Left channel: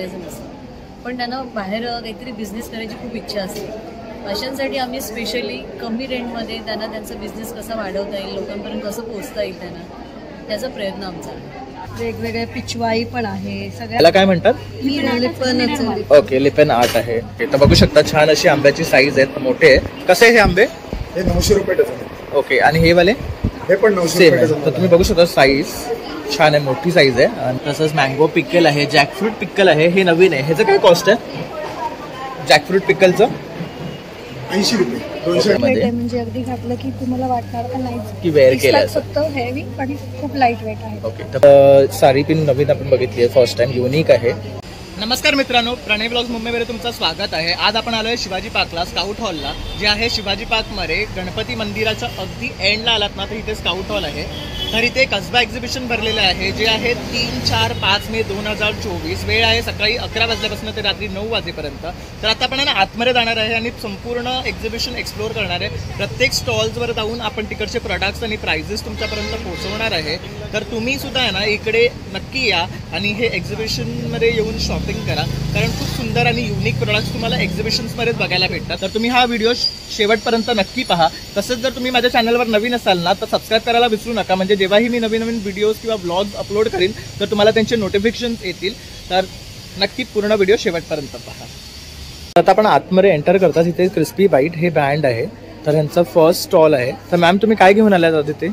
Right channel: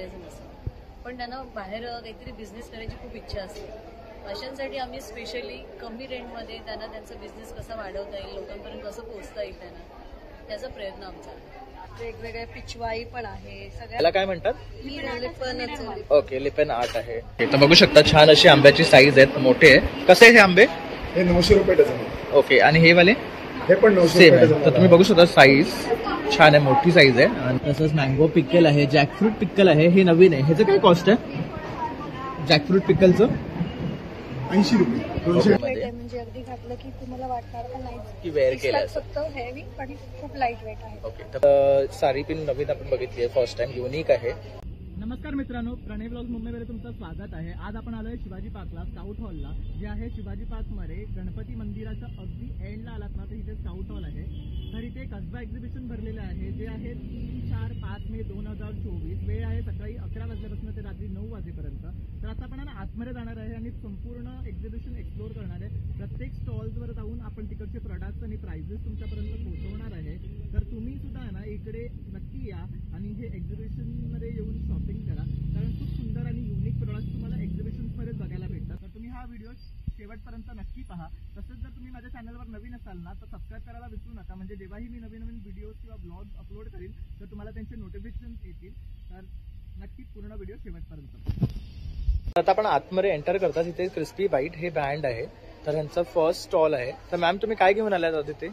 वापरायचं नसतं, पण त्यांना बाहेर काहीतरी बिझनेस करायची खूप इच्छा असते. अशांसाठी आम्ही स्पेशली कमी रेंटमध्ये त्यांना त्यांचा बिझनेस कसा वाढवता येईल, लोकांपर्यंत कसं पोहोचता येईल त्यांना, त्याचा प्रयत्न आमचा आहे. वेगवेगळे पिचवाई पण आहे. त्याला काय म्हणतात? लिपन. ओके, लिपन आर्ट आहे. तर बघू शकता छान अशी आंब्याची साईज आहेत, मोठे आहे. कसे आहे हे आंबे? हे 900 रुपये डझन आहे. ओके, आणि हे वाले हे पण 900 सेम रुपये आहे. डझन तर तुम्ही बघू शकता साईज छान आहे, मोठी साईज आहे. आणि तसंच मँगो पिकल आहे, जॅकफ्रूट पिकल आहे, हे नवीन आहे. ह्याचं काय कॉस्ट आहे जॅकफ्रूट पिकलचं? 80 रुपये. 200 म्हणजे अगदी घातलं की तुम्हाला वाटणार का नाही की वेअर केलं फक्त हेवी, पण खूप लाईट वेट आहे. ओके, तर साडी पिन नवीन आपण बघितली आहे, फर्स्ट टाइम, युनिक आहे. नमस्कार मित्रांनो, प्रणय ब्लॉग्स मुंबईमध्ये तुमचं स्वागत आहे. आज आपण आलोय शिवाजी पार्कला, स्काउट हॉलला, जे आहे शिवाजी पार्कमध्ये गणपती मंदिराच्या अगदी एंडला आलात ना तर इथे स्काउट हॉल आहे. तर इथे कसबा एक्झिबिशन भरलेलं आहे, जे आहे 3, 4, 5 मे 2024. वेळ आहे सकाळी 11 वाजल्यापासून ते रात्री 9 वाजेपर्यंत. तर आता आपण ना आतमध्ये जाणार आहे आणि संपूर्ण एक्झिबिशन एक्सप्लोर करणार आहे. प्रत्येक स्टॉल्सवर जाऊन आपण तिकडचे प्रोडक्ट्स आणि प्राइजेस तुमच्यापर्यंत पोहोचवणार आहे. तर तुम्ही सुद्धा आहे ना इकडे नक्की या आणि हे एक्झिबिशनमध्ये येऊन शॉपिंग करा, कारण खूप सुंदर आणि युनिक प्रोडक्ट्स तुम्हाला एक्झिबिशन्समध्येच बघायला भेटतात. तर तुम्ही हा व्हिडिओ शेवटपर्यंत नक्की पहा. तसंच जर तुम्ही माझ्या चॅनलवर नवीन असाल ना तर सबस्क्राईब करायला विसरू नका, म्हणजे जेव्हाही मी नवीन नवीन व्हिडिओज किंवा ब्लॉग्स अपलोड करीन तर तुम्हाला त्यांचे नोटिफिकेशन्स येतील. तर नक्की पूर्ण व्हिडिओ शेवटपर्यंत पहा. आता आपण आतमध्ये एंटर करतात, इथे क्रिस्पी बाईट हे ब्रँड आहे, तर ह्यांचा फर्स्ट स्टॉल आहे. तर मॅम तुम्ही काय घेऊन आल्यात तिथे?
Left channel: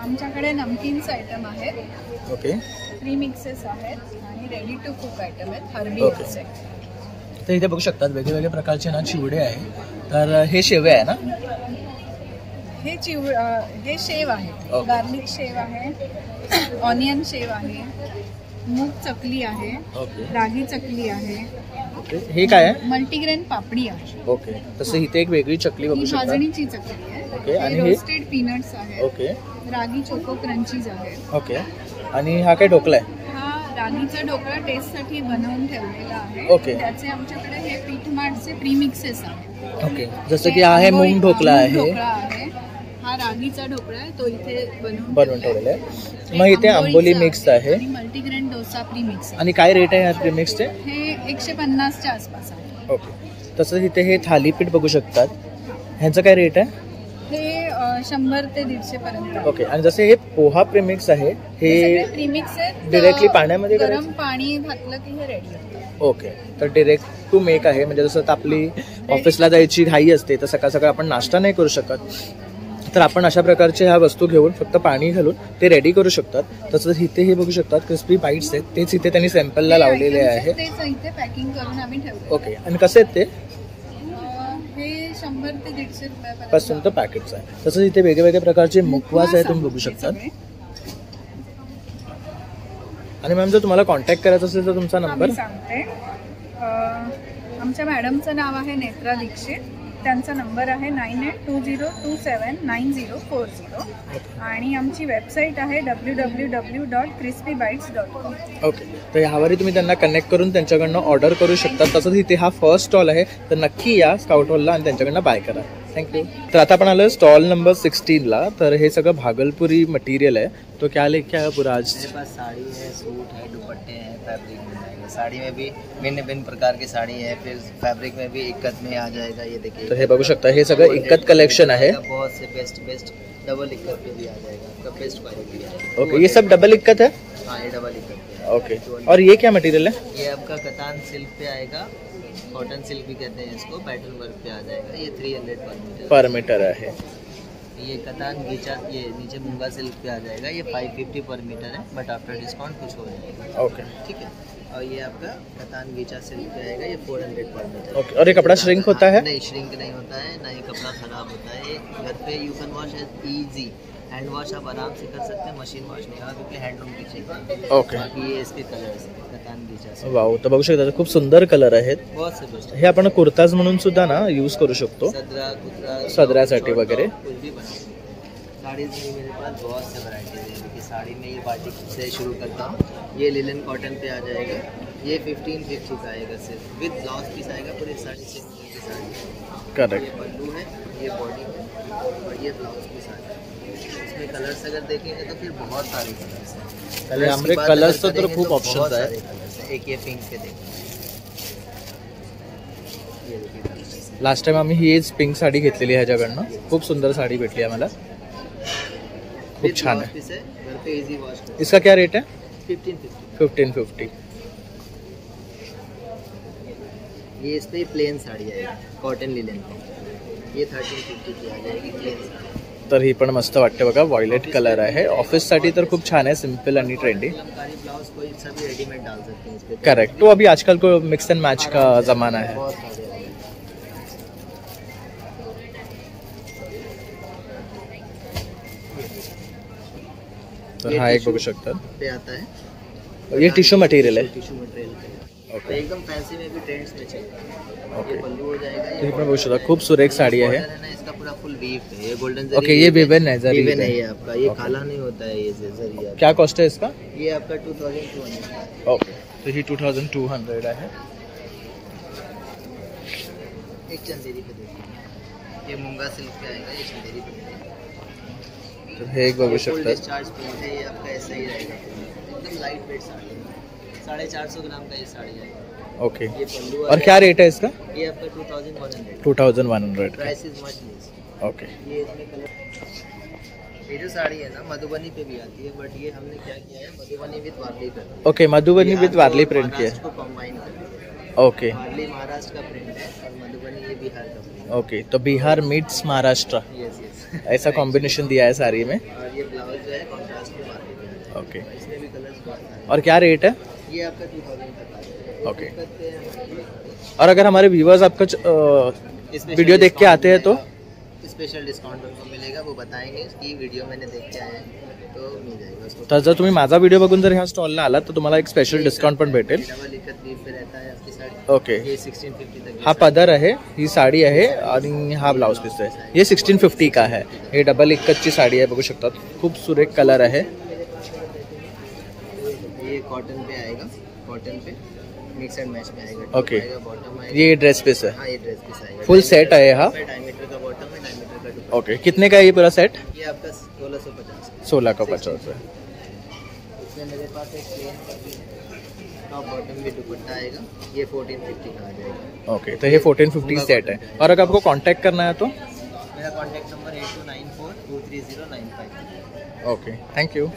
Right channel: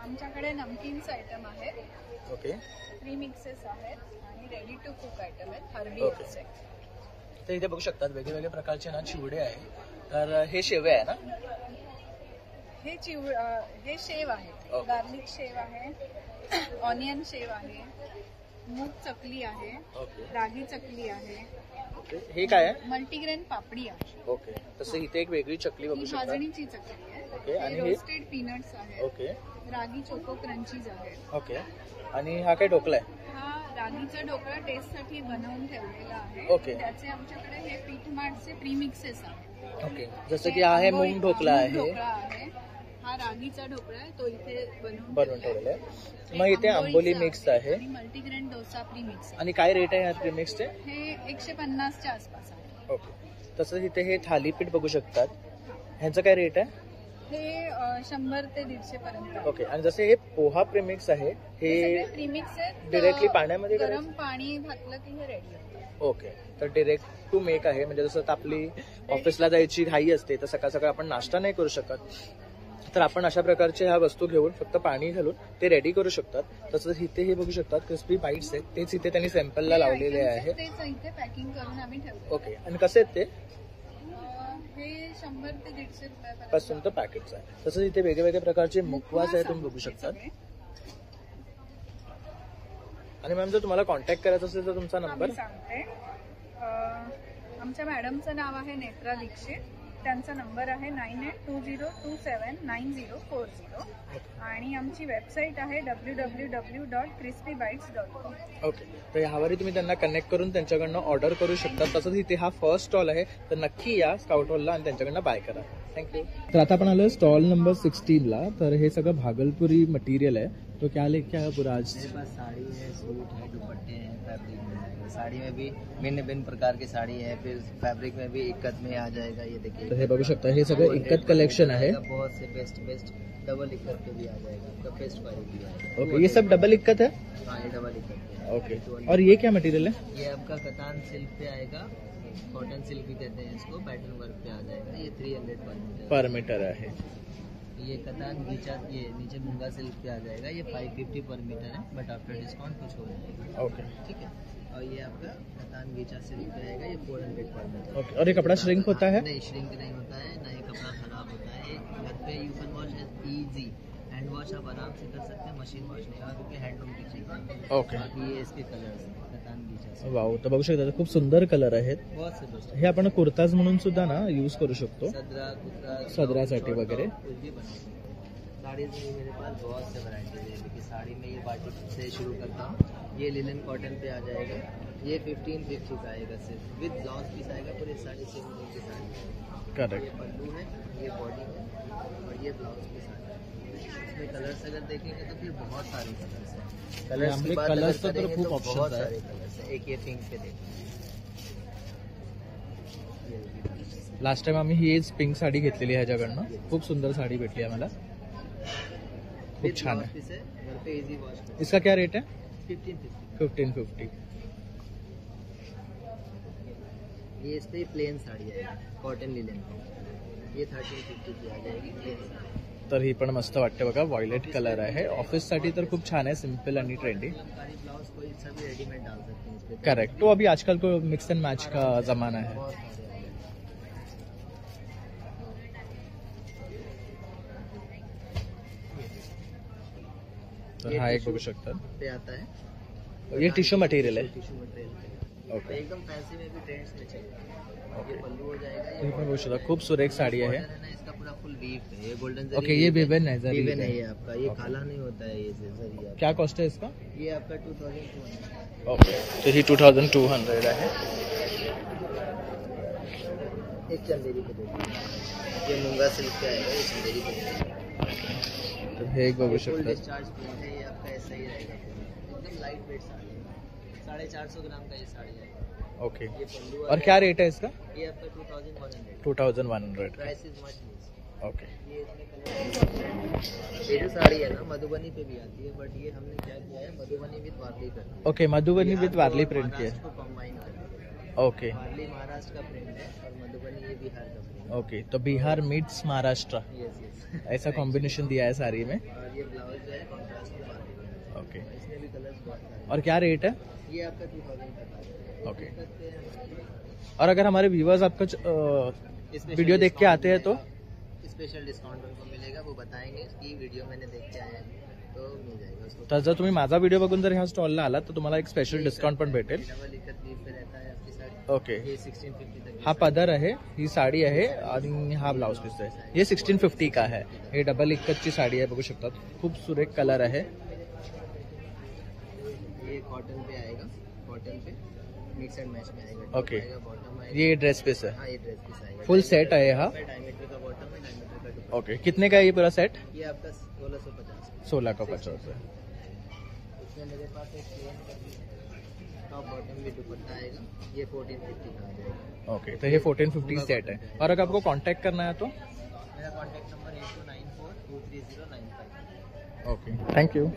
आमच्याकडे नमकीन्स आयटम आहेत, ओके, प्री मिक्सेस आहेत आणि रेडी टू कुक आयटम आहेत, हर्बी ओके. तर इथे बघू शकतात वेगवेगळ्या प्रकारचे ना चिवडे आहे. तर हे शेवे आहे ना? हे हे शेव आहे, ओके. गार्लिक शेव आहे, ऑनियन शेव आहे, मूग चकली आहे, ओके, रागी चकली आहे, ओके. हे काय आहे? मल्टीग्रेन पापडी आहे. ओके, तसं इथे एक वेगळी चकली बघू ही शकता. भाजणीची चकली आहे. ओके, आणि हे? रोस्टेड पीनट्स आहे, ओके, रागी चोको क्रंचीज आहे. ओके. आणि हा काय ढोकला आहे? हा रागीचा ढोकळा टेस्टसाठी बनवून ठेवलेला आहे. ओके. त्याचे आमच्याकडे हे पीठमाटचे प्रीमिक्सेस आहेत. ओके, जसं की आहे मूग ढोकला आहे, हा रागीचा ढोकळा आहे, तो इथे बनवून ठेवलेला आहे. मग इथे आंबोली मिक्स आहे आणि मल्टीग्रेन डोसा प्रीमिक्स. आणि काय रेट आहे या प्रीमिक्सचे? हे 150च्या आसपास आहे. ओके. तसंच इथे हे थालीपीठ बघू शकतात, ह्यांचं काय रेट आहे? हे 100 ते 150 पर्यंत. ओके. आणि जसे हे पोहा प्रीमिक्स आहे, हे प्रीमिक्स आहे, डिरेक्टली पाण्यामध्ये गरम पाणी घातलं की हे रेडी होतं. ओके. तर डिरेक्ट टू मेक आहे, म्हणजे जसं आता आपली ऑफिसला जायची घाई असते तर सकाळ सकाळ आपण नाश्ता नाही करू शकत, तर आपण अशा प्रकारच्या ह्या वस्तू घेऊन फक्त पाणी घालून ते रेडी करू शकतात. तसंच इथे हे बघू शकतात क्रिस्पी बाईट्स आहेत, तेच इथे त्यांनी सॅम्पलला लावलेले आहे. तेच इथे पॅकिंग करून आम्ही ठेवतो. ओके. आणि कसे आहेत ते? हे 100 ते 150 रुपयापर्यंत पासून तर पॅकेट्स आहे. तसंच इथे वेगवेगळ्या प्रकारचे मुखवास आहे, तुम्ही बघू शकतात. आणि मॅम जर तुम्हाला कॉन्टॅक्ट करायचा असेल तर तुमचा नंबर सांगते. आमच्या मॅडमचं नाव आहे नेत्रा दीक्षित, त्यांचा नंबर आहे 9820279040 आणि आमची वेबसाईट आहे www.crispybites.com. ओके. तर ह्यावरही तुम्ही त्यांना कनेक्ट करून त्यांच्याकडनं ऑर्डर करू शकता. तसंच इथे हा फर्स्ट स्टॉल आहे, तर नक्की या स्काउट हॉलला आणि त्यांच्याकडनं बाय करा. थँक्यू. तर आता आपण आलो स्टॉल नंबर 16ला. तर हे सगळं भागलपुरी मटेरियल आहे. तो क्या लेके आया पूरा आज? मेरे पास साड़ी है, सूट है, दुपट्टे हैं, फैब्रिक मिल जाएगा. साड़ी में भी भिन्न भिन्न प्रकार की साड़ी है, फिर फैब्रिक में भी इक्कत में आ जाएगा. ये देखिए, तर हे बघू शकता, हे सगळं इक्कत कलेक्शन आहे. बहुत से बेस्ट डबल इक्कत पे भी आ जाएगा, आपका बेस्ट क्वालिटी है. ओके, ये सब डबल इक्कत है? हाँ, ये डबल इक्कत पे. ओके. और ये क्या मटेरियल है? ये आपका कतान सिल्क पे आएगा, कॉटन सिल्क भी कहते हैं इसको, पैटर्न वर्क पे आ जाएगा. ये 300 पर मीटर आहे. ये कतान गीचा, ये नीचे मूंगा सिल्क पे आ जाएगा. ये 550 पर मीटर है, बट आफ्टर डिस्काउंट कुछ हो जाएगा. ओके, ठीक है. और ये आपका कतान गीचा सिल्क पे आएगा, ये 400 पर मीटर. ओके. और ये कपड़ा श्रिंक होता है? नहीं, श्रिंक नहीं होता है, ना ही कपड़ा खराब होता है. घर पे you can wash easy. Hand wash आप आराम से कर सकते हैं, मशीन वॉश नहीं होगा क्योंकि हैंडलूम की चीज़ है. ओके. बाकी ये इसके कलर्स हैं, कतान गीचा से. वाव. तर बघू शकता खूप सुंदर कलर आहेत. बहुत से बेस्ट. हे आपण कुर्ताज म्हणून सुद्धा ना यूज करू शकतो, सदरा कुतरा सदऱ्यासाठी वगैरे. कुछ भी बना. साड़ी में मेरे पास बहुत से वैरायटीज है. देखिए, साड़ी में ये बाटिक से शुरू करता हूँ. ये लिलन कॉटन पे आ जाएगा. ये 1550 का आएगा सिर्फ, विद ब्लाउज पीस आएगा पूरी 6.5 मीटर की साड़ी. करेक्ट. ये पल्लू है, ये बॉडी है और ये ब्लाउज पीस आएगा. इसमें कलर्स अगर देखेंगे तो फिर बहुत सारे कलर्स हैं. आणि आमरे कलर्स तर खूप ऑप्शन्स आहेत. एक ये पिंक पे देखो, ये देखिए लास्ट टाइम आम्ही हीच पिंक साडी घेतलेली आहे ह्याच्याकडनं. खूप सुंदर साडी भेटली आम्हाला, खूप छान आहे. पीस है, घर पे इजी वॉश कर. इसका क्या रेट है? 1550. 1550. ये इस पे प्लेन साड़ी है, कॉटन लिनन. ये 1350 की आ जाएगी प्लेन साड़ी. तर ही पण मस्त वाटते बघा, व्हायलेट कलर आहे. ऑफिससाठी तर खूप छान आहे, सिम्पल आणि ट्रेंडी. कलमकारी ब्लाउज कोई सभी रेडीमेड डाल सकते हैं इस पे. करेक्ट. तो अभी आजकल को मिक्स एंड मैच का जमाना है. बहुत सारे हैं. तर हा एक बघू शकता, पे आता है, ये टिश्यू मटेरियल आहे. Tissue material. ओके. एकदम फैंसी में भी ट्रेंड्स में चाहिए. ओके. ये पल्लू हो जाएगा. तर ही पण बघू शकता, खूप सुरेख साडी आहे. border है ना, इसका पूरा फुल वीव है. ये गोल्डन ओके, ये विवन है, जरी वीवन है. है ये आपका. ये ओके. काला नहीं होता है, ये जरी है. क्या कॉस्ट है इसका? ये आपका 2200. ओके. तर ही 2200 आहे. एक चंदेरी पे देखिए, ये मूंगा सिल्क पे आएगा, ये चंदेरी पे देखिए. तर हे एक बघू फुल शकता. डिस्चार्ज प्रिंट है, ये आपका ऐसा ही रहेगा. एकदम लाइट वेट साड़ी है. 450 ग्राम का ये साड़ी है. ओके. ये पल्लू और क्या रेट है इसका? ये आपका 2100. 2100. Price is much less. Okay. ये इसमें कलर, ये जो साड़ी है ना मधुबनी पे भी आती है, बट ये हमने क्या किया है, मधुबनी विद वारली कर. ओके, मधुबनी विद वारली प्रिंट की है. को कंबाइन कर. ओके. वारली महाराष्ट्र का प्रिंट है और मधुबनी ये बिहार का प्रिंट. ओके, तो Bihar meats Maharashtra, yes yes. ऐसा कॉम्बिनेशन दिया है साड़ी में. और ये ब्लाउज जो है कॉन्ट्रास्ट में वारली पे आता है. ओके. इसमें भी कलर्स बहुत सारे. और क्या रेट है? ये आपका 2000 तक आता है. ओके. करते हैं. और अगर हमारे व्यूवर्स आपका वीडियो देख के आते हैं तो स्पेशल डिस्काउंट उनको मिलेगा, वो बताएंगे कि वीडियो मैंने देख के आया है तो मिल जाएगा उसको. तर जर तुम्ही माझा व्हिडिओ बघून जर ह्या स्टॉलला आलात तर तुम्हाला एक स्पेशल डिस्काउंट पण भेटेल. डबल इकत वीव पे रहता है आपकी साड़ी. ओके. ये 1650 तक. हा पदर आहे, ही साडी आहे आणि हा ब्लाउज पीस आहे. ये 1650 का है. हे डबल इक्कतची साडी आहे, बघू शकतात. खूप सुरेख कलर आहे. ये कॉटन पे आएगा, कॉटन पे मिक्स एंड मैच में आएगा. ओके. बॉटम आएगा. ये ड्रेस पीस है. हाँ ये ड्रेस पीस आएगा. फुल सेट है हा. डायमीटर का बॉटम है, डायमीटर का दुपट्टा. ओके. कितने का है ये पूरा सेट? ये आपका 1650. 16 का 50 है. इसमें मेरे पास एक प्लेन टॉप बॉटम भी दुपट्टा आएगा. ये 1450 का आ जाएगा. ओके, तो ये 1450 सेट है. और अगर आपको कांटेक्ट करना है तो? मेरा कॉन्टैक्ट नंबर 8294230995. Okay, thank you.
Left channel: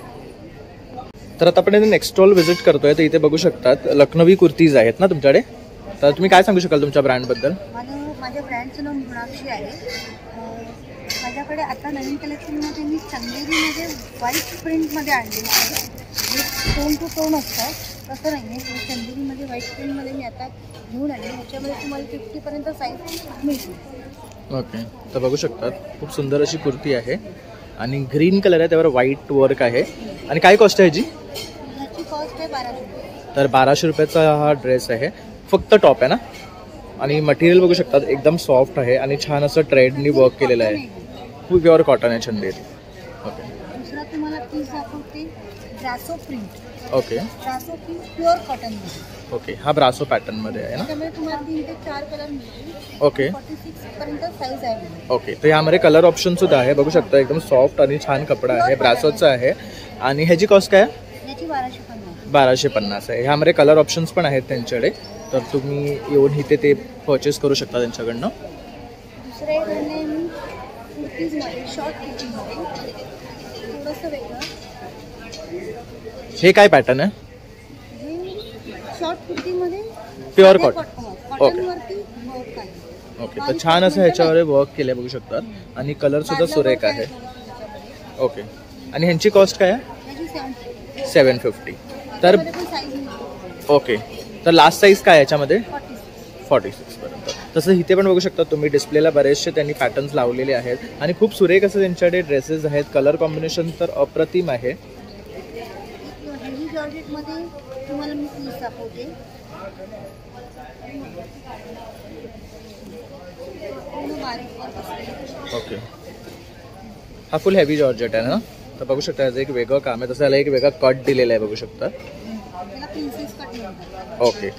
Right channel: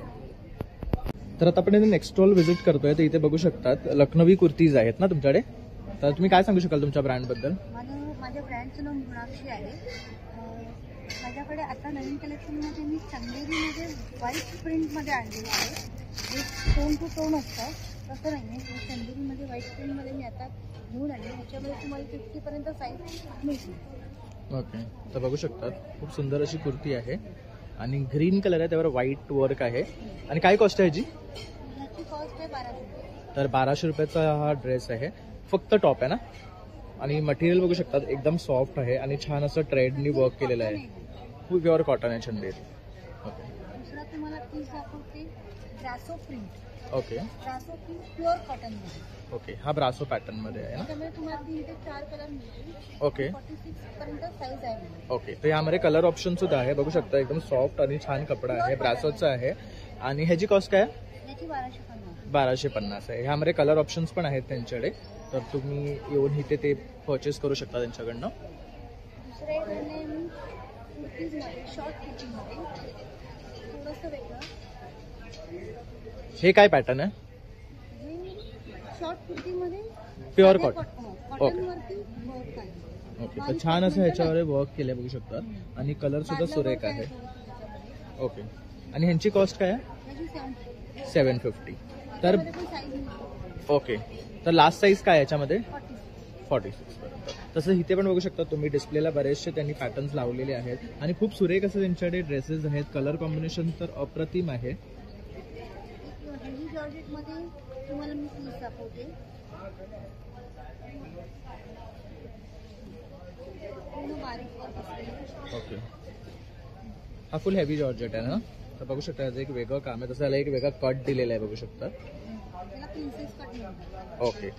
तर आता आपण नेक्स्ट स्टॉल व्हिजिट करतोय. तर इथे बघू शकतात लखनवी कुर्तीज आहेत ना तुमच्याकडे. तर तुम्ही काय सांगू शकाल तुमच्या ब्रँडबद्दल? माझ्या ब्रँडचं नाव मृणाक्षी आहे. माझ्याकडे आता नवीन कलेक्शनमध्ये मी चंदेरीमध्ये व्हाईट प्रिंटमध्ये आणलेली आहे. टोन टू टोन असतं तसं नाही आहे. चंदेरीमध्ये व्हाईट प्रिंटमध्ये मी आता घेऊन आले. ह्याच्यामध्ये तुम्हाला 50पर्यंत साईज मिळते. ओके. तर बघू शकतात खूप सुंदर अशी कुर्ती आहे आणि ग्रीन कलर आहे, त्यावर व्हाईट वर्क आहे. आणि काय कॉस्ट आहे ह्याची? ह्याची कॉस्ट आहे 1200 रुपये. तर 1200 रुपयाचा हा ड्रेस आहे. फक्त टॉप आहे ना. आणि मटेरियल बघू शकतात एकदम सॉफ्ट आहे आणि छान असं ट्रेडनी वर्क केलेलं आहे. खूप प्युअर कॉटन आहे चंदेरी. ओके. दुसरा तुम्हाला पीस दाखवते ब्रासो प्रिंट. ओके. ब्रासो प्रिंट प्युअर कॉटनमध्ये. ओके, हा ब्रासो पॅटर्नमध्ये आहे ना. त्याच्यामध्ये तुम्हाला 3 ते 4 कलर मिळतील. ओके. 46 पर्यंत साईज आहे. ओके. तर यामध्ये कलर ऑप्शन सुद्धा आहे, बघू शकता. एकदम सॉफ्ट आणि छान कपडा आहे, ब्रासोचा आहे. आणि ह्याची कॉस्ट काय आहे? याची 1250. 1250 आहे. ह्यामध्ये कलर ऑप्शन्स पण आहेत त्यांच्याकडे, तर तुम्ही येऊन इथे ते परचेस करू शकता त्यांच्याकडनं. दुसरं एक आणले मी कुर्तीजमध्ये, शॉर्ट कुर्तीजमध्ये थोडंसं वेगळं. हे काय पॅटर्न आहे? हे शॉर्ट कुर्तीमध्ये प्युअर साधे कॉटन. कॉटनवरती वर्क आहे. ओके. तर छान असं ह्याच्यावर वर्क केलं बघू शकतात आणि कलर सुद्धा सुरेख आहे. ओके. आणि ह्यांची कॉस्ट काय आहे? याची 750. 750. तर पण साईज मिळते. ओके. तर लास्ट साईज काय याच्यामध्ये? 46. 46 पर्यंत. तसं इथे पण बघू शकता तुम्ही, डिस्प्लेला बरेचसे त्यांनी पॅटर्न्स लावलेले आहेत आणि खूप सुरेख असं त्यांच्याकडे ड्रेसेस आहेत. कलर कॉम्बिनेशन तर अप्रतिम आहे. हेवी जॉर्जेटमध्ये तुम्हाला मी पीस दाखवते. ओके. हा फुल हेवी जॉर्जेट आहे ना. तर बघू शकता याचं एक वेगळं काम आहे. तसं याला एक वेगळा कट दिलेला आहे, बघू शकता. त्याला प्रिन्सेस कट म्हणतात. ओके.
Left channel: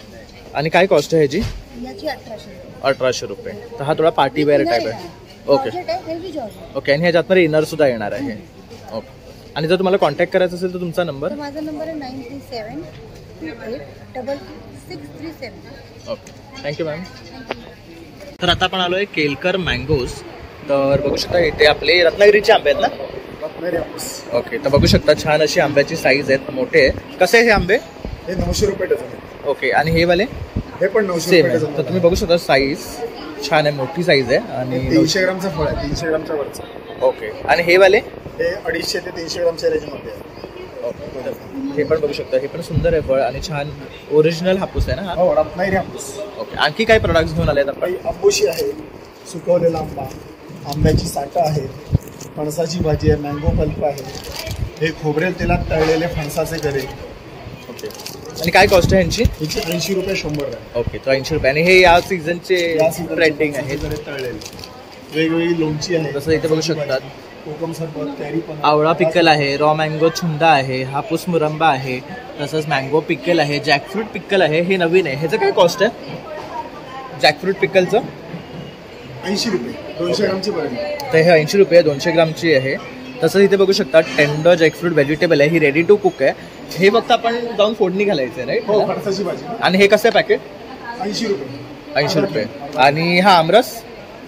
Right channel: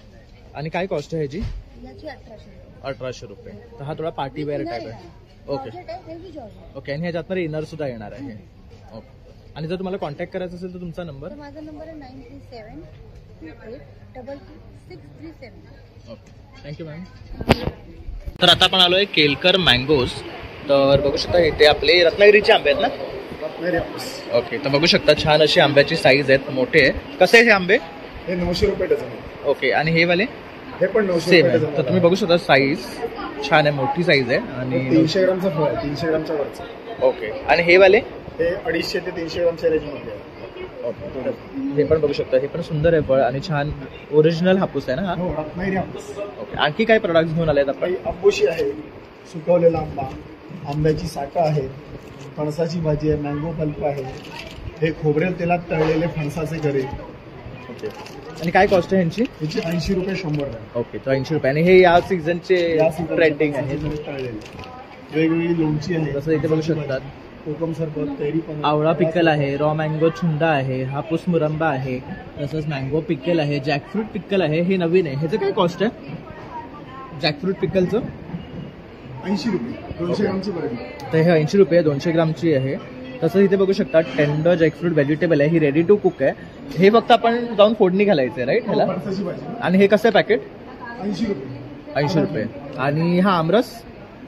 आणि काय कॉस्ट आहे ह्याची? याची 1800. 1800 रुपये. तर हा थोडा पार्टी वेअर टाईप आहे. ओके. जॉर्जेट आहे, हेवी जॉर्जेट. ओके. आणि ह्याच्यातमध्ये इनर सुद्धा येणार आहे. ओके. आणि जर तुम्हाला कॉन्टॅक्ट करायचं असेल तर तुमचा नंबर? तर माझा नंबर आहे 986637. Okay, thank you ma'am. तर आता आपण आलो आहे केलकर मँगोज. तर बघू शकता इथे आपले रत्नागिरीचे आंबे आहेत ना. ओके, तर बघू शकता छान अशी आंब्याची साईज आहेत, मोठे आहे. कसे आहे हे आंबे? हे 900 रुपये डझन आहे. ओके, आणि हे वाले हे पण 900 सेम रुपये आहे. डझन तर तुम्ही बघू शकता साईज छान आहे, मोठी साईज आहे. आणि 300 ग्रामचं फळ आहे, 300 ग्रामच्या वरचं. ओके, आणि हे वाले हे 250 ते 300 ग्रामच्या रेंजमध्ये आहे. ओके, तर हे पण बघू शकता, हे पण सुंदर आहे फळ आणि छान ओरिजिनल हापूस आहे ना हा. हो, रत्नागिरी हापूस. ओके, आणखी काय प्रोडक्ट्स घेऊन आले आहेत आपण? काही आंबोशी आहे, सुकवलेला आंबा, आंब्याची साठं आहे, फणसाची भाजी आहे, मँगो पल्प आहे, हे खोबरेल तेलात तळलेले फणसाचे गरे. ओके, आणि काय कॉस्ट आहे यांची? याची 80 रुपये 100 ग्राम. ओके, तर 80 रुपये. आणि हे या सीझनचे या सीझनचे ट्रेंडिंग आहे. फणसाचे गरे तळलेले. वेगवेगळी लोणची आहे, जसं इथे बघू शकतात, कोकम सरबत, कैरी पण, आवळा पिकल आहे, रॉ मँगो छुंदा आहे, हापूस मुरंबा आहे, तसंच मँगो पिकल आहे, जॅकफ्रूट पिकल आहे. हे नवीन आहे. ह्याचं काय कॉस्ट आहे जॅकफ्रूट पिकलचं? 80 रुपये 200 ग्रामची बरं. तर हे 80 रुपये 200 ग्रामची आहे. तसंच इथे बघू शकता टेंडर जॅकफ्रूट व्हेजिटेबल आहे, ही रेडी टू कुक आहे. हे फक्त आपण जाऊन फोडणी घालायचं आहे, राईट? हो, फणसाची भाजी आणि हे कसं आहे पॅकेट? 80 रुपये. 80 रुपये. आणि हा आमरस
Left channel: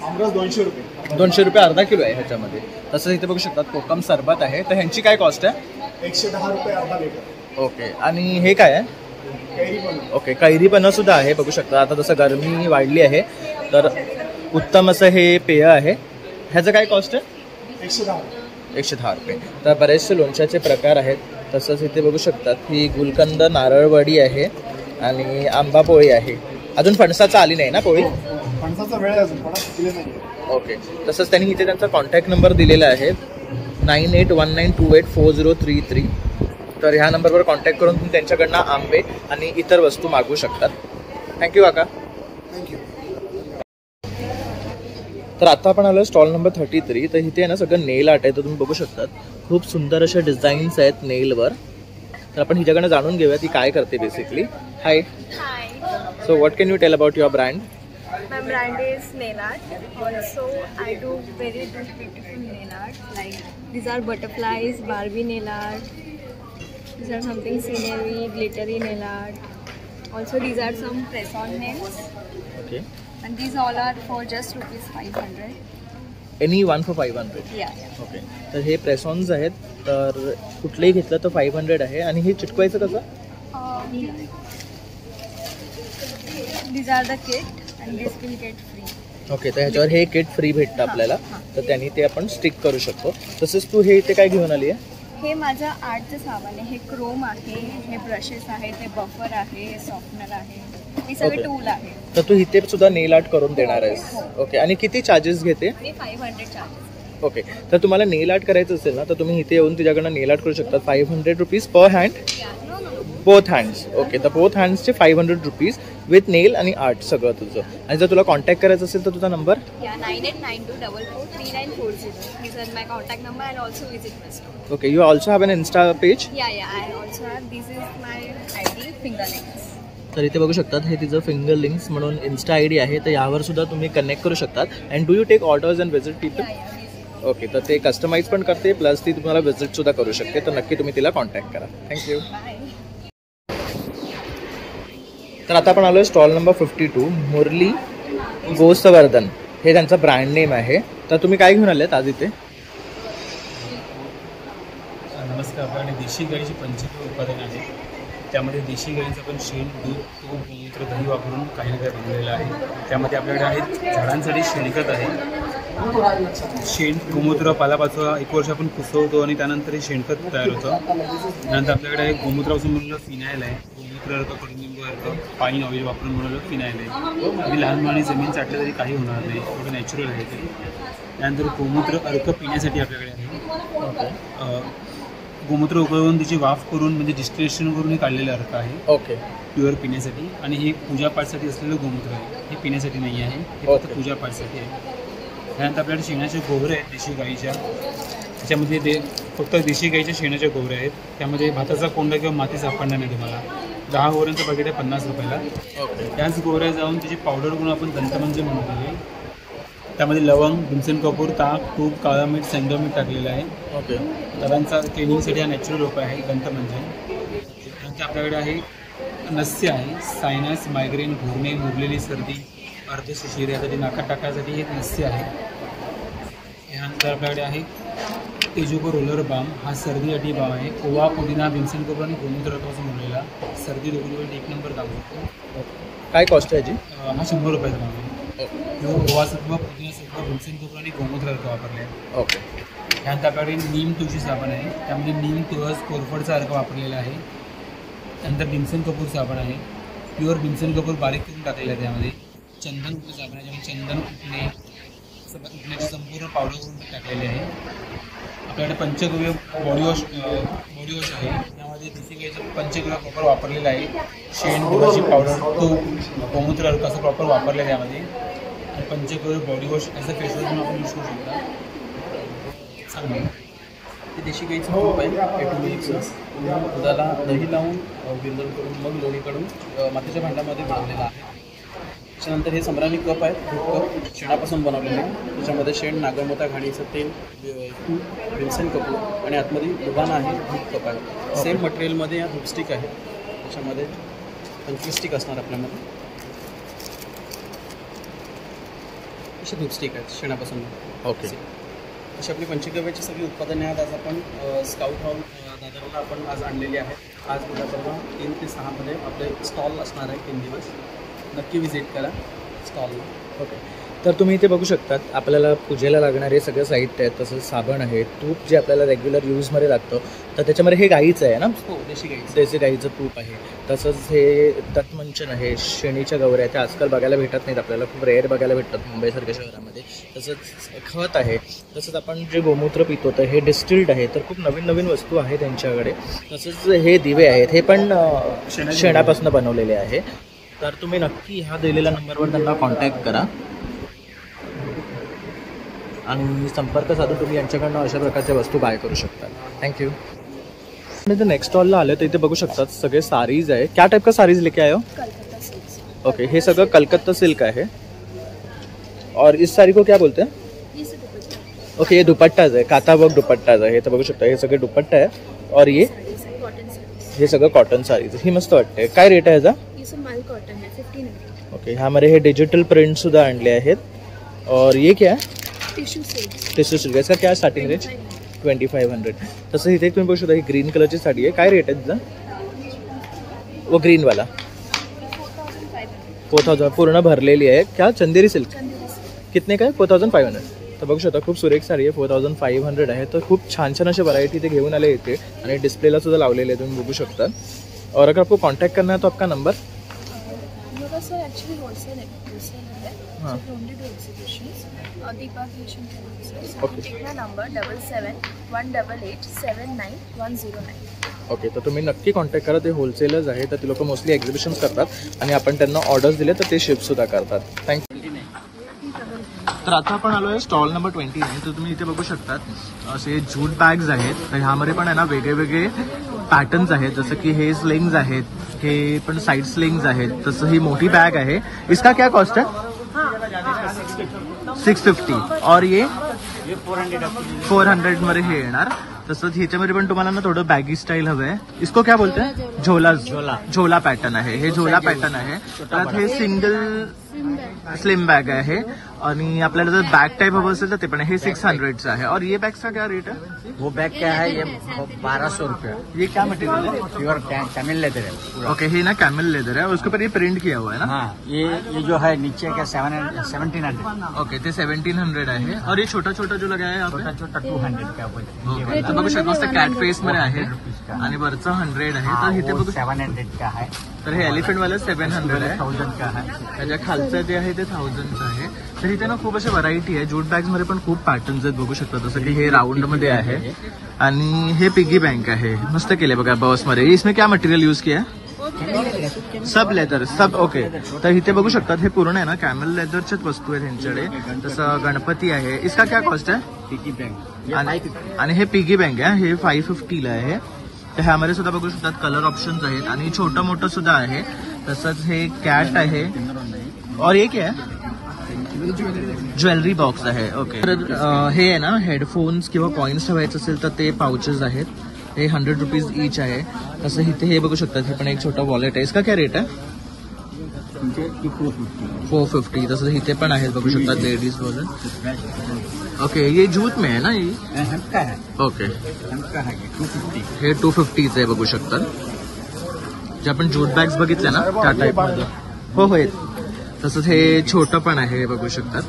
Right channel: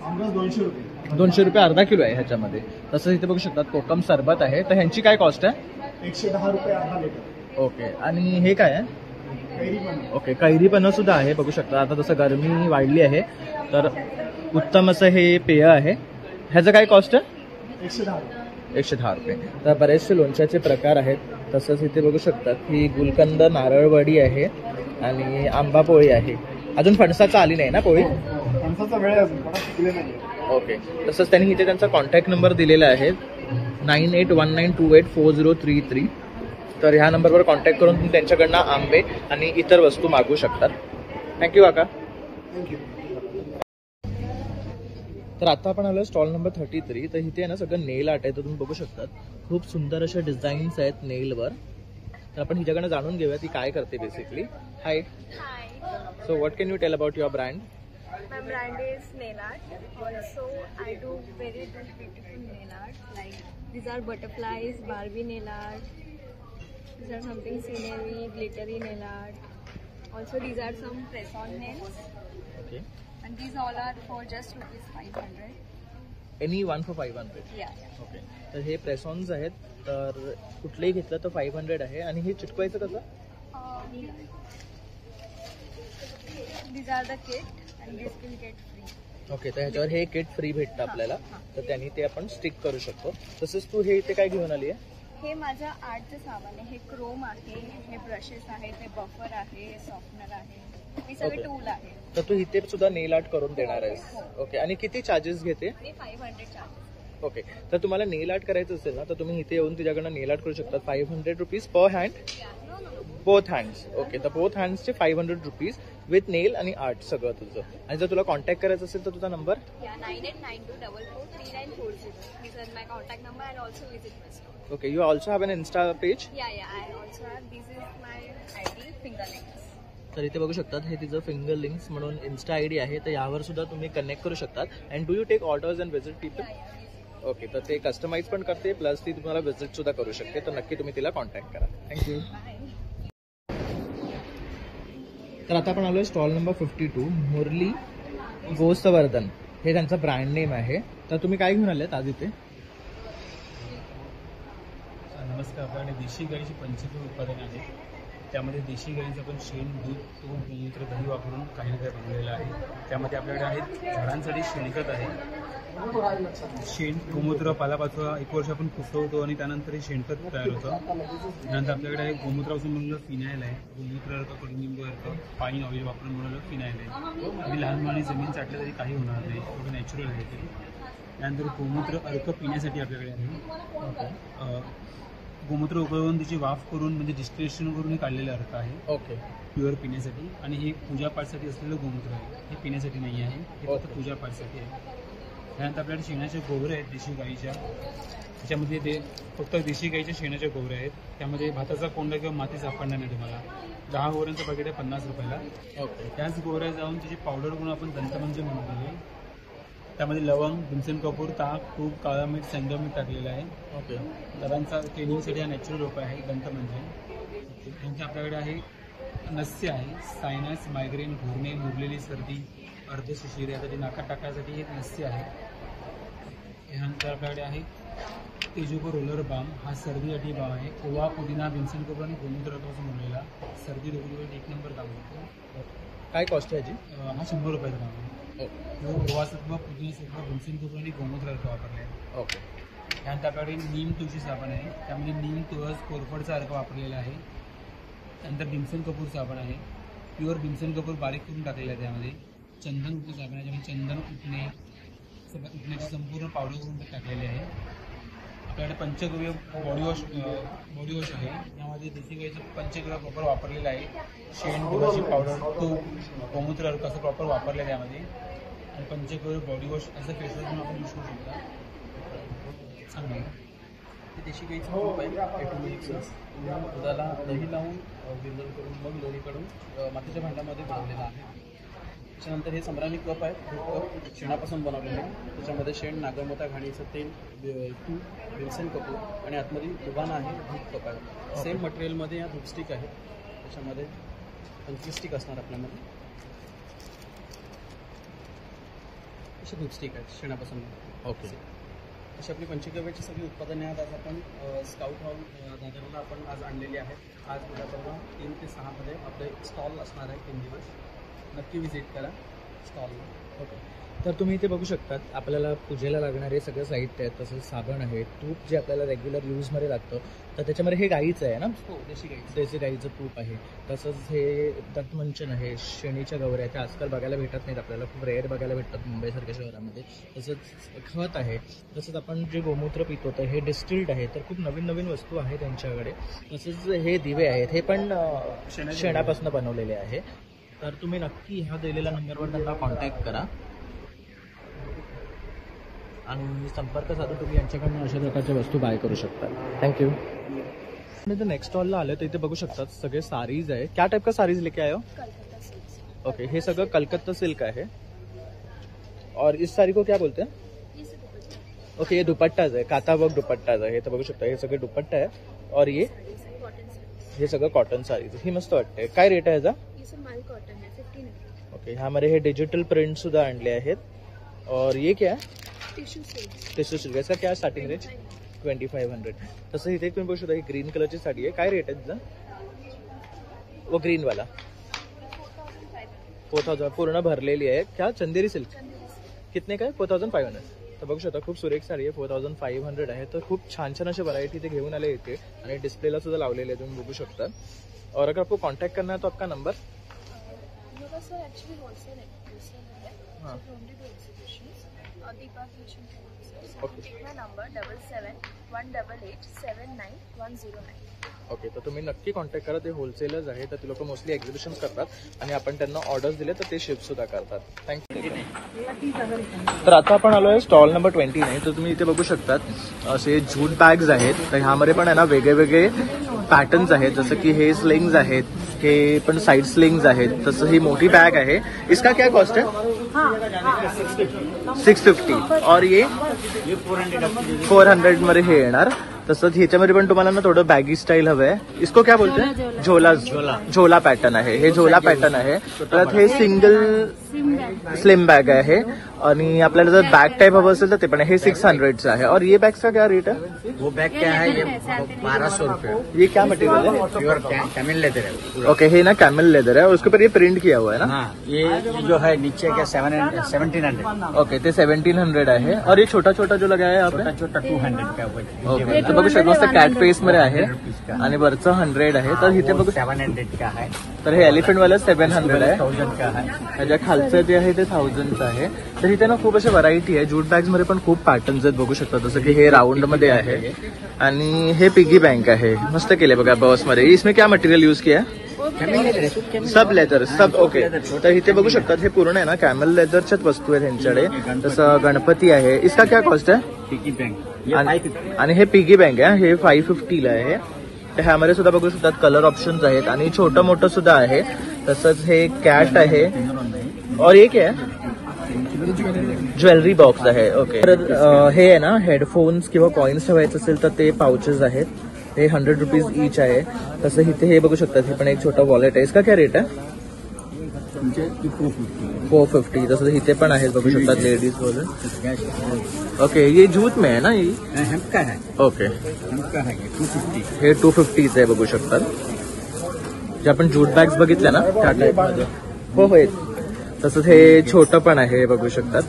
आमरस 200 रुपये. 200 रुपये अर्धा किलो आहे ह्याच्यामध्ये. तसंच इथे बघू शकतात कोकम सरबत आहे. तर ह्यांची काय कॉस्ट आहे? 110 रुपये अर्धा लिटर. ओके, आणि हे काय आहे? कैरी पण. ओके, कैरी पण सुद्धा आहे. बघू शकता आता जसं गरमी वाढली आहे तर उत्तम असं हे पेय आहे. ह्याचं काय कॉस्ट आहे? 110. 110 रुपये. तर बरेचसे लोणच्याचे प्रकार आहेत. तसंच इथे बघू शकतात ही गुलकंद नारळवडी आहे आणि आंबा पोळी आहे. अजून फणसाचं आली नाही ना पोळी? फणसाचा वेळ आहे अजून, फणस पिकले नाही. ओके, तसंच त्यांनी इथे त्यांचा कॉन्टॅक्ट नंबर दिलेला आहे 9819284033. तर ह्या नंबरवर कॉन्टॅक्ट करून तुम्ही त्यांच्याकडनं आंबे आणि इतर वस्तू मागवू शकतात. थँक्यू काका. थँक्यू. तर आता आपण आलो स्टॉल नंबर 33. तर इथे आहे ना सगळं नेल आर्ट आहे. तर तुम्ही बघू शकतात खूप सुंदर अशा डिझाईन्स आहेत नेलवर. तर आपण हिच्याकडनं जाणून घेऊया ती काय करते basically. Hi. Hi, so what can you tell about your brand? my brand is nail art. Also, I do very beautiful nail art. Like these are butterflies, Barbie nail art. These are something scenery, glittery nail art. Also, these are some press-on nails, okay, and these all are for just ₹500. Any one for 500. Yeah. Okay, तर हे प्रेसॉन्स आहेत. तर कुठलंही घेतलं तर 500 आहे. आणि हे चिटकवायचं कसं? These are the kit, and this will get free. Okay, तर ह्याच्यावर हे किट फ्री भेटतं आपल्याला. तर त्यांनी ते आपण स्टिक करू शकतो. तसंच तू हे इथे काय घेऊन आली आहे? हे माझं आर्टचं सामान आहे. हे क्रोम आहे, हे ब्रशेस आहेत, हे बफर आहे, हे सॉफ्टनर आहे, हे सगळे Okay. टूल आहे. तर तू इथे सुद्धा नेल आर्ट करून देणार आहेस. ओके, आणि किती चार्जेस घेते? मी 500 चार्जेस. ओके, तर तुम्हाला नेल आर्ट करायचं असेल ना तर तुम्ही इथे येऊन तिच्याकडनं नेल आर्ट करू शकता. 500 rupees per hand, both hands. Okay, तर बोथ हँड्सचे 500 रुपीज विथ नेल आणि आर्ट सगळं तुझं. आणि जर तुला कॉन्टॅक्ट करायचं असेल तर तुझा number? 9892443940. These are my contact number and also visit my store. Okay, you also have N Insta page? Yeah, I also have. This is my ID, Fingerlinks. तर इथे बघू शकतात हे तिचं फिंगर लिंक्स म्हणून इन्स्टा ID आहे. तर यावर सुद्धा तुम्ही कनेक्ट करू शकतात. And do you take orders and visit people? Okay, तर ते कस्टमाइज पण करते प्लस ती तुम्हाला विजिटसुद्धा करू शकते. तर नक्की तुम्ही तिला कॉन्टॅक्ट करा. थँक्यू. तर आता आपण आलो आहे स्टॉल नंबर 52. मुरली गोसवर्धन हे त्यांचं ब्रँड नेम आहे. तर तुम्ही काय घेऊन आलेत आज इथे? नमस्कार. आपल्याकडे देशी गाईची पंचगव्य उत्पादन आहे. त्यामध्ये देशी गाईचं पण शेण, दूध, तूप, मूत्र, दही वापरून काही ना काही बनवलेलं आहे. त्यामध्ये आपल्याकडे आहेत झाडांसाठी शेणखत आहे. शेण, गोमूत्र, पालापाचोळा 1 वर्ष आपण कुसवतो आणि त्यानंतर हे शेणखत तयार होतं. त्यानंतर आपल्याकडे आहे गोमूत्रापासून बनवलेलं फिनाईल आहे. गोमूत्र अर्क, कडुनिंब अर्क, पाणी ऑइल वापरून बनवलेलं फिनाईल आहे. अगदी लहान मुलांनी जमीन चाटलं तरी काही होणार नाही, थोडं नॅचरल आहे ते. त्यानंतर गोमूत्र अर्क पिण्यासाठी आपल्याकडे आहे. गोमूत्र उकळवून त्याची वाफ करून म्हणजे डिस्टिलेशन करून हे काढलेलं अर्क आहे. ओके, प्युअर पिण्यासाठी. आणि हे पूजापाठसाठी असलेलं गोमूत्र आहे. हे पिण्यासाठी नाही आहे, हे फक्त पूजापाठसाठी आहे. त्यानंतर आपल्याकडे शेणाचे गोवरे आहेत देशी गाईच्या. त्याच्यामध्ये ते फक्त देशी गाईच्या शेणाच्या गोवऱ्या आहेत. त्यामध्ये भाताचा कोंडा किंवा माती सापडणार नाही तुम्हाला. 10 गोवऱ्यांचं पाकिट आहे 50 रुपयाला. ओके, त्याच गोवऱ्या जाऊन त्याची पावडर करून आपण दंतमंजन बनवलेली आहे. त्यामध्ये लवंग, भीमसेन कपूर, ताक, तूप, काळा मीठ, शेंगदाणा मीठ टाकलेलं आहे. ओके, दादांचा क्लिनिंगसाठी हा नॅचरल उपाय आहे दंतमंजन. त्यानंतर आपल्याकडे आहे नस्य आहे, सायनस, मायग्रेन, घुरणे, मुरलेली सर्दी, अर्धशिशिर यासाठी नाकात टाकायसाठी एक नस्य आहे. यानंतर आपल्याकडे आहे तेजोको रोलर बाम. हा सर्दीसाठी बाम आहे. ओवा, पुदिना, भीमसेन कोपरा आणि गोमूत्र रक्तापासून बनलेला सर्दी दुखण्यासाठी 1 नंबर काम करतो. काय कॉस्ट आहे याची? हा 100 रुपयाचा काम आहे. ओवा सत्व, पुदिना सत्व, भीमसेन कोपरा आणि गोमूत्र रक्त वापरले आहे. ओके. त्यानंतर आपल्याकडे नीम तुळशी साबण आहे. त्यामध्ये नीम, तुळस, कोरफडचा अर्क वापरलेला आहे. त्यानंतर भीमसेन कपूर साबण आहे. प्युअर भीमसेन कपूर बारीक करून टाकलेलं आहे. त्यामध्ये चंदन कपूर साबण आहे. चंदन उठण्याची संपूर्ण पावडर करून टाकलेली आहे. आपल्याकडे पंचगव्य बॉडी वॉश आहे. यामध्ये देशी गाईचं पंचगव्य प्रॉपर वापरलेलं आहे. शेण, दुधाची पावडर, तूप, गोमूत्र अर्क असं प्रॉपर वापरलं आहे त्यामध्ये. आणि पंचगव्य बॉडी वॉश असं फेसवॉश म्हणून आपण यूज करू शकता. चांगलं ते देशी गाईचं तूप आहे एटोमिक्स. दुधाला दही लावून विरजण करून मग लोणी काढून मातीच्या भांड्यामध्ये बनवलेलं आहे. त्याच्यानंतर हे सम्राणी कप आहे, दूध कप शेणापासून बनवलेले. त्याच्यामध्ये शेण, नागमोता, घाणीचं तेल, तूप, भीमसेन कपूर आणि आतमध्ये दुधाणा आहे, दूध कप आहे. सेम मटेरियलमध्ये या धूपस्टिक आहे. त्याच्यामध्ये 25 स्टिक असणार आपल्यामध्ये. असे धूपस्टिक आहेत शेणापासून. ओके. अशी आपली पंचगव्याची सगळी उत्पादने आहेत. आज आपण स्काउट हॉल दादरला आपण आज आणलेली आहेत. आज उद्यापर्वा 3 ते 6 मध्ये आपले स्टॉल असणार आहे 3 दिवस. नक्की विजिट करा स्टॉलला. ओके. तर तुम्ही इथे बघू शकतात आपल्याला पूजेला लागणारे सगळं साहित्य आहे. तसंच साबण आहे, तूप जे आपल्याला रेग्युलर यूजमध्ये लागतं. तर त्याच्यामध्ये हे गाईचं आहे ना? हो, देशी गाईचं तूप आहे. तसंच हे तटमंचन आहे, शेणीच्या गवऱ्या त्या आजकाल बघायला भेटत नाहीत आपल्याला, खूप रेअर बघायला भेटतात मुंबईसारख्या शहरामध्ये. तसंच खत आहे. तसंच आपण जे गोमूत्र पितो तर हे डिस्टिल्ड आहे. तर खूप नवीन नवीन वस्तू आहे त्यांच्याकडे. तसंच हे दिवे आहेत, हे पण शेणापासून बनवलेले आहे. तर तुम्ही नक्की ह्या दिलेल्या नंबरवर त्यांना कॉन्टॅक्ट करा आणि संपर्क साधून तुम्ही यांच्याकडनं अशा प्रकारच्या वस्तू बाय करू शकता. थँक्यू. आणि नेक्स्ट स्टॉलला आले तर इथे बघू शकतात सगळे सारीज आहे. क्या टाइप का सारीज लेके आए हो? ओके. हे सगळं कलकत्ता सिल्क आहे. और इस साड़ी को क्या बोलते हैं? ओके, ये दुपट्टाज आहे, काथा वर्क दुपट्टाज आहे. तर बघू शकता हे सगळे दुपट्टा आहे. और हे सगळं कॉटन सारीज. ही मस्त वाटते. काय रेट आहे याचा? ओके. ह्यामध्ये हे डिजिटल प्रिंट सुद्धा आणले आहेत. और ये क्या है? Tissue silk. इसका क्या स्टार्टिंग रेट? 2500. तसं इथे तुम्ही बघू शकता ही ग्रीन कलरची साडी आहे. काय रेट आहे तिचा? वो ग्रीनवाला 4000 पूर्ण भरलेली आहे. क्या चंदेरी सिल्क? कितने का आहे? 4500. तर बघू शकता खूप सुरेख साडी आहे. 4500 आहे. तर खूप छान छान असे व्हरायटी ते घेऊन आले इथे आणि डिस्प्लेला सुद्धा लावलेले आहे, तुम्ही बघू शकता. और अगर आपको कॉन्टैक्ट करना है तो आपका नंबर? सर एक्चुअली होलसेल है. हाँ. नंबर 7718879109. ओके. तर तुम्ही नक्की कॉन्टॅक्ट करा. ते होलसेलर्स आहे. तर ते लोक मोस्टली एक्झिबिशन्स करतात आणि आपण त्यांना ऑर्डर्स दिले तर ते शिपसुद्धा करतात. थँक्यू. तर आता आपण आलो आहे स्टॉल नंबर 29. तर तुम्ही इथे बघू शकतात असे जूट बॅग्स आहेत. तर ह्यामध्ये पण आहे ना वेगळे वेगळे पॅटर्न्स आहेत. जसं की हे स्लिंग्स आहेत, हे पण साईड स्लिंग्स आहेत. तसं ही मोठी बॅग आहे. इसका क्या कॉस्ट है? 650. और ये 400 मध्ये हे येणार. तसंच ह्याच्यामध्ये पण तुम्हाला ना थोडं बॅगी स्टाईल हवं आहे. इसको क्या बोलते हैं? झोला पॅटर्न आहे. हे झोला पॅटर्न आहे. परत हे सिंगल स्लिम बॅग आहे आणि आपल्याला जर बॅग टाइप हवं असेल तर ते पण हे 600चं आहे. और ये बैग का क्या रेट है? वो बैग क्या है? ये 1200 रुपये. ये क्या मटेरियल है? प्योर कैमल लेदर है. ओके. हे ना कैमल लेदर है, उसके ऊपर ये प्रिंट किया हुआ है ना? ये जो है नीचे का 1700. ओके. ते 1700 आहे. और ये छोटा छोटा जो लगा है छोटा 200 का. ओके. तर बघू शकतो मस्त कॅट फेस मध्ये आहे आणि वरचं 100 आहे. तर इथे बघू 700 का है. तर हे एलिफंट वाला 700 आहे. 1000 का है. त्याच्या खालचं जे आहे ते 1000चं आहे. तर इथे ना खूप अशी व्हरायटी आहे. जूट बॅग मध्ये पण खूप पॅटर्न्स आहेत बघू शकता. जसं की हे राऊंड मध्ये आहे आणि हे पिगी बँक आहे. मस्त केले बघा बॉस मध्ये. इसमें क्या मटेरियल यूज किया? सब लेदर सब. ओके. तर इथे बघू शकतात हे पूर्ण आहे ना कॅमल लेदरच्याच वस्तू आहे त्यांच्याकडे. तसं गणपती आहे. इसका क्या कॉस्ट आहे? Piggy bank. आणि हे पिगी बँक आहे. हे 550ला आहे. तर ह्यामध्ये सुद्धा बघू शकतात कलर ऑप्शन्स आहेत आणि छोटं मोठं सुद्धा आहे. तसंच हे कॅट आहे. और ये क्या है? ज्वेलरी बॉक्स आहे. ओके. तर हे आहे ना हेडफोन्स किंवा कॉइन्स ठेवायचे असेल तर ते पाउचेस आहेत. हे 100 रुपीज ईच आहे. तसं इथे हे बघू शकतात, हे पण एक छोटा वॉलेट आहे. इसका क्या रेट आहे? 450. तसं इथे पण आहेत बघू शकतात लेडीज वॉलेट. ओके, ये जूट में है ना? ये हमका है, ओके, हमका है 250. हे 250 आहे बघू शकतात. जे आपण जूट बॅग्स बघितल्या ना त्या टाईपमध्ये. हो हो, तसंच हे छोटं पण आहे बघू शकतात.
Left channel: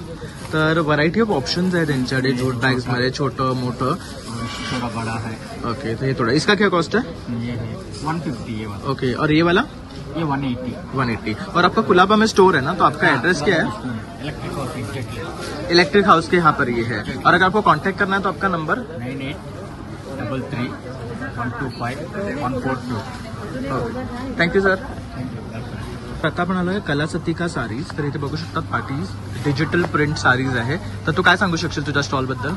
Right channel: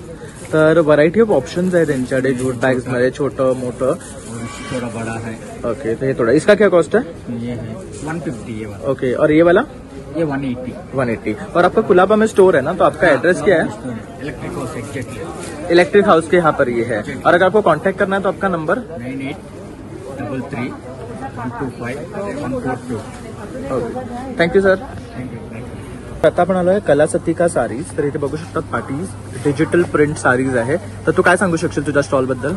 तर व्हरायटी ऑफ ऑप्शन्स आहे त्यांच्याकडे जूट बॅग्स मध्ये, छोटं मोठं. थोड़ा बड़ा है. ओके, तो ये थोड़ा, इसका क्या कॉस्ट है? ये है 150 ये वाला. ओके, और ये वाला? ये 180. 180. और आपका कुलाबा में स्टोर है ना, तो आपका एड्रेस क्या है? Electric house exactly. Electric house के यहाँ पर ये है. और अगर आपको कांटेक्ट करना है तो आपका नंबर 9833 125 142. Okay, thank you sir. आता आपण आलोय कलासतिका सारीज. तर इथे बघू शकतात पार्टीज डिजिटल प्रिंट सारीज आहे. तर तू काय सांगू शकशील तुझ्या स्टॉल बद्दल?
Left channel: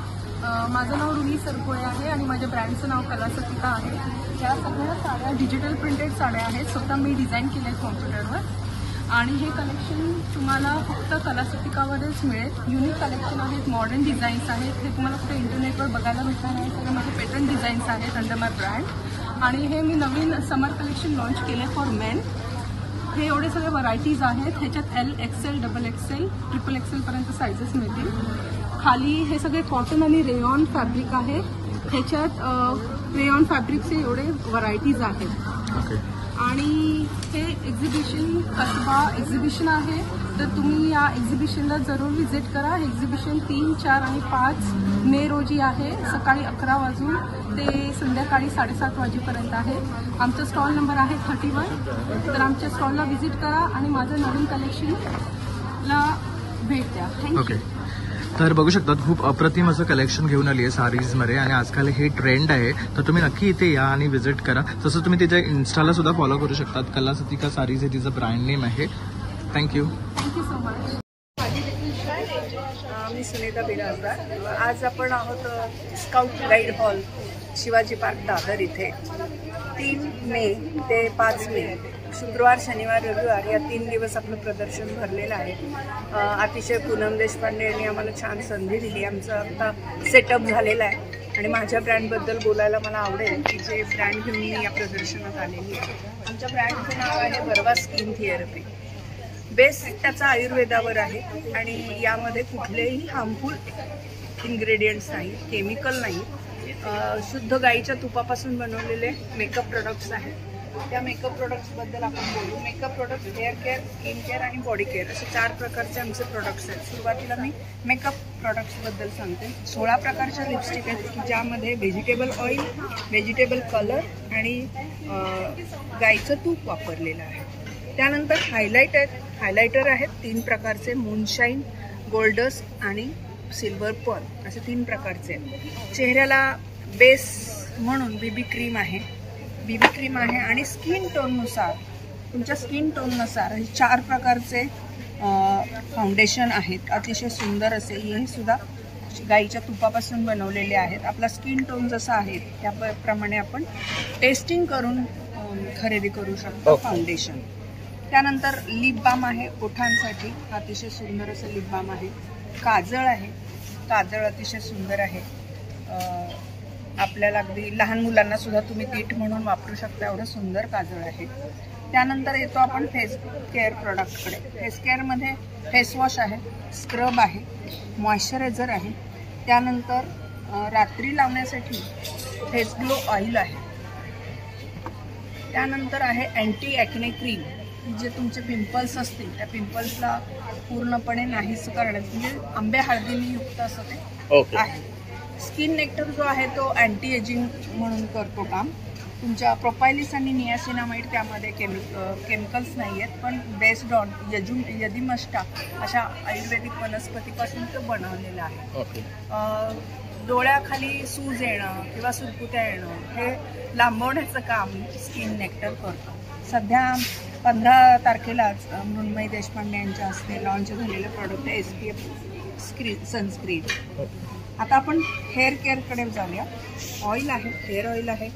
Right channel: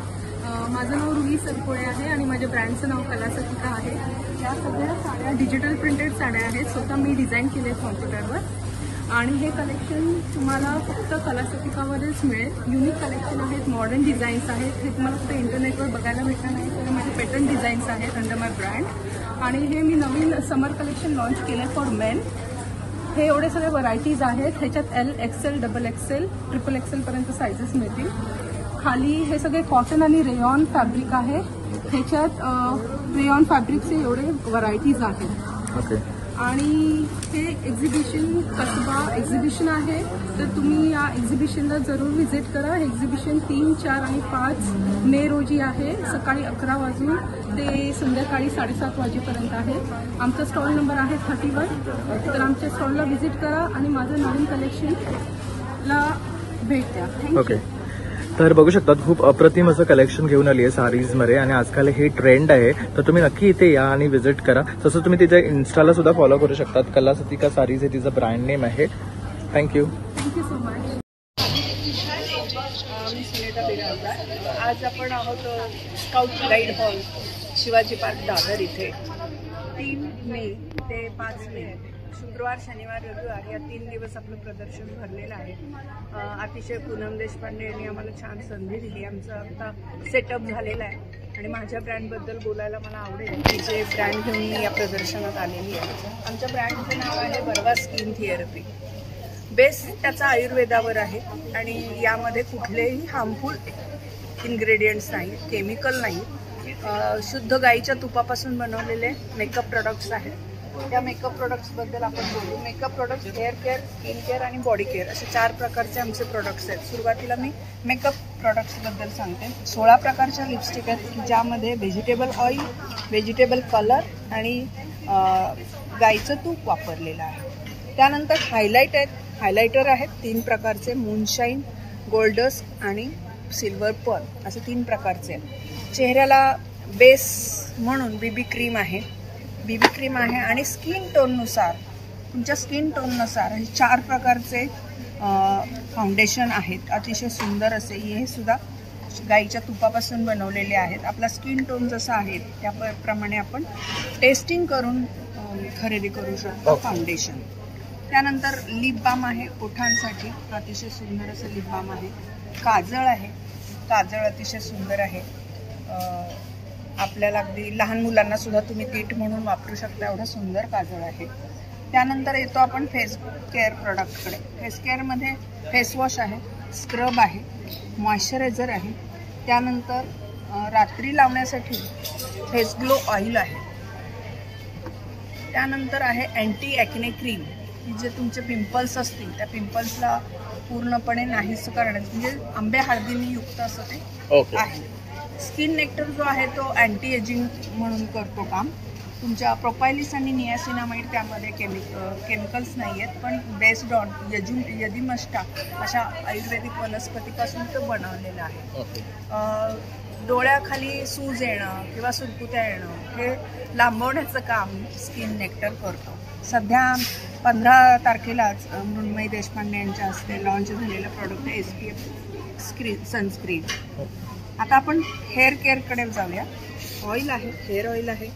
माझं नाव रुही सरकोळे आहे आणि माझ्या ब्रँडचं नाव कलासतिका आहे. या सगळ्या साड्या डिजिटल प्रिंटेड साड्या आहेत, स्वतः मी डिझाईन केले आहेत कॉम्प्युटरवर. आणि हे कलेक्शन तुम्हाला फक्त कलासतिकामध्येच मिळेल. युनिक कलेक्शन आहेत, मॉडर्न डिझाईन्स आहेत. हे तुम्हाला फक्त इंटरनेटवर बघायला भेटणार नाही, सगळे माझे पेटंट डिझाईन्स आहेत अंडर माय ब्रँड. आणि हे मी नवीन समर कलेक्शन लॉन्च केलं फॉर मेन. हे एवढे सगळे व्हरायटीज आहेत. ह्याच्यात L, XL, XXL, XXL पर्यंत सायझेस मिळतील. खाली हे सगळे कॉटन आणि रेयॉन फॅब्रिक आहे. ह्याच्यात रेयॉन फॅब्रिकचे एवढे व्हरायटीज आहेत. ओके. आणि हे एक्झिबिशन कसबा एक्झिबिशन आहे, तर तुम्ही या एक्झिबिशनला जरूर व्हिजिट करा. हे एक्झिबिशन 3, 4 आणि 5 मे रोजी आहे. सकाळी 11 वाजून ते संध्याकाळी 7:30 वाजेपर्यंत आहे. आमचा स्टॉल नंबर आहे 31. तर आमच्या स्टॉलला व्हिजिट करा आणि माझं नवीन कलेक्शनला भेट द्या. थँक्यू. ओके, तर बघू शकतात खूप अप्रतिम असं कलेक्शन घेऊन आली आहे सारीजमध्ये. आणि आजकाल हे ट्रेंड आहे, तर तुम्ही नक्की इथे या आणि व्हिजिट करा. तसं तुम्ही तिच्या इन्स्टाला सुद्धा फॉलो करू शकतात. कलासतिका सारीज हे तिचं ब्रँड नेम आहे. थँक्यू. Thank you so much. मी सुनीता बिराजदार. आज आपण आहोत scout guide hall Shivaji park Dadar इथे. 3 मे ते 5 मे शुक्रवार, शनिवार, रविवार या 3 दिवस आपलं प्रदर्शन भरलेलं आहे. अतिशय पूनम देशपांडे यांनी आम्हाला छान संधी दिली. आमचं आता सेटअप झालेलं आहे आणि माझ्या ब्रँडबद्दल बोलायला मला आवडेल की जे ब्रँड घेऊन मी या प्रदर्शनात आलेली आहे. आमच्या ब्रँडचं नाव आहे बर्वा स्किन थेरपी. बेस त्याचा आयुर्वेदावर आहे आणि यामध्ये कुठलेही हार्मफुल इन्ग्रेडियंट्स नाही, केमिकल नाही. शुद्ध गाईच्या तुपापासून बनवलेले मेकअप प्रोडक्ट्स आहेत. त्या मेकअप प्रोडक्ट्सबद्दल आपण बोलू. Makeup products hair care, skin care आणि बॉडी केअर असे 4 प्रकारचे आमचे प्रोडक्ट्स आहेत. सुरुवातीला मी मेकअप प्रोडक्ट्सबद्दल सांगते. 16 प्रकारच्या लिपस्टिक आहेत की ज्यामध्ये व्हेजिटेबल ऑइल, व्हेजिटेबल कलर आणि गाईचं तूप वापरलेलं आहे. त्यानंतर हायलायटर आहेत 3 प्रकारचे, मूनशाईन, गोल्डस्ट आणि सिल्वर पर्ल असे 3 प्रकारचे. चेहऱ्याला बेस म्हणून बीबी क्रीम आहे आणि स्किन टोननुसार, तुमच्या स्किन टोननुसार हे 4 प्रकारचे फाउंडेशन आहेत. अतिशय सुंदर असे. हे सुद्धा गाईच्या तुपापासून बनवलेले आहेत. आपला स्किन टोन जसा आहे त्याप्रमाणे आपण टेस्टिंग करून खरेदी करू शकतो फाउंडेशन. त्यानंतर लिप बाम आहे ओठांसाठी, अतिशय सुंदर असं लिप बाम आहे. काजळ आहे, काजळ अतिशय सुंदर आहे. आपल्याला अगदी लहान मुलांना सुद्धा तुम्ही टीट म्हणून वापरू शकता, एवढं सुंदर काजळ आहे. त्यानंतर येतो आपण फेस केअर प्रोडक्टकडे. फेस केअरमध्ये फेसवॉश आहे, स्क्रब आहे, मॉइश्चरायझर आहे. त्यानंतर रात्री लावण्यासाठी फेस ग्लो ऑइल आहे. त्यानंतर आहे अँटी ॲक्ने क्रीम, की जे तुमचे पिंपल्स असतील त्या पिंपल्सला पूर्णपणे नाहीस करण्यात, म्हणजे आंबे हळदीने युक्त असं ते आहे. स्किन नेक्टर जो आहे तो अँटी एजिंग म्हणून करतो काम. तुमच्या प्रोपायलिस आणि नियासिनामाइड त्यामध्ये केमिकल्स नाही आहेत, पण बेस्ड ऑन यदिमस्टा अशा आयुर्वेदिक वनस्पतीपासून तो बनवलेलं आहे. डोळ्याखाली सूज येणं किंवा सुरकुत्या येणं हे लांबवण्याचं काम स्किन नेक्टर करतो. सध्या 15 तारखेलाच मृण्मयी देशपांडे यांच्या हस्ते लॉन्च झालेलं प्रॉडक्ट आहे SPF सनस्क्रीन. आता आपण हेअर केअरकडे जाऊया. ऑइल आहे, हेअर ऑइल आहे,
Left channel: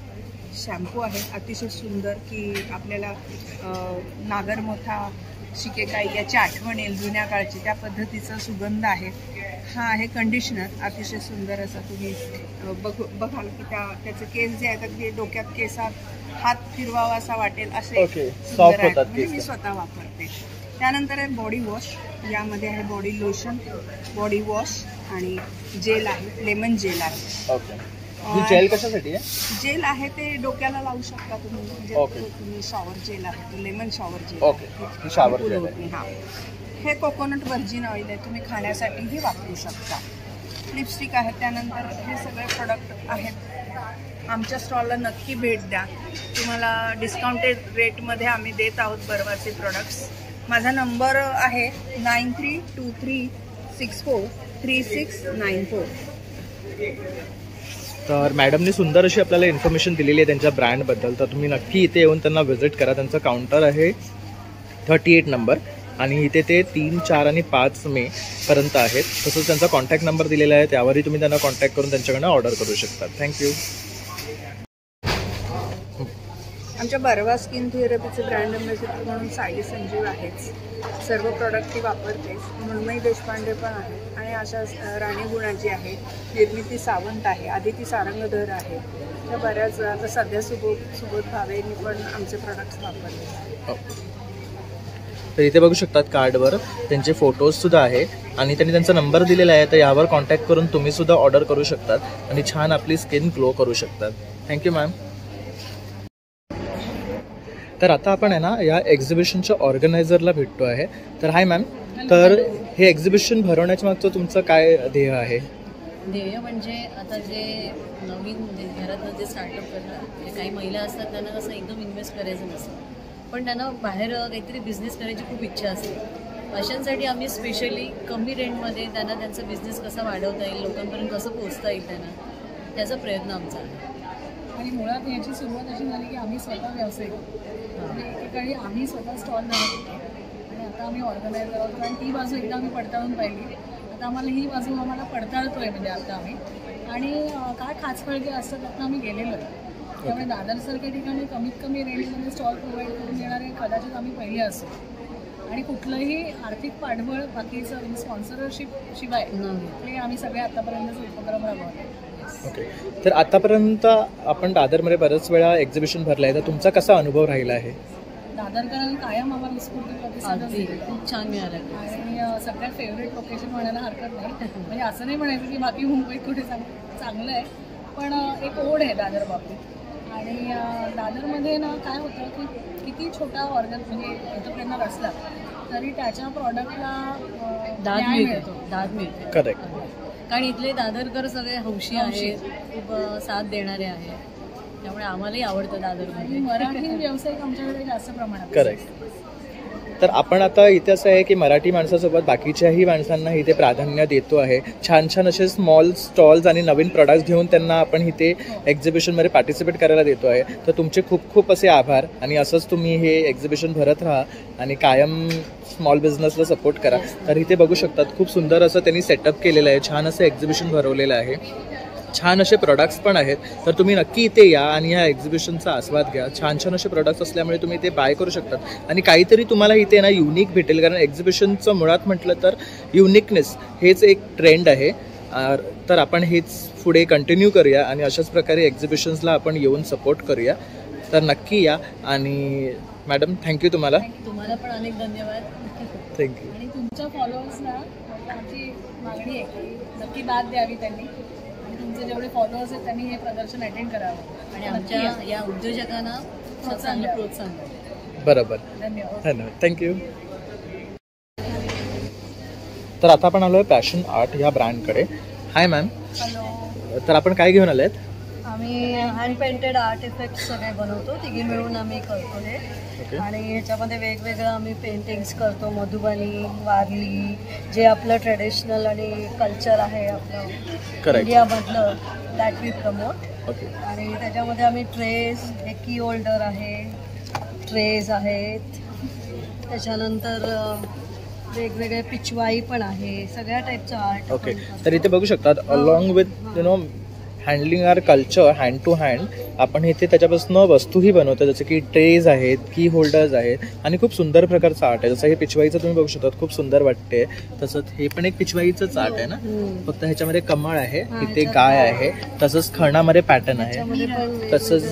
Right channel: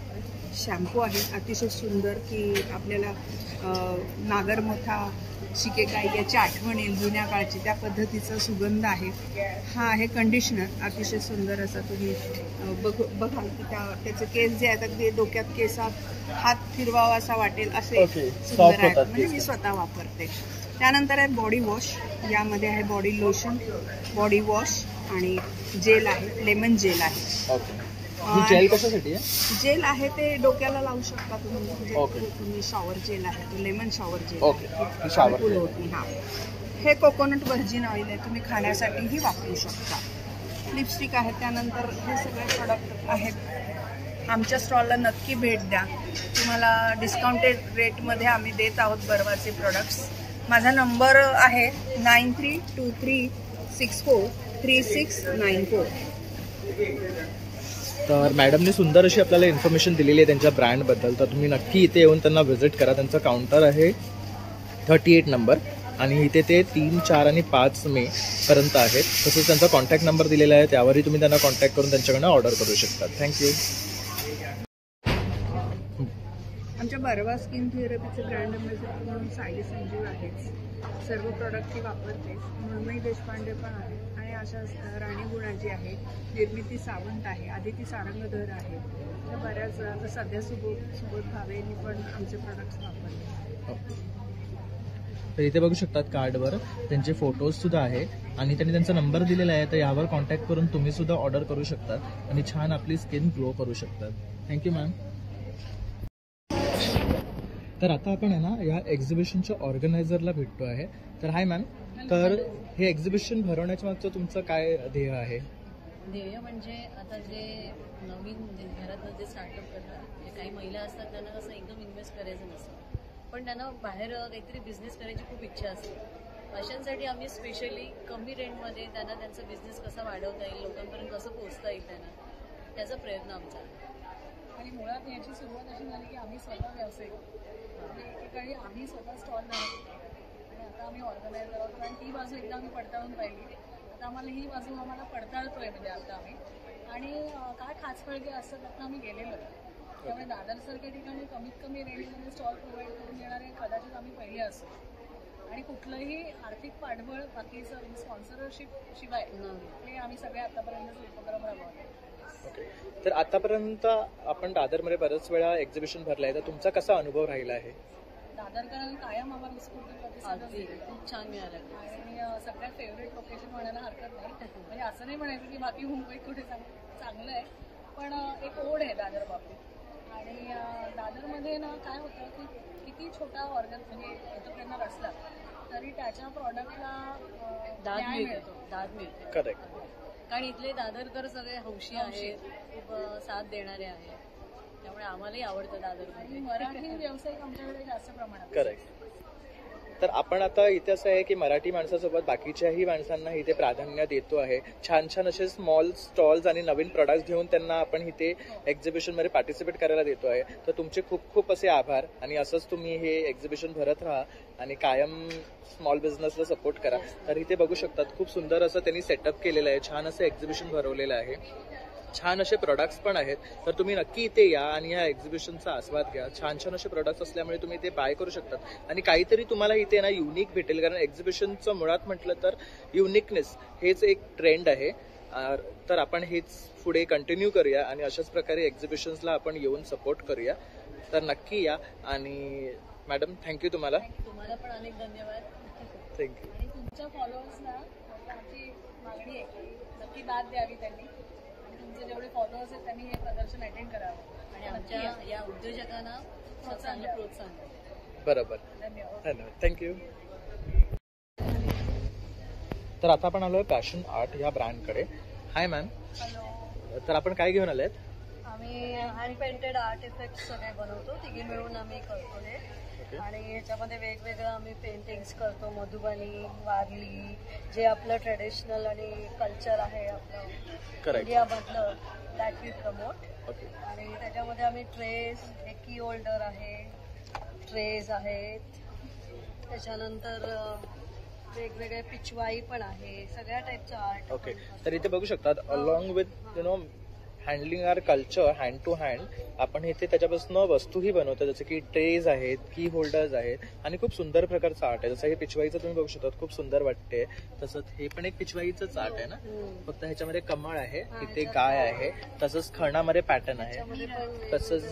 शॅम्पू आहे अतिशय सुंदर, की आपल्याला नागरमोथा शिकेकाई याची आठवण येईल जुन्या काळची, त्या पद्धतीचा सुगंध आहे. हा आहे कंडिशनर, अतिशय सुंदर असा. तुम्ही बघाल की त्याचे केस जे आहेत अगदी डोक्यात केसात हात फिरवावा असा वाटेल असे सुंदर आहेत. म्हणजे मी स्वतः वापरते. त्यानंतर आहे बॉडी वॉश. यामध्ये आहे बॉडी लोशन, बॉडी वॉश आणि जेल आहे, लेमन जेल आहे. जेल कशासाठी आहे? जेल आहे ते डोक्याला लावू शकता तुम्ही. म्हणजे तुम्ही शॉवर जेल आहे, तो लेमन शॉवर जेल. हा, हे कोकोनट व्हर्जिन ऑइल आहे, तुम्ही खाण्यासाठीही वापरू शकता. लिपस्टिक आहे. त्यानंतर हे सगळे प्रोडक्ट आहेत. आमच्या स्टॉलला नक्की भेट द्या. तुम्हाला डिस्काउंटेड रेटमध्ये आम्ही देत आहोत बर्वाचे प्रोडक्ट्स. माझा नंबर आहे 9323643694. तर मॅडमने सुंदर अशी आपल्याला इन्फॉर्मेशन दिलेली आहे त्यांच्या ब्रँडबद्दल. तर तुम्ही नक्की इथे येऊन त्यांना व्हिजिट करा. त्यांचं काउंटर आहे 38 नंबर आणि इथे ते 3, 4 आणि 5 मे पर्यंत आहेत. तसंच त्यांचा कॉन्टॅक्ट नंबर दिलेला आहे, त्यावरही तुम्ही त्यांना कॉन्टॅक्ट करून त्यांच्याकडनं ऑर्डर करू शकता. थँक्यू. आमच्या बर्वा स्किन थेरपीचे ब्रँड अँबॅसेडर म्हणून सायली संजीव आहेच. सर्व प्रॉडक्ट ती वापरतेच. मृण्मयी देशपांडे पण आहे आणि अशा राणी गुणाजी आहे, निर्मिती सावंत आहे, आदिती सारंगधर आहे. त्या बऱ्याच आता सध्या सुबोध भावेंनी पण आमचे प्रोडक्ट्स वापरले. तर इथे बघू शकतात कार्डवर त्यांचे फोटोज सुद्धा आहे आणि त्यांनी त्यांचा नंबर दिलेला आहे. तर यावर कॉन्टॅक्ट करून तुम्ही सुद्धा ऑर्डर करू शकतात आणि छान आपली स्किन ग्लो करू शकतात. Thank you ma'am. तर आता आपण आहे ना या एक्झिबिशनच्या ऑर्गनायझरला भेटतो आहे. तर हाय मॅम, तर हे एक्झिबिशन भरवण्याच्या मागचं तुमचं काय ध्येय आहे? ध्येय म्हणजे आता जे नवीन घरातनं जे स्टार्टअप करतात, काही महिला असतात त्यांना कसं एकदम इन्व्हेस्ट करायचं नसतं, पण त्यांना बाहेर काहीतरी बिझनेस करायची खूप इच्छा असते. अशांसाठी आम्ही स्पेशली कमी रेंटमध्ये त्यांना त्यांचा बिझनेस कसा वाढवता येईल, लोकांपर्यंत कसं पोहोचता येईल त्यांना, त्याचा प्रयत्न आमचा आहे. आणि मुळात याची सुरुवात अशी झाली की आम्ही स्वतः व्यावसायिक आणि एकेकाळी आम्ही स्वतः स्टॉल लावत होतो आणि आता आम्ही ऑर्गनायझर आहोत. कारण ती बाजू एकदा आम्ही पडताळून पाहिली, आता आम्हाला ही बाजू आम्हाला पडताळतोय म्हणजे आता आम्ही. आणि काय खाचफळगे असतात त्यातनं आम्ही गेलेलो आहे. त्यामुळे दादरसारख्या ठिकाणी कमीत कमी रेंजमध्ये स्टॉल प्रोव्हाइड करून देणारे कदाचित आम्ही पहिले असू. आणि कुठलंही आर्थिक पाठबळ बाकीचं स्पॉन्सरशिप शिवाय हे आम्ही सगळे आतापर्यंतचे उपक्रम राबवले. ओके. तर आतापर्यंत आपण दादरमध्ये बऱ्याच वेळा एक्झिबिशन भरलं आहे, तर तुमचा कसा अनुभव राहिला आहे? दादरकरांनी कायम आम्हाला उत्स्फूर्त प्रतिसाद खूप छान मिळाला आणि सगळ्यात फेवरेट लोकेशन म्हणायला हरकत नाही. म्हणजे असं नाही म्हणायचं की बाकी मुंबईत कुठे चांगलं आहे, पण एक ओढ आहे दादर बाबतीत. आणि दादरमध्ये ना काय होतं की किती छोटा म्हणजे एंटरप्रेनर असला तरी त्याच्या प्रॉडक्टला दाद मिळतो. करेक्ट. कारण इथले दादरकर सगळे हौशी आहेत, खूप साथ देणारे आहेत, त्यामुळे आम्हालाही आवडतं दादरमध्ये. मराठी व्यावसायिक आमच्याकडे जास्त प्रमाणात. करेक्ट. तर आपण आता इथे असं आहे की मराठी माणसासोबत बाकीच्याही माणसांना इथे प्राधान्य देतो आहे. छान छान असे स्मॉल स्टॉल्स आणि नवीन प्रोडक्ट्स घेऊन त्यांना आपण इथे एक्झिबिशनमध्ये पार्टिसिपेट करायला देतो आहे. तर तुमचे खूप खूप असे आभार आणि असंच तुम्ही हे एक्झिबिशन भरत राहा आणि कायम स्मॉल बिझनेसला सपोर्ट करा. तर इथे बघू शकतात खूप सुंदर असं त्यांनी सेटअप केलेलं आहे, छान असं एक्झिबिशन भरवलेलं आहे, छान असे प्रोडक्ट्स पण आहेत. तर तुम्ही नक्की इथे या आणि ह्या एक्झिबिशनचा आस्वाद घ्या. छान छान असे प्रोडक्ट्स असल्यामुळे तुम्ही ते बाय करू शकतात आणि काहीतरी तुम्हाला इथे ना युनिक भेटेल. कारण एक्झिबिशनचं मुळात म्हटलं तर युनिकनेस हेच एक ट्रेंड आहे. तर आपण हेच पुढे कंटिन्यू करूया आणि अशाच प्रकारे एक्झिबिशन्सला आपण येऊन सपोर्ट करूया. तर नक्की या. आणि मॅडम थँक्यू तुम्हाला. तुम्हाला पण अनेक धन्यवाद. थँक्यू. आणि तुमच्या फॉलोअर्सना आमची मागणी आहे की नक्की दाद द्यावी त्यांनी. तुमचे जेवढे फॉलोअर्स आहेत त्यांनी हे प्रदर्शन अटेंड करावं आणि आमच्या या उद्योजकांना चांगलं प्रोत्साहन द्यावं. बरोबर. धन्यवाद. थँक्यू. तर आता आपण आलो आहे पॅशन आर्ट ह्या ब्रँडकडे. हाय मॅम. हॅलो. तर आपण काय घेऊन आलेत? आम्ही हँड पेंटेड आर्ट इफेक्ट सगळे बनवतो, तिघी मिळून आम्ही करतो हे. आणि ह्याच्यामध्ये वेगवेगळं आम्ही पेंटिंग्स करतो, मधुबनी, वारली, जे आपलं ट्रेडिशनल आणि कल्चर आहे आपलं इंडियामधलं, दॅट वी प्रमोट. आणि त्याच्यामध्ये आम्ही ट्रेस, एक की होल्डर आहे, ट्रेज आहेत, त्याच्यानंतर वेगवेगळे पिचवाई पण आहे, सगळ्या टाईपचं आर्ट. ओके. तर इथे बघू शकतात along with handling our culture hand to hand. आपण इथे त्याच्यापासून वस्तूही बनवतो, जसं की ट्रेज आहेत, की होल्डर्स आहेत आणि खूप सुंदर प्रकारचं आर्ट आहे. जसं हे पिशवाईचं तुम्ही बघू शकता, खूप सुंदर वाटते. तसंच हे पण एक पिशवाईचंच आर्ट आहे ना, फक्त ह्याच्यामध्ये कमळ आहे, इथे गाय आहे, तसंच खणामध्ये पॅटर्न आहे. तसंच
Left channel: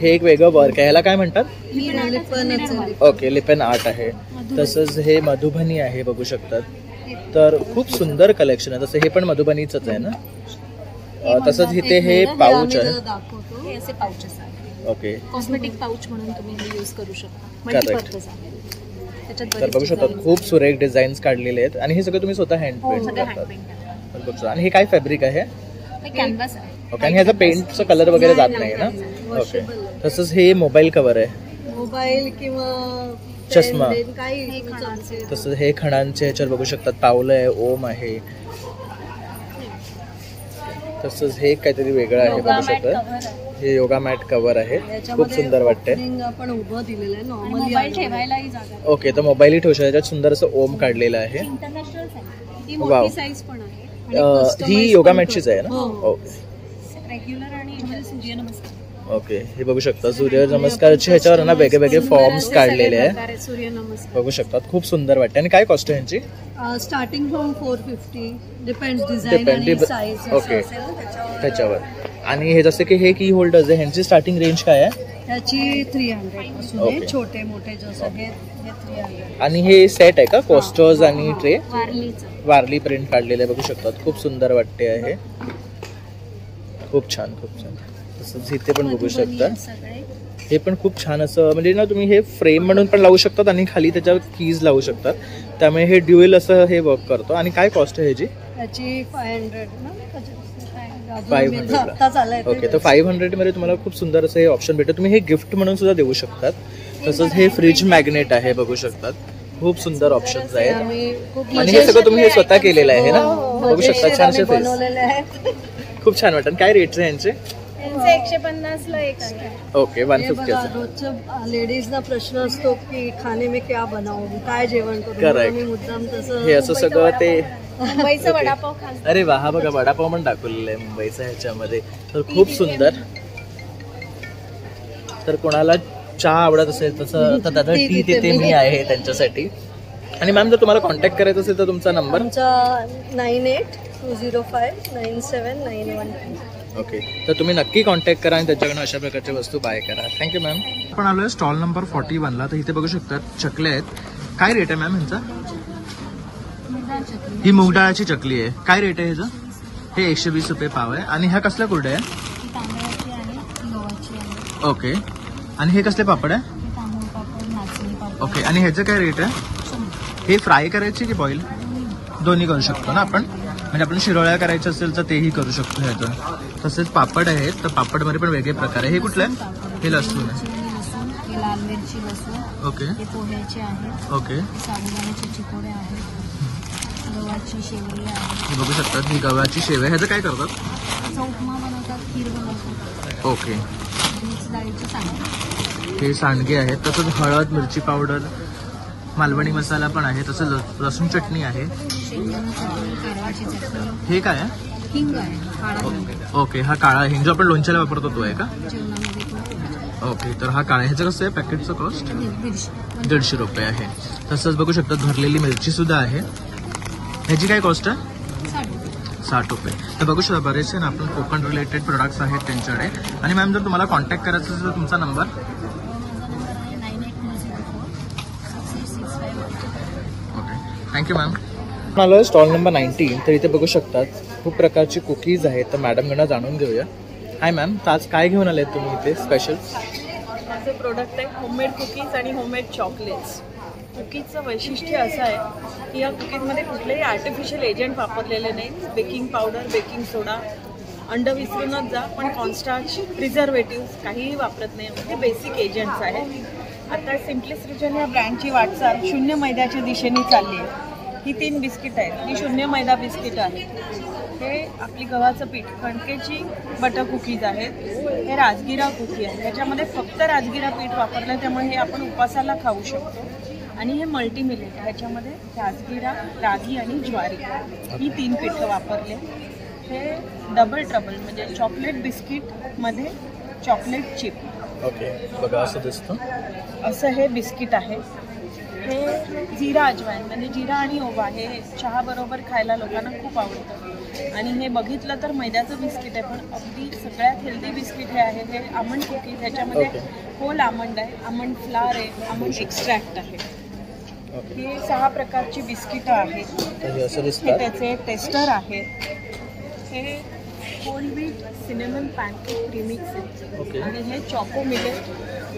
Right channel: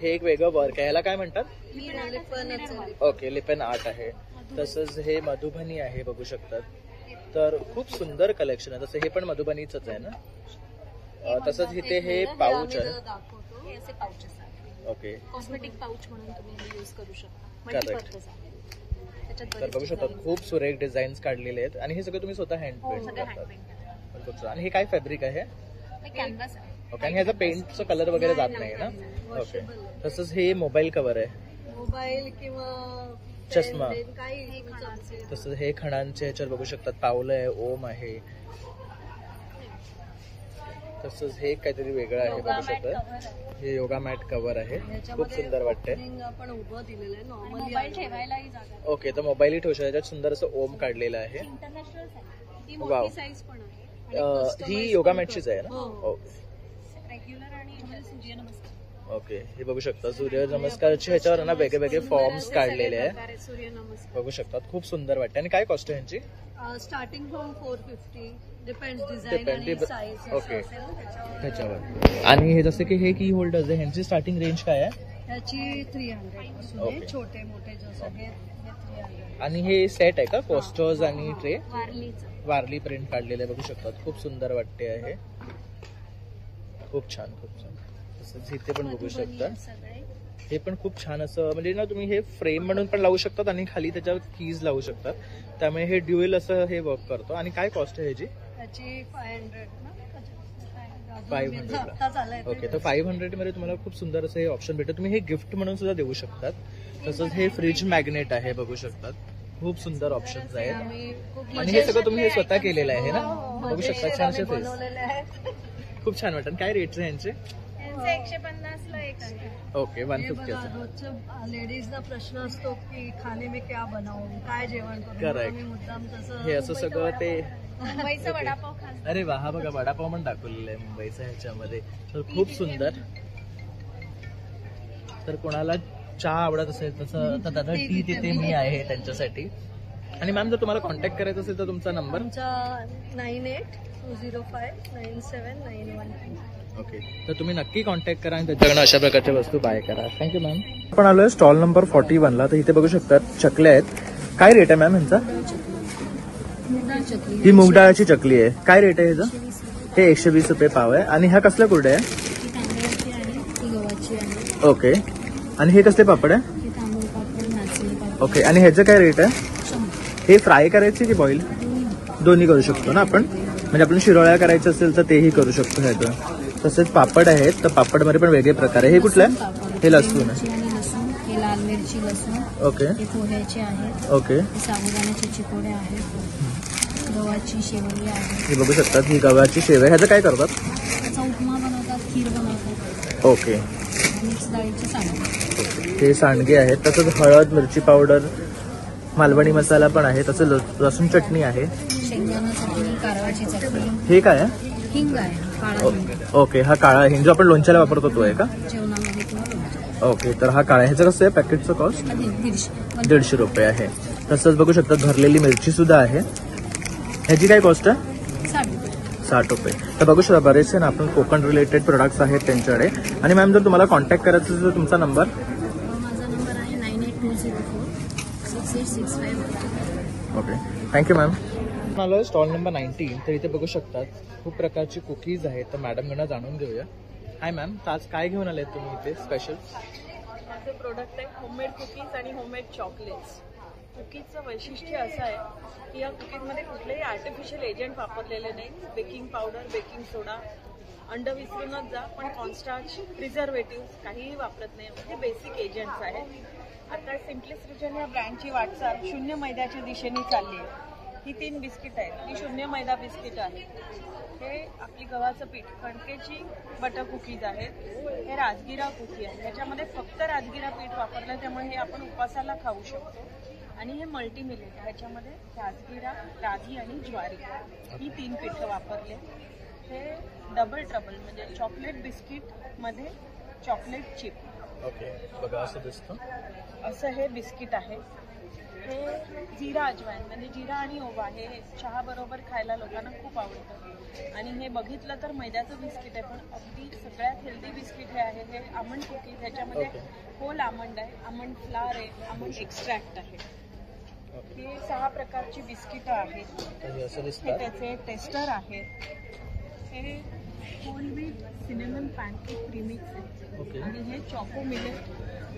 हे एक वेगळं वर्क आहे, ह्याला काय म्हणतात? ओके, लिपेन आर्ट आहे. तसंच हे मधुबनी आहे, बघू शकतात. तर खूप सुंदर कलेक्शन आहे. तसं हे पण मधुबनीचंच आहे ना. तसंच इथे हे पाऊच आहे. हे असे पाउचेस आहेत. ओके, कॉस्मेटिक पाउच म्हणून तुम्ही हे यूज करू शकता. मल्टीपर्पज आहे. त्याच्यात तर बघू शकता खूप सुरेख डिझाईन्स काढलेले आहेत आणि हे सगळं तुम्ही स्वतः हँड पेंट करतात. आणि हे काय फॅब्रिक आहे? कॅनव्हास आहे. ओके, आणि ह्याचा पेंटचा कलर वगैरे जात नाही ना. ओके, तसंच हे मोबाईल कव्हर आहे, मोबाईल किंवा चष्मा. काही. तसंच हे खणांचे ह्याच्यावर बघू शकतात, पावलं आहे, ओम आहे. तसंच हे काहीतरी वेगळं आहे, बघू शकतात. हे योगा मॅट कव्हर आहे, खूप सुंदर वाटते. आपण उभं दिलेलं आहे, नॉर्मली मोबाईल ठेवायलाही जागा. ओके, तर मोबाईलही ठेवू शकतो. त्याच्यात सुंदर असं ओम काढलेलं आहे. International size. ती वाव. मोठी साईज पण आहे. ही योगा मॅटचीच आहे ना. रेग्युलर आणि सूर्य नमस्कार. ओके, हे बघू शकता सूर्य नमस्कारचे ह्याच्यावर ना वेगळे वेगळे फॉर्म्स काढलेले आहे, सूर्य नमस्कार बघू शकतात. खूप सुंदर वाटते. आणि काय कॉस्ट आहे यांची? स्टार्टिंग फ्रॉम 450, डिपेंड्स डिझाइन आणि साईज. ओके, त्याच्यावर. आणि हे जसं की हे की होल्डर्स आहे, ह्यांची स्टार्टिंग रेंज काय आहे? ह्याची 300 पासून आहे, छोटे मोठे जसं हे 300. आणि हे सेट आहे का, कोस्टर्स आणि ट्रे? वारली प्रिंट काढलेले बघू शकतात, खूप सुंदर वाटते आहे. खूप छान, खूप छान. तसंच इथे पण बघू शकता, हे पण खूप छान असं, म्हणजे ना तुम्ही हे फ्रेम म्हणून पण लावू शकतात आणि खाली त्याच्यावर कीज लावू शकतात. त्यामुळे हे ड्युएल असं हे वर्क करतो. आणि काय कॉस्ट आहे ह्याची? ह्याची 500 ना. 500. ओके, तर 500 मध्ये तुम्हाला खूप सुंदर असं हे ऑप्शन भेटतं. तुम्ही हे गिफ्ट म्हणून सुद्धा देऊ शकतात. तसंच हे फ्रीज मॅग्नेट आहे, बघू शकतात. खूप सुंदर ऑप्शन्स आहेत. आणि हे सगळं तुम्ही हे स्वतः केलेलं आहे ना, बघू शकता. छानसे फेस, खूप छान वाटतं. काय रेट्स आहे यांचे? 150 ला एक आहे. ओके, 150. रोजच्या लेडीजना प्रश्न असतो की खाणे में क्या बनावं, काय जेवण करू. करेक्ट. मुद्दाम तसं हे असं सगळं ते मुंबईचा वडापाव खास. अरे वा, हा बघा वडापाव पण दाखवलेला आहे मुंबईचा ह्याच्यामध्ये. तर खूप सुंदर. तर कोणाला चहा आवडत असेल तसं तर दादा टी तिथे मी आहे त्यांच्यासाठी. आणि मॅम, जर तुम्हाला कॉन्टॅक्ट करायचं असेल तर तुमचा नंबर? आमचा 9820597912. ओके, तर तुम्ही नक्की कॉन्टॅक्ट करा आणि त्याच्याकडनं अशा प्रकारच्या वस्तू बाय करा. Thank you ma'am. आपण आलो आहे स्टॉल नंबर 41ला. तर इथे बघू शकतात चकल्या आहेत. काय रेट आहे मॅम ह्यांचा? ही मूग डाळाची चकली आहे. काय रेट आहे ह्याचा? हे 120 रुपये पाव आहे. आणि ह्या कसल्या कुरड्या आहे? ओके, आणि हे कसले पापड आहे? ओके, आणि ह्याचं काय रेट आहे? हे फ्राय करायचे की बॉईल? दोन्ही करू शकतो ना आपण, म्हणजे आपण शिरोळ्या करायचं असेल तर तेही करू शकतो ह्याचं. तसेच पापड आहेत, तर पापडमध्ये पण वेगळे प्रकार आहे. हे कुठलं आहे? हे लसूण आहे. लाल मिरची लसूण. ओके, पोह्याचे आहे. ओके, साबुदाण्याचे चिकोडे आहेत. गव्हाची शेवई आहे. हे बघू शकतात, ही गव्हाची शेवई. ह्याचं काय करतात? त्याचा उपमा बनवतात, खीर बनवतात. ओके, मिक्स डाळीचे सांडगे. हे सांडगे आहेत. तसंच हळद, मिरची पावडर, मालवणी मसाला पण आहे. तसं लसूण चटणी आहे. हे काय आहे? हिंग आहे. ओके, हा काळा हिंग जो आपण लोणच्याला वापरतो तो आहे का? ओके, तर हा काळा. ह्याचं कसं आहे पॅकेटचं कॉस्ट? 150 रुपये आहे. तसंच बघू शकता भरलेली मिरची सुद्धा आहे. ह्याची काय कॉस्ट आहे? 60 रुपये. तर बघू शकता बरेचसे ना आपण कोकण रिलेटेड प्रोडक्ट्स आहेत त्यांच्याकडे. आणि मॅम, जर तुम्हाला कॉन्टॅक्ट करायचं असेल तर तुमचा नंबर? माझा नंबर आहे 9820468651. Okay, thank you ma'am. आलो स्टॉल नंबर 19. तर इथे बघू शकतात खूप प्रकारची कुकीज आहेत. तर मॅडमकडनं जाणून घेऊया. हाय मॅम, तर आज काय घेऊन आले तुम्ही इथे स्पेशल? माझं प्रोडक्ट आहे होममेड कुकीज आणि होममेड चॉकलेट्स. कुकीजचं वैशिष्ट्य असं आहे की या कुकीजमध्ये कुठलेही आर्टिफिशियल एजंट वापरलेले नाही. बेकिंग पावडर, बेकिंग सोडा, अंड विसरूनच जा, पण कॉन्स्टार्च, प्रिझर्वेटिव्स काहीही वापरत नाही. म्हणजे बेसिक एजंट्स आहेत. आता सिम्पलेस्ट रिजन या ब्रँडची वाटचाल शून्य मैद्याच्या दिशेने चालली आहे. ही 3 बिस्किट आहेत, ही शून्य मैदा बिस्किट आहेत. हे आपली गव्हाचं पीठ, कणकेची बटर कुकीज आहेत. हे राजगिरा कुकी आहे. ह्याच्यामध्ये फक्त राजगिरा पीठ वापरलं, त्यामुळे हे आपण उपासाला खाऊ शकतो. आणि हे मल्टीमिलेट, ह्याच्यामध्ये राजगिरा, रागी आणि ज्वारी ही 3 पीठं वापरले. हे डबल ट्रबल म्हणजे चॉकलेट बिस्किटमध्ये चॉकलेट चिप. ओके, बघा असं दिसतं. असं हे बिस्किट आहे. हे जिरा अजवाईन म्हणजे जिरा आणि ओवा हे चहाबरोबर खायला लोकांना खूप आवडतं. आणि हे बघितलं तर मैद्याचं बिस्किट आहे, पण अगदी सगळ्यात हेल्दी बिस्किट हे आहे. हे आमंड कुकीज, ह्याच्यामध्ये होल आमंड आहे, आमंड फ्लावर आहे, आमंड एक्स्ट्रॅक्ट आहे. हे 6 प्रकारची बिस्किटं आहेत. हे त्याचे टेस्टर आहेत. हे whole wheat cinnamon pancake premix आहे. आणि हे चॉको मिलेट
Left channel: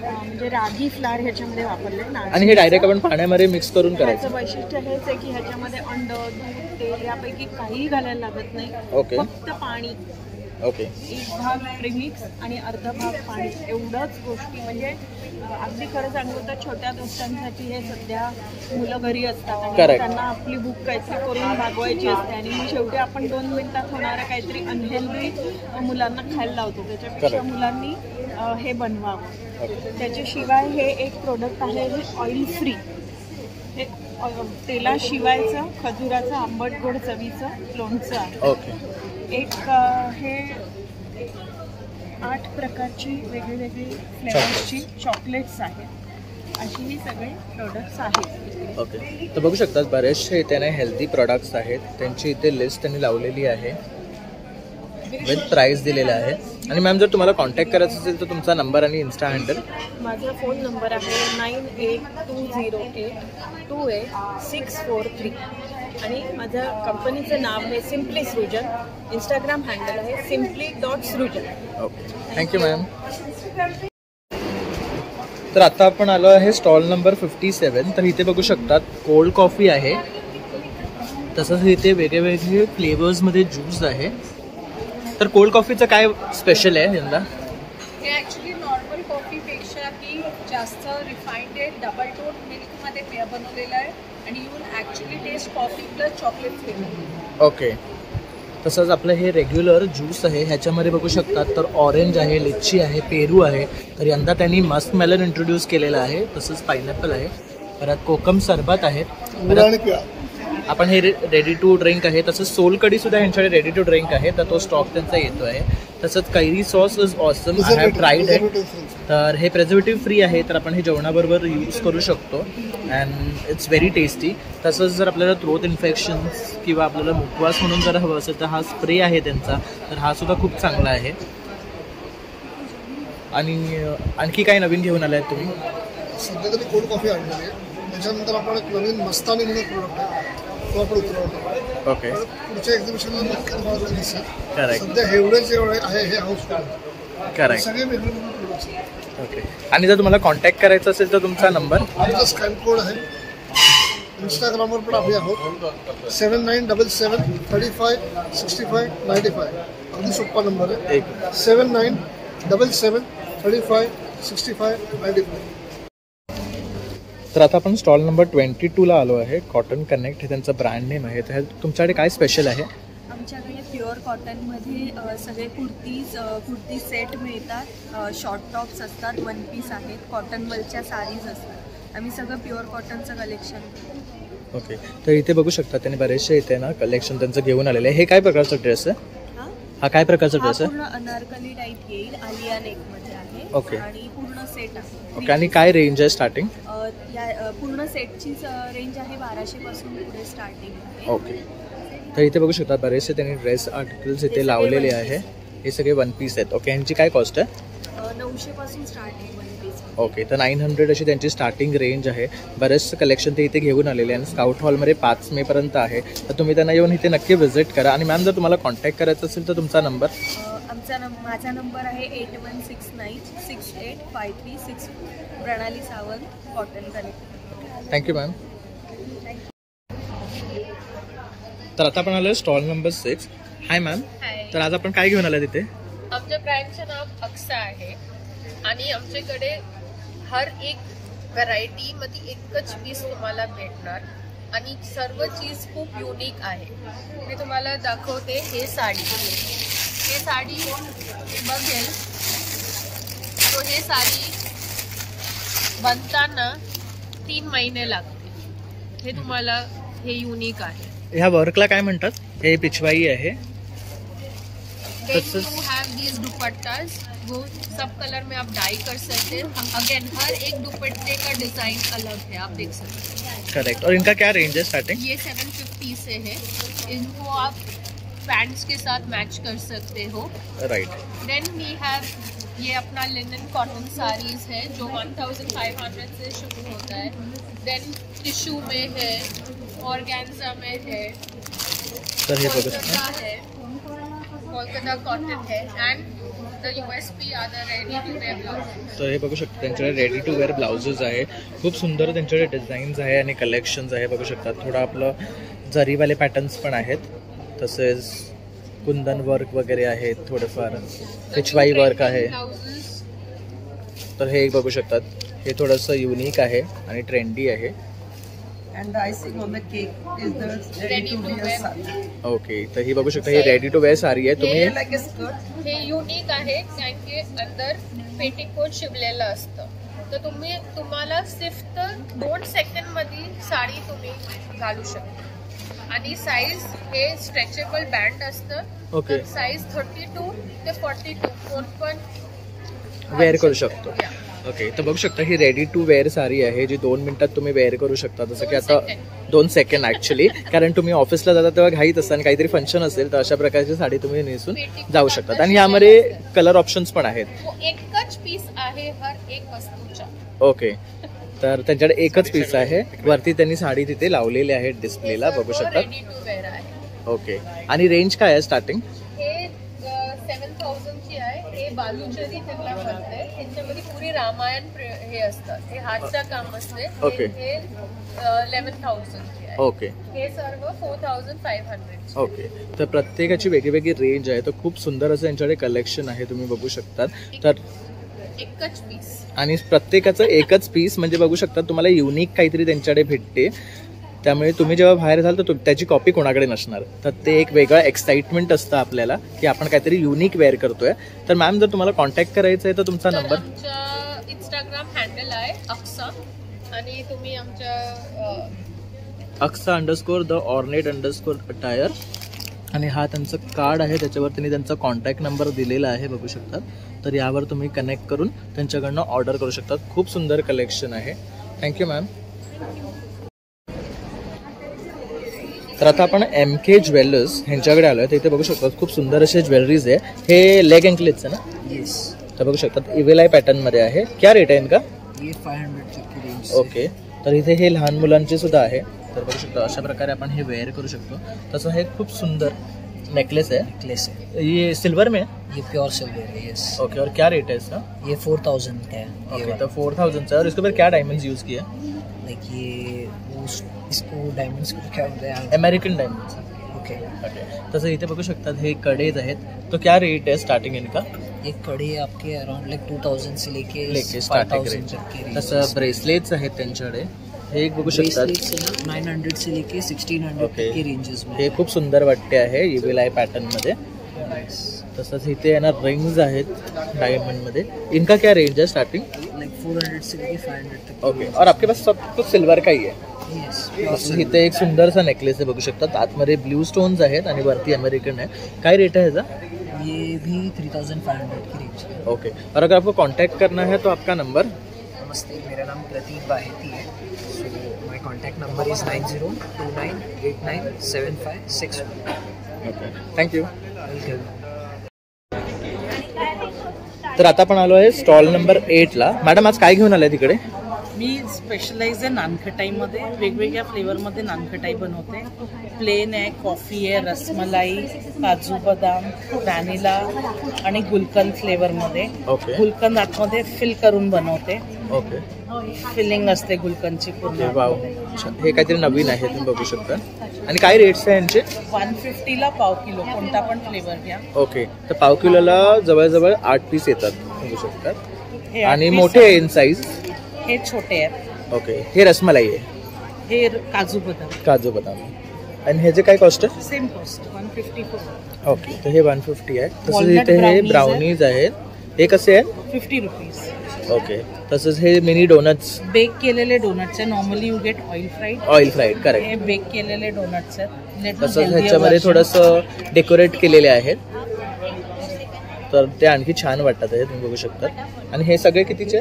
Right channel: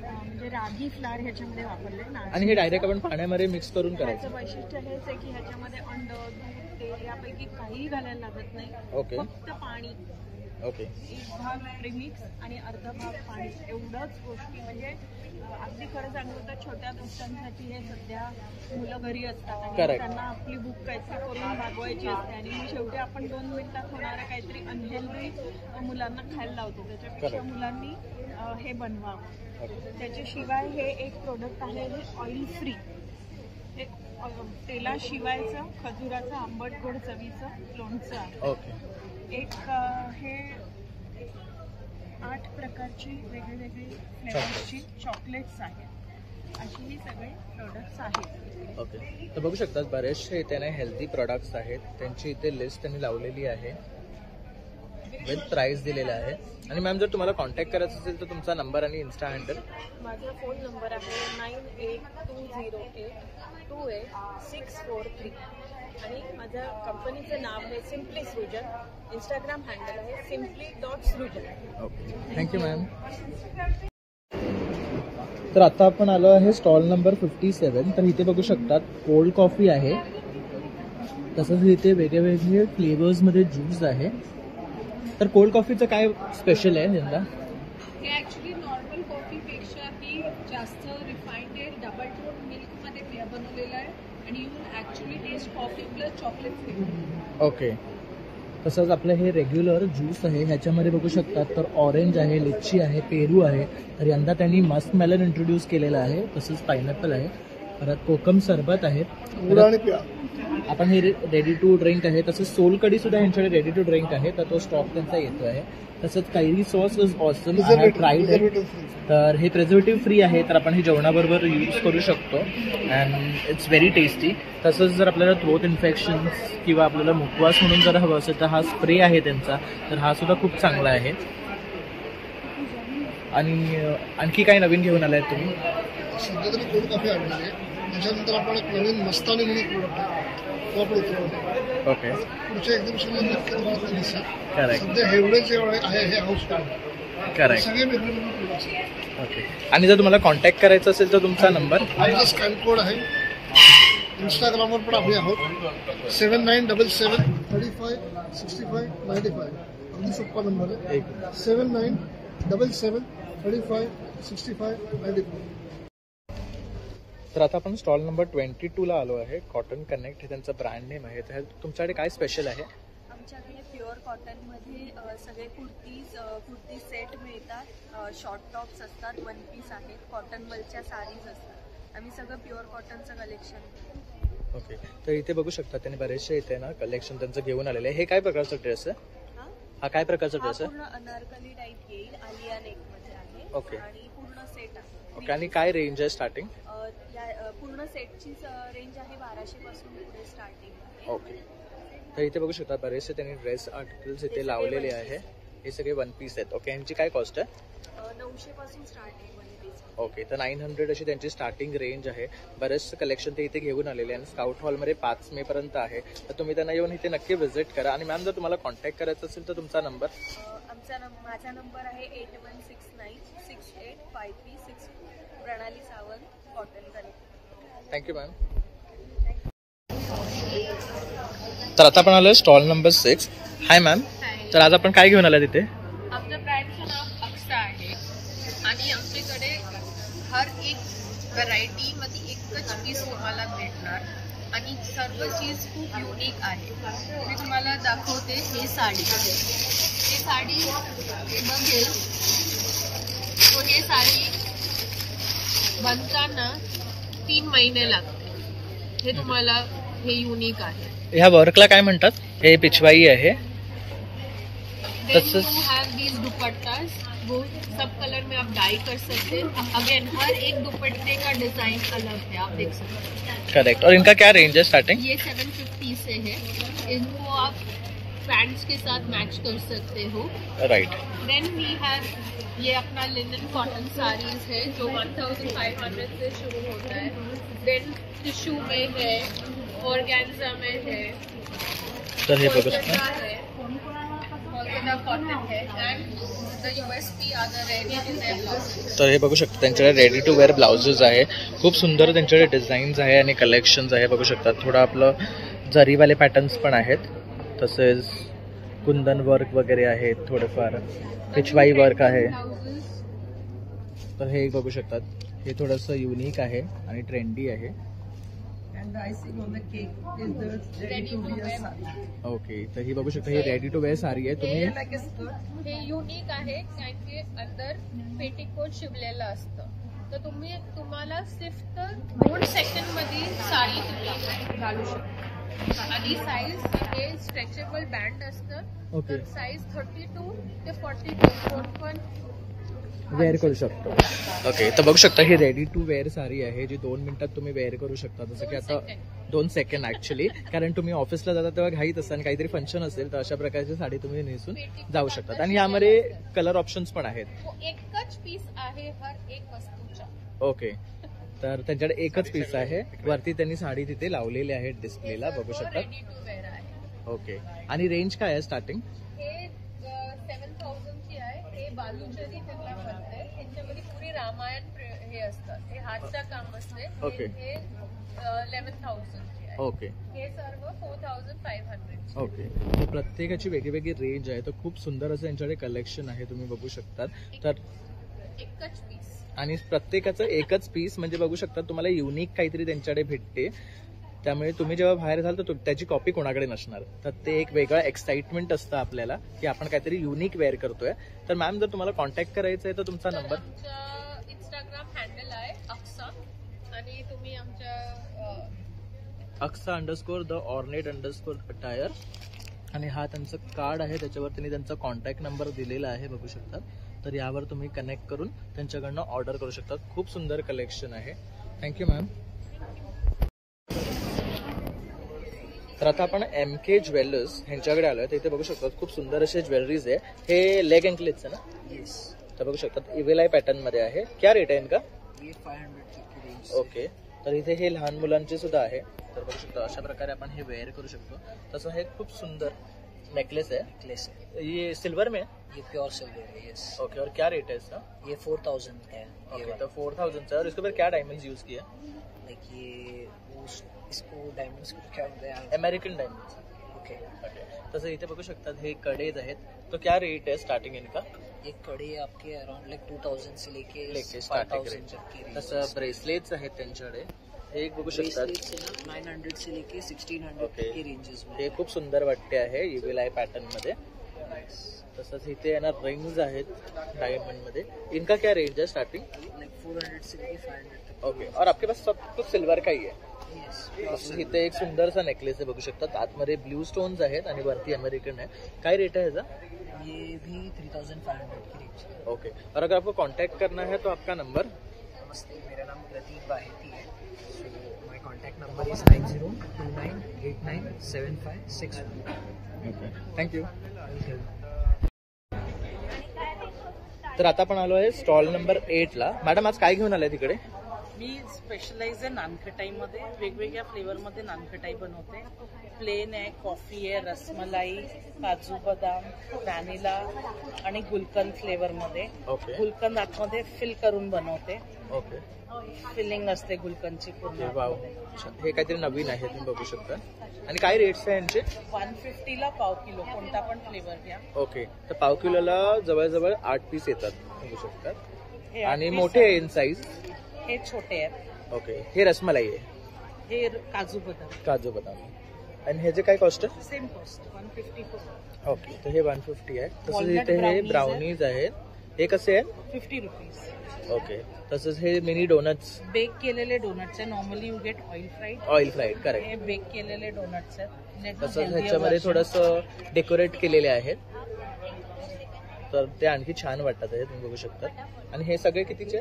म्हणजे रागी फ्लावर ह्याच्यामध्ये वापरले. आणि हे डायरेक्ट आपण पाण्यामध्ये मिक्स करून करायचं. ह्याचं वैशिष्ट्य हेच आहे की ह्याच्यामध्ये अंड, दूध, तेल यापैकी काहीही घालायला लागत नाही. फक्त पाणी. एक भाग प्रीमिक्स आणि अर्धा भाग पाणी, एवढंच गोष्टी. म्हणजे अगदी खरं सांगू तर छोट्या दोस्तांसाठी हे सध्या मुलं घरी असतात आणि त्यांना आपली भूक काहीतरी करून भागवायची असते आणि मग शेवटी आपण 2 मिनिटात होणारं काहीतरी अनहेल्दी मुलांना खायला लावतो. त्याच्यापेक्षा मुलांनी हे बनवावं. त्याच्याशिवाय हे एक प्रोडक्ट आहे, हे ऑइल फ्री. हे तेलाशिवायचं खजुराचं आंबट गोड चवीचं लोणचं आहे. एक हे 8 प्रकारची वेगळी फ्लेवर्सची चॉकलेट्स आहेत. अशी ही सगळे प्रोडक्ट्स आहेत. ओके, तर बघू शकतात बरेचसे इथे हेल्दी प्रोडक्ट्स आहेत. त्यांची इथे लिस्ट त्यांनी लावलेली आहे, विथ प्राइस दिलेला आहे. आणि मॅम जर तुम्हाला कॉन्टॅक्ट करायचं असेल तर तुमचा नंबर आणि इन्स्टा हँडल. माझा फोन नंबर आहे 9820828643 आणि माझ्या कंपनीचं नाव आहे सिम्पली सृजन. इंस्टाग्राम हँडल आहे simply.सृजन. Okay, thank you ma'am. तर आता आपण आलो आहे स्टॉल नंबर 57. तर इथे बघू शकतात कोल्ड कॉफी आहे, तसंच इथे वेगळे फ्लेवर्समध्ये ज्यूस आहे. तर कोल्ड कॉफीचं काय स्पेशल आहे यंदा? हे ॲक्च्युली नॉर्मल कॉफीपेक्षाही जास्त रिफाईंड आहे, डबल टोन मिल्कमध्ये बनवलेलं आहे आणि you will actually taste coffee plus chocolate flavour. Okay, तसंच आपलं हे रेग्युलर ज्यूस आहे, ह्याच्यामध्ये बघू शकतात तर ऑरेंज आहे, लिच्ची आहे, पेरू आहे. तर यंदा त्यांनी मस्क मेलन इंट्रोड्यूस केलेलं आहे, तसंच पायनॅपल आहे, परत कोकम सरबत आहे, परत आपण हे रेडी टू ड्रिंक आहे. तसंच सोलकडी सुद्धा यांच्याकडे रेडी टू ड्रिंक आहे, तर तो स्टॉक त्यांचा येतो आहे. तसंच कैरी sauce is awesome, I have tried it. तर हे प्रेझर्वेटिव्ह फ्री आहे, तर आपण हे जेवणाबरोबर यूज करू शकतो अँड इट्स व्हेरी टेस्टी. तसंच जर आपल्याला थ्रोट इन्फेक्शन्स किंवा आपल्याला मुखवास म्हणून जर हवं असेल तर हा स्प्रे आहे त्यांचा, तर हा सुद्धा खूप चांगला आहे. आणि आणखी काय नवीन घेऊन आलाय तुम्ही? सध्या तरी कोल्ड कॉफी आणलेली आहे. त्याच्यानंतर आपण एक नवीन मस्तानी म्हणून प्रोडक्ट आहे, तो आपण उतरवतो. ओके, पुढच्या एक्झिबिशनला नक्की तुम्हाला ते दिसेल. करेक्ट. सध्या एवढेच आहे हे हाऊसफुल. करेक्ट. सगळे वेगवेगळे प्रोडक्ट्स आहेत. ओके, आणि जर तुम्हाला कॉन्टॅक्ट करायचं असेल तर तुमचा नंबर? आमचा स्कॅन कोड आहे. इंस्टाग्रामवर पण आम्ही आहोत 7977356595. अगदी सोपा नंबर आहे, 7977356595. तर आता आपण स्टॉल नंबर 22ला आलो आहे. कॉटन कनेक्ट हे त्यांचं ब्रँड नेम आहे. तर तुमच्याकडे काय स्पेशल आहे? आमच्याकडे प्युअर कॉटनमध्ये सगळे कुर्ती सेट मिळतात, शॉर्ट टॉप्स असतात, वन पीस आहेत, कॉटनवरच्या साडीज असतात. आम्ही सगळं प्युअर कॉटनचं कलेक्शन. ओके, तर इथे बघू शकता त्यांनी बरेचसे इथे ना कलेक्शन त्यांचं घेऊन आलेलं आहे. हे काय प्रकारचा ड्रेस आहे? हा काय प्रकारचा ड्रेस आहे? पूर्ण अनारकली टाईप येईल, आलिया नेकमध्ये आहे. ओके, आणि पूर्ण सेट आहे. ओके, आणि काय रेंज आहे स्टार्टिंग? या पूर्ण सेटची रेंज आहे 1200 पासून पुढे स्टार्टिंग आहे. ओके, तर इथे बघू शकता बरेचसे त्यांनी ड्रेस आर्टिकल्स इथे लावलेले आहे. हे सगळे वन पीस आहेत. ओके, यांची काय कॉस्ट आहे? 900 पासून स्टार्ट आहे वन पीस. ओके, तर 900 अशी त्यांची स्टार्टिंग रेंज आहे. बरेचसं कलेक्शन ते इथे घेऊन आलेले आहे आणि स्काउट हॉलमध्ये 5 मे पर्यंत आहे. तर तुम्ही त्यांना येऊन इथे नक्की व्हिजिट करा. आणि मॅम जर तुम्हाला कॉन्टॅक्ट करायचं असेल तर तुमचा नंबर? माझा नंबर आहे 8169685364. प्रणाली Sawant, cotton connect. Thank you ma'am. तर आता आपण आलो स्टॉल नंबर 6. हाय मॅम. तर आज आपण काय घेऊन आला तिथे? आमच्या ब्रँडचं नाव अक्सा आहे आणि आमच्याकडे हर एक व्हरायटीमध्ये एकच पीस तुम्हाला भेटणार आणि सर्व चीज खूप युनिक आहे. मी तुम्हाला दाखवते. हे साडी बघेल तो हे साडी बनताना 3 महिने लागते. हे तुम्हाला हे युनिक आहे. ह्या वर्कला काय म्हणतात? हे पिछवाई आहे. तसंच दीज दुपट्टास, वो सब कलर में आप डाई कर सकते हैं। अगेन हर एक दुपट्टे का डिजाइन अलग है, आप देख सकते हैं। करेक्ट। और इनका क्या रेंज है स्टार्टिंग? ये 750 से है। इनको आप पैंट्स के साथ मैच कर सकते हो। राइट। देन वी हैव ये अपना लिनन कॉटन साड़ीज है जो 1500 से शुरू होता है। देन टिश्यू में है, ऑर्गेन्जा में है, तर हे बघू शकता, कोलकाता कॉटन है and the USP are the ready to wear blouses. तर हे बघू शकता त्यांच्याकडे रेडी टू वेअर ब्लाउजेस आहे, खूप सुंदर त्यांच्याकडे डिझाईन्स आहे आणि कलेक्शन्स आहे बघू शकता। थोडं आपलं जरीवाले पॅटर्न्स पण आहेत, तसेच कुंदन वर्क वगैरे आहेत, थोडेफार पिचवाई वर्क आहे। तर हे बघू शकतात, हे थोडंसं युनिक आहे आणि ट्रेंडी आहे। And the icing on the cake is the ready to wear saree. Okay, तर ही बघू शकता, ही रेडी टू वेअर साडी आहे। तुम्ही हे युनिक आहे कारण की अंदर पेटीकोट शिवलेलं असतं, तर तुम्हाला सिर्फ 2 सेकंडमध्ये साडी तुम्ही घालू शकता। आणि साईज हे स्ट्रेचेबल बँड असतं। ओके, साईज 32 ते 42 पण वेअर करू शकतो। ओके, तर बघू शकता ही रेडी टू वेअर साडी आहे जी 2 मिनिटात तुम्ही वेअर करू शकता। जसं की आता 2 सेकंड ॲक्च्युली, कारण तुम्ही ऑफिसला जाता तेव्हा घाईत असता आणि काहीतरी फंक्शन असेल तर अशा प्रकारची साडी तुम्ही नेसून जाऊ शकतात। आणि यामध्ये कलर ऑप्शन्स पण आहेत। एकच पीस आहे हर एक वस्तूचा। ओके, तर त्यांच्याकडे एकच पीस आहे, वरती त्यांनी साडी तिथे लावलेली आहे डिस्प्लेला बघू शकतात। रेडी टू वेअर आहे। ओके, आणि रेंज काय आहे स्टार्टिंग? हे 7000 ची आहे। हे बालूचरी त्यांना करते, त्यांच्यामध्ये पुरी रामायण हे असतात, हे हातचं काम असते। ओके, हे 11000 ची आहे। ओके, हे सर्व 4500। ओके, तर प्रत्येकाची वेगळी रेंज आहे, तर खूप सुंदर असं यांच्याकडे कलेक्शन आहे, तुम्ही बघू शकतात। तर एकच पीस आणि प्रत्येकाचं एकच पीस म्हणजे बघू शकता तुम्हाला युनिक काहीतरी त्यांच्याकडे भेटते, त्यामुळे तुम्ही जेव्हा बाहेर जाल तर त्याची कॉपी कोणाकडे नसणार, तर ते एक वेगळं एक्साइटमेंट असतं आपल्याला की आपण काहीतरी युनिक वेअर करतोय। तर मॅम जर तुम्हाला कॉन्टॅक्ट करायचं आहे तर तुमचा नंबर? आमचा इंस्टाग्राम हँडल आहे अक्सा, आणि तुम्ही आमच्या Aksa_the_ornate_attire आणि हा त्यांचं कार्ड आहे, त्याच्यावर त्यांनी त्यांचा कॉन्टॅक्ट नंबर दिलेला आहे बघू शकतात। तर यावर तुम्ही कनेक्ट करून त्यांच्याकडनं ऑर्डर करू शकतात। खूप सुंदर कलेक्शन आहे। Thank you ma'am. तर आता आपण MK ज्वेलर्स ह्यांच्याकडे आलो आहे, तर इथे बघू शकतात खूप सुंदर असे ज्वेलरीज आहे। हे लेग अँकलेट्स आहे ना? येस। तर बघू शकतात इव्हेल आय पॅटर्नमध्ये आहे। क्या रेट आहे इनका? ये 500 की रेंज। ओके, तर इथे हे लहान मुलांचे सुद्धा आहे, तर बघू शकतो अशा प्रकारे आपण हे वेअर करू शकतो। तसं हे खूप सुंदर नेकलेस है। ये सिल्वर में है? ये प्योर सिल्वर है। यस। ओके, और क्या रेट है इसका? ये 4000 का है। ओके, तो 4000 से। और इसके ऊपर क्या डायमंड्स यूज़ किया? लाइक ये इसको डायमंड्स को क्या बोलते हैं? American diamonds. ओके ओके, तसं इथे बघू शकतात हे कडेज आहेत, तो क्या रेट है स्टार्टिंग इनका? एक कड़ी आपके अराउंड लाइक 2000 से लेके स्टार्टिंग रेंज। तसं ब्रेसलेट्स आहेत त्यांच्याकडे, हे एक बघू शकतात 900 से लेके 1600 के रेंजेस में। हे खूप सुंदर वाटते आहे इव्हिल आय पॅटर्न मध्ये। तसंच इथे ना रिंग्स आहेत डायमंड मध्ये, इनका क्या रेंज है स्टार्टिंग? लाइक 400 से लेके 500 तक। ओके, और आपके पास सब कुछ सिल्वर का ही है? यस। इथे एक सुंदरसा नेकलेस आहे बघू शकतात, आतमध्ये ब्लू स्टोन्स आहेत आणि वरती अमेरिकन आहे। काय रेट है ह्याचा? ये भी 3500 की रेंज है। ओके, और अगर आपको कांटेक्ट करना है तो आपका नंबर? नमस्ते, मेरा नाम प्रतीक बाहेती है। So my contact number is 9029897561। Okay, thank you. Welcome. तर आता आपण आलो आहे स्टॉल नंबर 8 ला। मॅडम आज काय घेऊन आलाय तिकडे? मी स्पेशलाइज आहे नानखटाईमध्ये, वेगवेगळ्या फ्लेवरमध्ये नानखटाई बनवते। प्लेन आहे, कॉफी आहे, रसमलाई, काजू बदाम, व्हॅनिला आणि गुलकंद फ्लेवरमध्ये। ओके, गुलकंद आतमध्ये फिल करून बनवते। ओके, फिलिंग असते गुलकंदची पूर्ण। वाव, हे काहीतरी नवीन आहे तुम्ही बघू शकता। आणि काय रेट्स आहे यांचे? 150 ला पाव किलो, कोणता पण फ्लेवर घ्या। ओके, तर पाव किलोला जवळजवळ 8 पीस येतात बघू शकतात, आणि मोठे आहे इन साईज? हे छोटे आहेत। ओके, हे रसमलाई आहे, हे काजू बदाम। काजू बदाम, आणि ह्याचे काय कॉस्ट आहे? Same cost 154। ओके, तर हे 150 आहे। तसंच इथे हे ब्राउनीज आहेत, हे कसे आहेत? 50 रुपीज। ओके, तसंच हे मिनी डोनट्स, बेक केलेले डोनट्स आहे। Normally you get oil fried. Oil fried, correct. हे बेक केलेले डोनट्स आहेत। तसंच ह्याच्यामध्ये थोडंसं डेकोरेट केलेले आहेत, तर ते आणखी छान वाटतात आहे, तुम्ही बघू शकता. आणि हे सगळे कितीचे?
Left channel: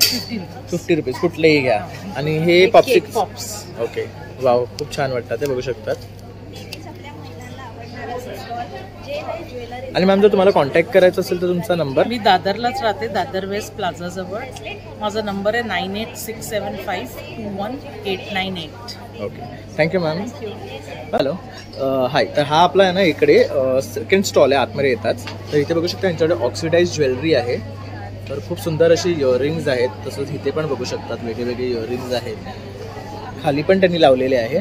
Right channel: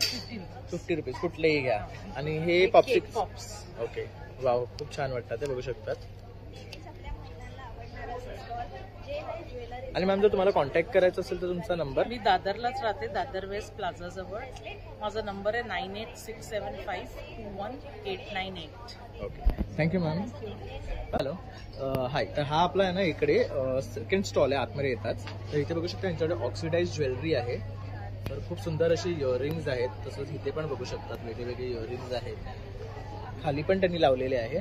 50 रुपीज. कुठलेही घ्या. आणि हे पॉप्स. ओके, वाव, खूप छान वाटतात ते, बघू शकतात. आणि मॅम जर तुम्हाला कॉन्टॅक्ट करायचं असेल तर तुमचा नंबर? मी दादरलाच राहते, दादर वेस्ट प्लाझाजवळ. माझा नंबर आहे 9867521898. Okay, thank you ma'am. हॅलो, हाय. तर हा आपला आहे ना इकडे सेकंड स्टॉल आहे, आतमध्ये येतात. तर इथे बघू शकता यांच्याकडे ऑक्सिडाइज ज्वेलरी आहे. तर खूप सुंदर अशी इयरिंग्ज आहेत. तसंच इथे पण बघू शकतात वेगवेगळे इयरिंग्ज आहेत. खाली पण त्यांनी लावलेले आहे.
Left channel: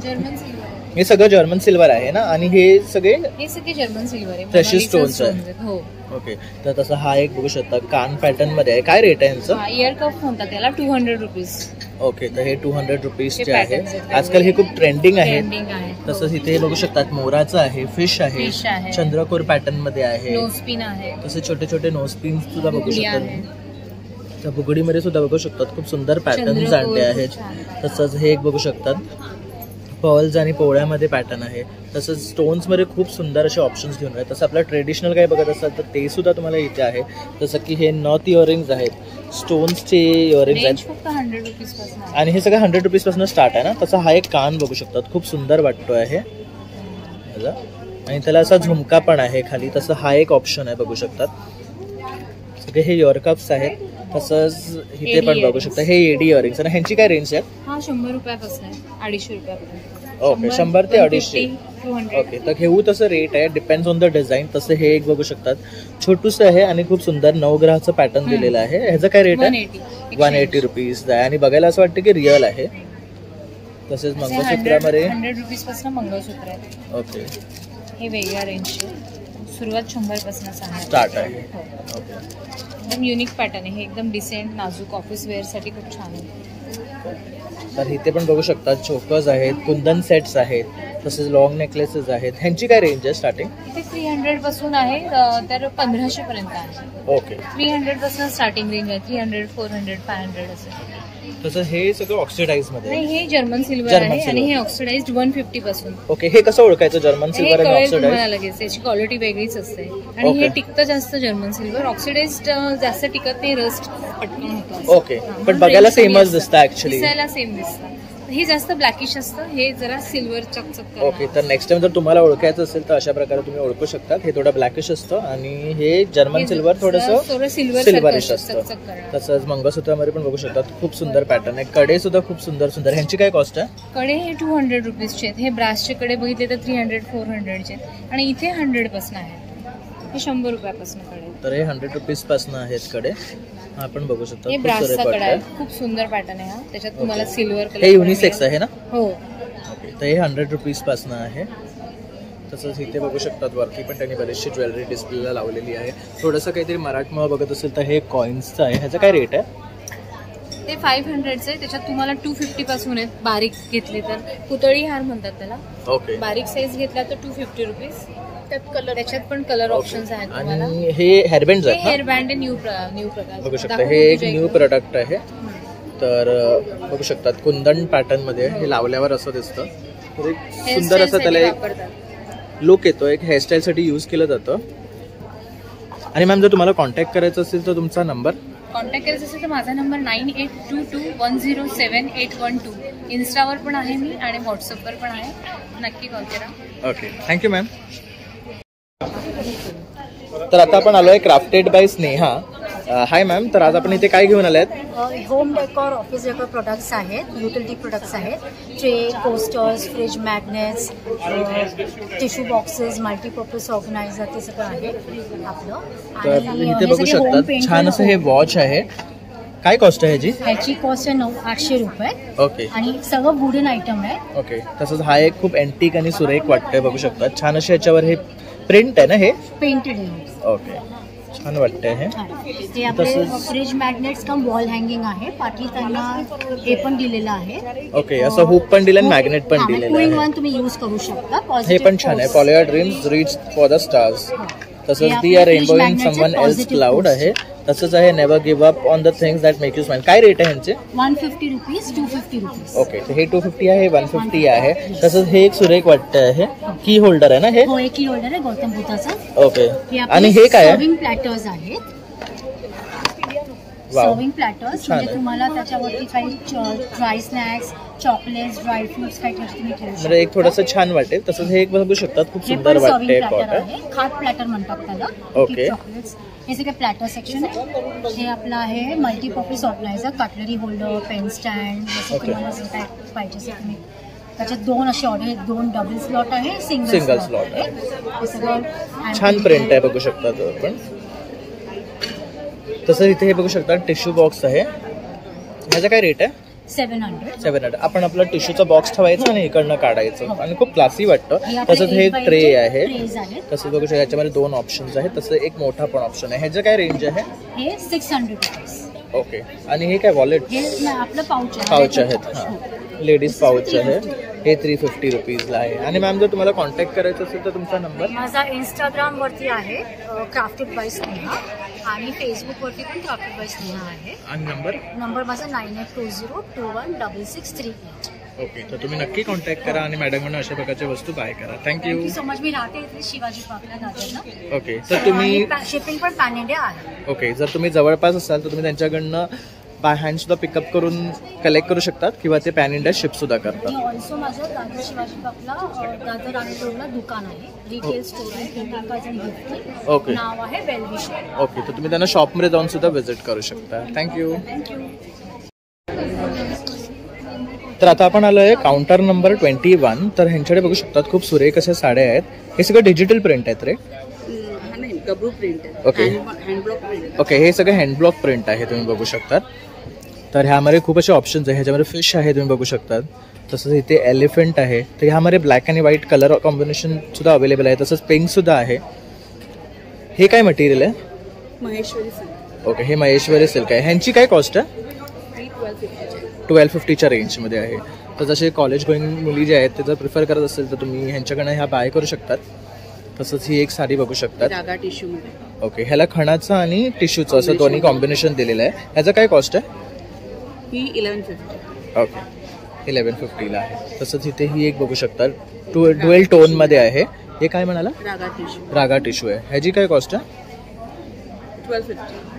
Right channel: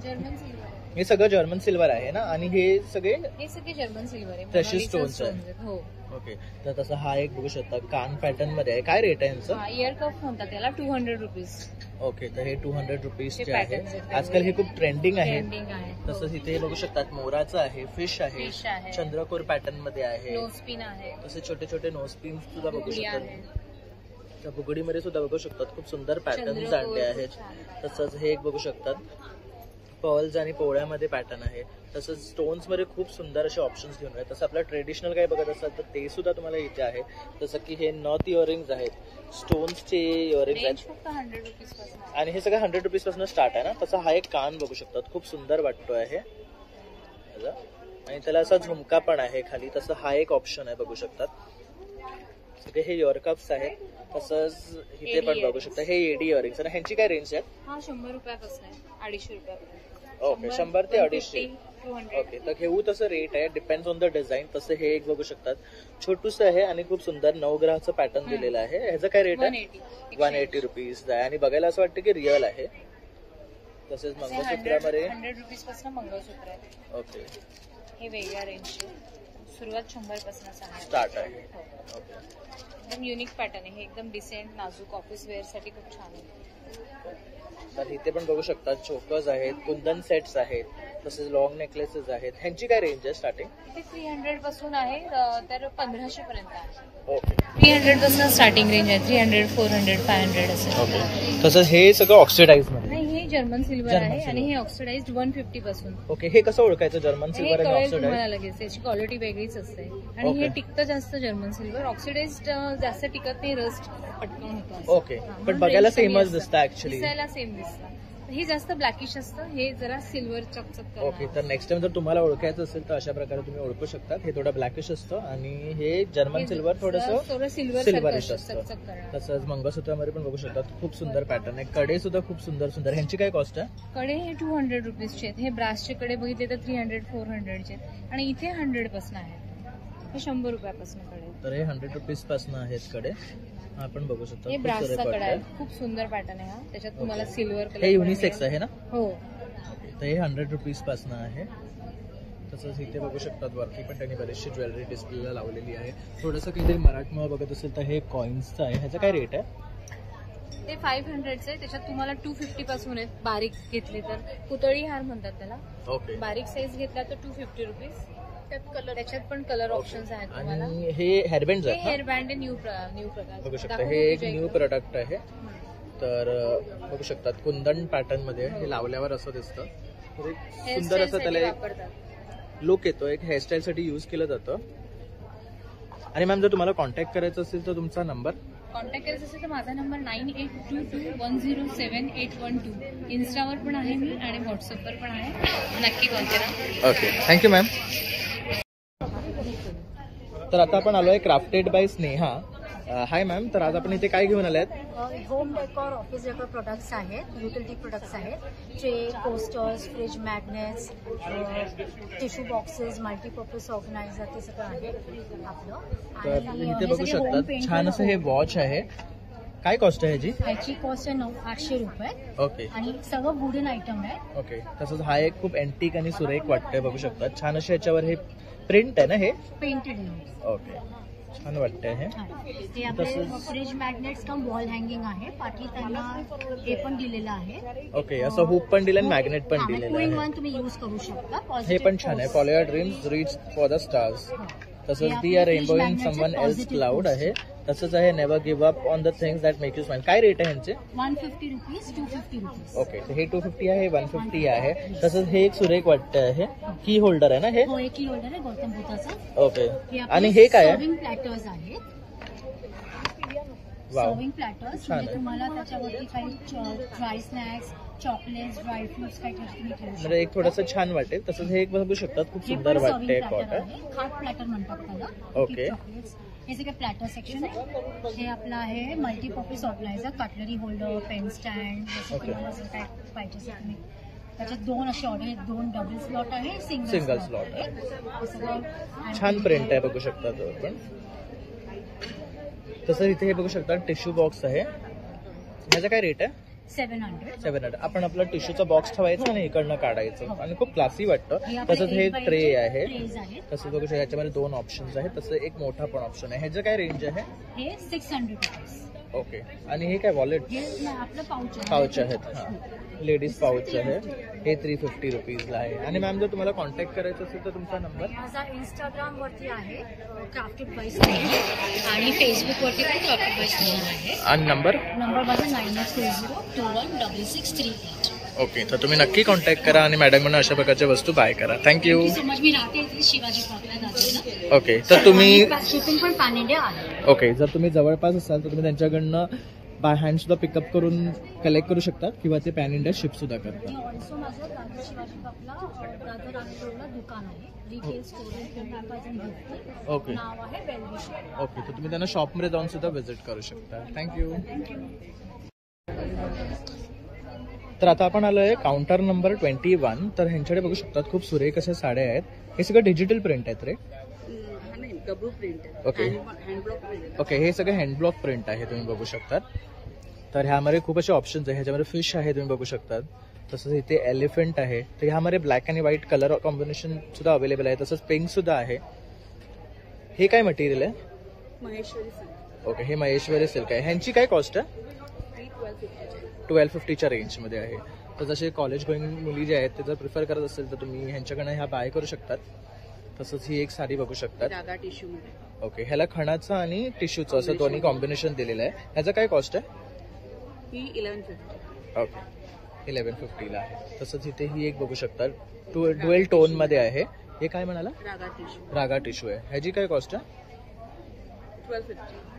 हे सगळं जर्मन सिल्वर आहे ना. आणि हे सगळे जर्मन सिल्वर आहे, फ्रेश स्टोन्स आहे. हो. ओके, तर तसं हा एक बघू शकता कान पॅटर्न मध्ये आहे. काय रेट आहे यांचं? इयर कप म्हणतात त्याला, 200 रुपीज. ओके, तर हे 200 रुपीजचे आहे. आजकाल हे खूप ट्रेंडिंग आहे. तसंच इथे हे बघू शकतात मोराचं आहे, फिश आहे, चंद्रकोर पॅटर्न मध्ये आहे, नोजपिन आहे. तसे छोटे छोटे नोजपिन सुद्धा बघू शकतात. त्या बुगडीमध्ये सुद्धा बघू शकतात खूप सुंदर पॅटर्न्स आणले आहेत. तसंच हे एक बघू शकतात पर्ल्स आणि पोळ्यामध्ये पॅटर्न आहे. तसंच स्टोन्समध्ये खूप सुंदर असे ऑप्शन्स घेऊन आहेत. तसं आपलं ट्रेडिशनल काही बघत असाल तर ते सुद्धा तुम्हाला इथे आहे. जसं की हे नॉट इयरिंग्ज आहेत, स्टोन्सचे इयरिंग्ज आहेत. आणि हे सगळं 100 रुपीजपासून स्टार्ट आहे ना. तसं हा एक कान बघू शकतात, खूप सुंदर वाटतो आहे. आणि त्याला असा झुमका पण आहे खाली. तसं हा एक ऑप्शन आहे, बघू शकतात. सगळे हे इयर कप्स आहेत. तसंच इथे पण बघू शकता हे एडी इयरिंग्स. आणि ह्यांची काय रेंज आहे? हा 100 रुपयापासून आहे, 250 रुपयापर्यंत. ओके, 100 ते 250. ओके, तर घेऊ तसं रेट आहे, डिपेंड्स ऑन द डिझाईन. तसं हे एक बघू शकतात छोटूसं आहे आणि खूप सुंदर नवग्रहाचं पॅटर्न दिलेलं आहे. ह्याचं काय रेट आहे? 180 रुपीज आहे. आणि बघायला असं वाटतं की रिअल आहे. तसेच मंगळसूत्रामध्ये 100 रुपीज पासून मंगळसूत्र आहे. ओके, हे वेगळ्या रेंजचे, सुरुवात 100 पासून स्टार्ट आहे. ओके, एकदम युनिक पॅटर्न आहे. हे एकदम डिसेंट नाजूक ऑफिस वेअर साठी खूप छान आहे. तर इथे पण बघू शकता चोकर्स आहेत, कुंदन सेट्स आहेत, तसेच लॉंग नेकलेसेस आहेत. ह्यांची काय रेंज आहे स्टार्टिंग? इथे 300 पासून आहे तर 1500 पर्यंत आहे. ओके, 300 पासून स्टार्टिंग रेंज आहे. 300, 400, 500 असं. ओके, तसंच हे सगळं ऑक्सिडाइज मध्ये नाही, हे जर्मन सिल्वर आहे आणि हे ऑक्सिडाइज्ड 150 पासून. ओके, हे कसं ओळखायचं जर्मन सिल्वर आणि ऑक्सिडाइज्ड? लगेच याची क्वालिटी वेगळीच असते. आणि हे टिकतं जास्त जर्मन सिल्वर. ऑक्सिडाइज्ड जास्त टिकत नाही, रस्ट पटकन होतं. ओके, पण बघायला सेमच दिसतं ऍक्च्युली. दिसायला सेम दिसतं. हे जास्त ब्लॅकिश असतं, हे जरा सिल्वर चकचक. ओके, तर नेक्स्ट टाइम जर तुम्हाला ओळखायचं असेल तर अशा प्रकारे तुम्ही ओळखू शकता. हे थोडं ब्लॅकिश असतं आणि हे जर्मन सिल्वर थोडंसं सिल्वरिश असतं. तसंच मंगळसूत्रामध्ये पण बघू शकतात खूप सुंदर पॅटर्न आहे. कडे सुद्धा खूप सुंदर सुंदर. ह्यांची काय कॉस्ट आहे? कडे हे 200 रुपीजचे आहेत. हे ब्रासचे कडे बघितले तर 300, 400चे आहेत. आणि इथे 100 पासून आहे. हे 100 रुपयापासून कडे. तर हे 100 रुपीज पासून आहेत कडे. आपण बघू शकता खूप सुंदर पॅटर्न आहे. हा त्याच्यात तुम्हाला सिल्वर कलर. हे युनिसेक्स आहे ना? हो. ओके, तर हे 100 रुपीज पासून आहे. तसंच इथे बघू शकतात वरती पण त्यांनी बरीचशी ज्वेलरी डिस्प्लेला लावलेली आहे. थोडंसं काहीतरी मराठमोळा बघत असेल तर हे कॉइन्सचं आहे. ह्याचं काय रेट आहे? ते 500चं आहे. त्याच्यात तुम्हाला 250 पासून आहेत. बारीक घेतले तर पुतळी हार म्हणतात त्याला. ओके, बारीक साईज घेतला तर 250 रुपीज. त्याच्यात पण कलर ऑप्शन्स आहेत तुम्हाला. आणि हे हेअरबँड आहेत. हेअरबँड न्यू प्रकार बघू शकता. हे एक न्यू प्रोडक्ट आहे. तर बघू शकतात कुंदन पॅटर्न मध्ये हे लावल्यावर असं दिसतं. सुंदर असं त्याला एक लुक येतो. एक हेअरस्टाईल साठी यूज केलं जातं. आणि मॅम जर तुम्हाला कॉन्टॅक्ट करायचं असेल तर तुमचा नंबर? कॉन्टॅक्ट करायचं असेल तर माझा नंबर 9822107812. इन्स्टावर पण आहे मी आणि व्हॉट्सअपवर पण आहे. नक्की कॉल करा. Okay, thank you ma'am. तर आता आपण आलोय crafted by Sneha. Hi ma'am, तर आज आपण इथे काय घेऊन आले आहेत? Home decor, office decor products आहेत, युटिलिटी प्रोडक्ट्स आहेत. Tray, coasters, fridge magnets, tissue boxes, multipurpose organiser, ते सगळं आहे आपलं. तर इथे बघू शकतात छान असं हे वॉच आहे. काय कॉस्ट आहे ह्याची कॉस्ट आहे 800 रुपये. ओके, आणि सगळं वुडन आयटम आहे. ओके, तसंच हा एक खूप अँटिक आणि सुरेख वाटतंय. बघू शकतात छान असे याच्यावर हे प्रिंट आहे ना, हे पेंटेड आहे. ओके, छान वाटतंय हे. ते आपले फ्रीज मॅग्नेट्स कम वॉल हँगिंग आहे. पाठी त्यांना हे पण दिलेलं आहे. ओके, असं हुक पण दिलं आणि मॅग्नेट पण दिलेलं आहे. तुम्ही यूज करू शकता. हे पण छान आहे. Follow your dreams, reach for the stars. तसंच the are rainbow in someone else cloud आहे. तसंच आहे never give up on the things that make you smile. काय रेट आहे ह्यांचे? 150 रुपीज, 250 रुपीज. ओके, तर हे 250 आहे, 150 आहे. तसंच हे एक सुरेख वाटतं आहे. की होल्डर आहे ना हे? हो, एक की होल्डर आहे गौतम बुद्धाचं. ओके, आणि हे काय आहे? सर्विंग प्लॅटर्स आहेत. सर्विंग प्लॅटर्स, म्हणजे तुम्हाला त्याच्यावरती काही dry snacks, chocolates, dry fruits काही तुम्ही ठेवू शकता. एक थोडंसं छान वाटेल. तसंच हे एक बघू शकतात, खूप हे सुंदर पण सर्विंग वाटते प्लॅटर पॉट. आहे, खाट प्लॅटर म्हणतात त्याला. ओके. चॉकलेट्स हे सगळे प्लॅटर सेक्शन आहे. हे आपलं आहे multipurpose organiser, cutlery holder, pen stand, जसं तुम्हाला जे काय पाहिजे असेल तुम्ही. त्याच्यात 2 असे ऑर्डर आहेत, 2 डबल स्लॉट आहे, सिंगल स्लॉट आहे. हे सगळं छान प्रिंट आहे, बघू शकता आपण. तसं इथे हे बघू शकता टिश्यू बॉक्स आहे. ह्याचा काय रेट आहे? 700. आपण आपला टिश्यूचा बॉक्स ठेवायचा आणि इकडनं काढायचं आणि खूप क्लासी वाटतं. तसंच हे ट्रे आहे. तसं बघू शकता याच्यामध्ये 2 ऑप्शन्स आहेत. तसं एक मोठा पण ऑप्शन आहे. ह्याचं काय रेंज आहे? हे 600 रुपीज. ओके. आणि हे काय वॉलेट? हे आपलं पाऊच आहेत. हां, लेडीज पाऊच आहे. हे 350 रुपीजला आहे. आणि मॅम जर तुम्हाला कॉन्टॅक्ट करायचं असेल तर तुमचा नंबर? माझा इंस्टाग्रामवरती आहे क्राफ्टेड बाय स्नेहा आणि फेसबुकवरती पण क्राफ्टेड बाय स्नेहा आहे. आणि नंबर माझा 9820216638. ओके. तर तुम्ही नक्की कॉन्टॅक्ट करा आणि मॅडमकडून अशा प्रकारच्या वस्तू बाय करा. Thank you so much. मी राहते इथे शिवाजी पार्कला दादरला. ओके. तर तुम्ही शिपिंग पण पॅन इंडिया आहे. ओके. जर तुम्ही जवळपास असाल तर तुम्ही त्यांच्याकडनं बाय हँड सुद्धा पिकअप करून कलेक्ट करू शकतात किंवा ते पॅन इंडिया शिप सुद्धा करतात. ऑल्सो माझं दादर शिवाजी पार्कला दादर आणि रोडला दुकान आहे, रिटेल स्टोर आहे. ओके. नाव आहे वेलविश. ओके. तर तुम्ही त्यांना शॉपमध्ये जाऊन सुद्धा व्हिजिट करू शकता. थँक्यू. तर आता आपण आलो आहे काउंटर नंबर 21. तर ह्यांच्याकडे बघू शकतात खूप सुरेख अशा साड्या आहेत. हे सगळं डिजिटल प्रिंट आहेत रे? ओके. ओके. हे सगळं हँडब्लॉक प्रिंट आहे, तुम्ही बघू शकतात. तर ह्यामध्ये खूप असे ऑप्शन्स आहे. ह्याच्यामध्ये फिश आहे, तुम्ही बघू शकतात. तसंच इथे एलिफंट आहे. तर ह्यामध्ये ब्लॅक आणि व्हाईट कलर कॉम्बिनेशन सुद्धा अवेलेबल आहे. तसंच पिंक सुद्धा आहे. हे काय मटेरियल आहे? महेश्वरी सिल्क. ओके. हे महेश्वरी सिल्क आहे. ह्यांची काय कॉस्ट आहे? 1250च्या रेंजमध्ये आहे. तर जसे कॉलेज गोईंग मुली जे आहेत ते जर प्रिफर करत असेल तर तुम्ही ह्यांच्याकडनं ह्या बाय करू शकतात. तसंच ही एक साडी बघू शकतात. ओके. ह्याला खणाचं आणि टिश्यूचं असं दोन्ही कॉम्बिनेशन दिलेलं आहे. ह्याचं काय कॉस्ट आहे? ही 1150. ओके. 1150ला आहे. तसंच इथे ही एक बघू शकतात, डुएल टोनमध्ये आहे. हे काय म्हणाला? रागा टिश्यू आहे. ह्याची काय कॉस्ट आहे?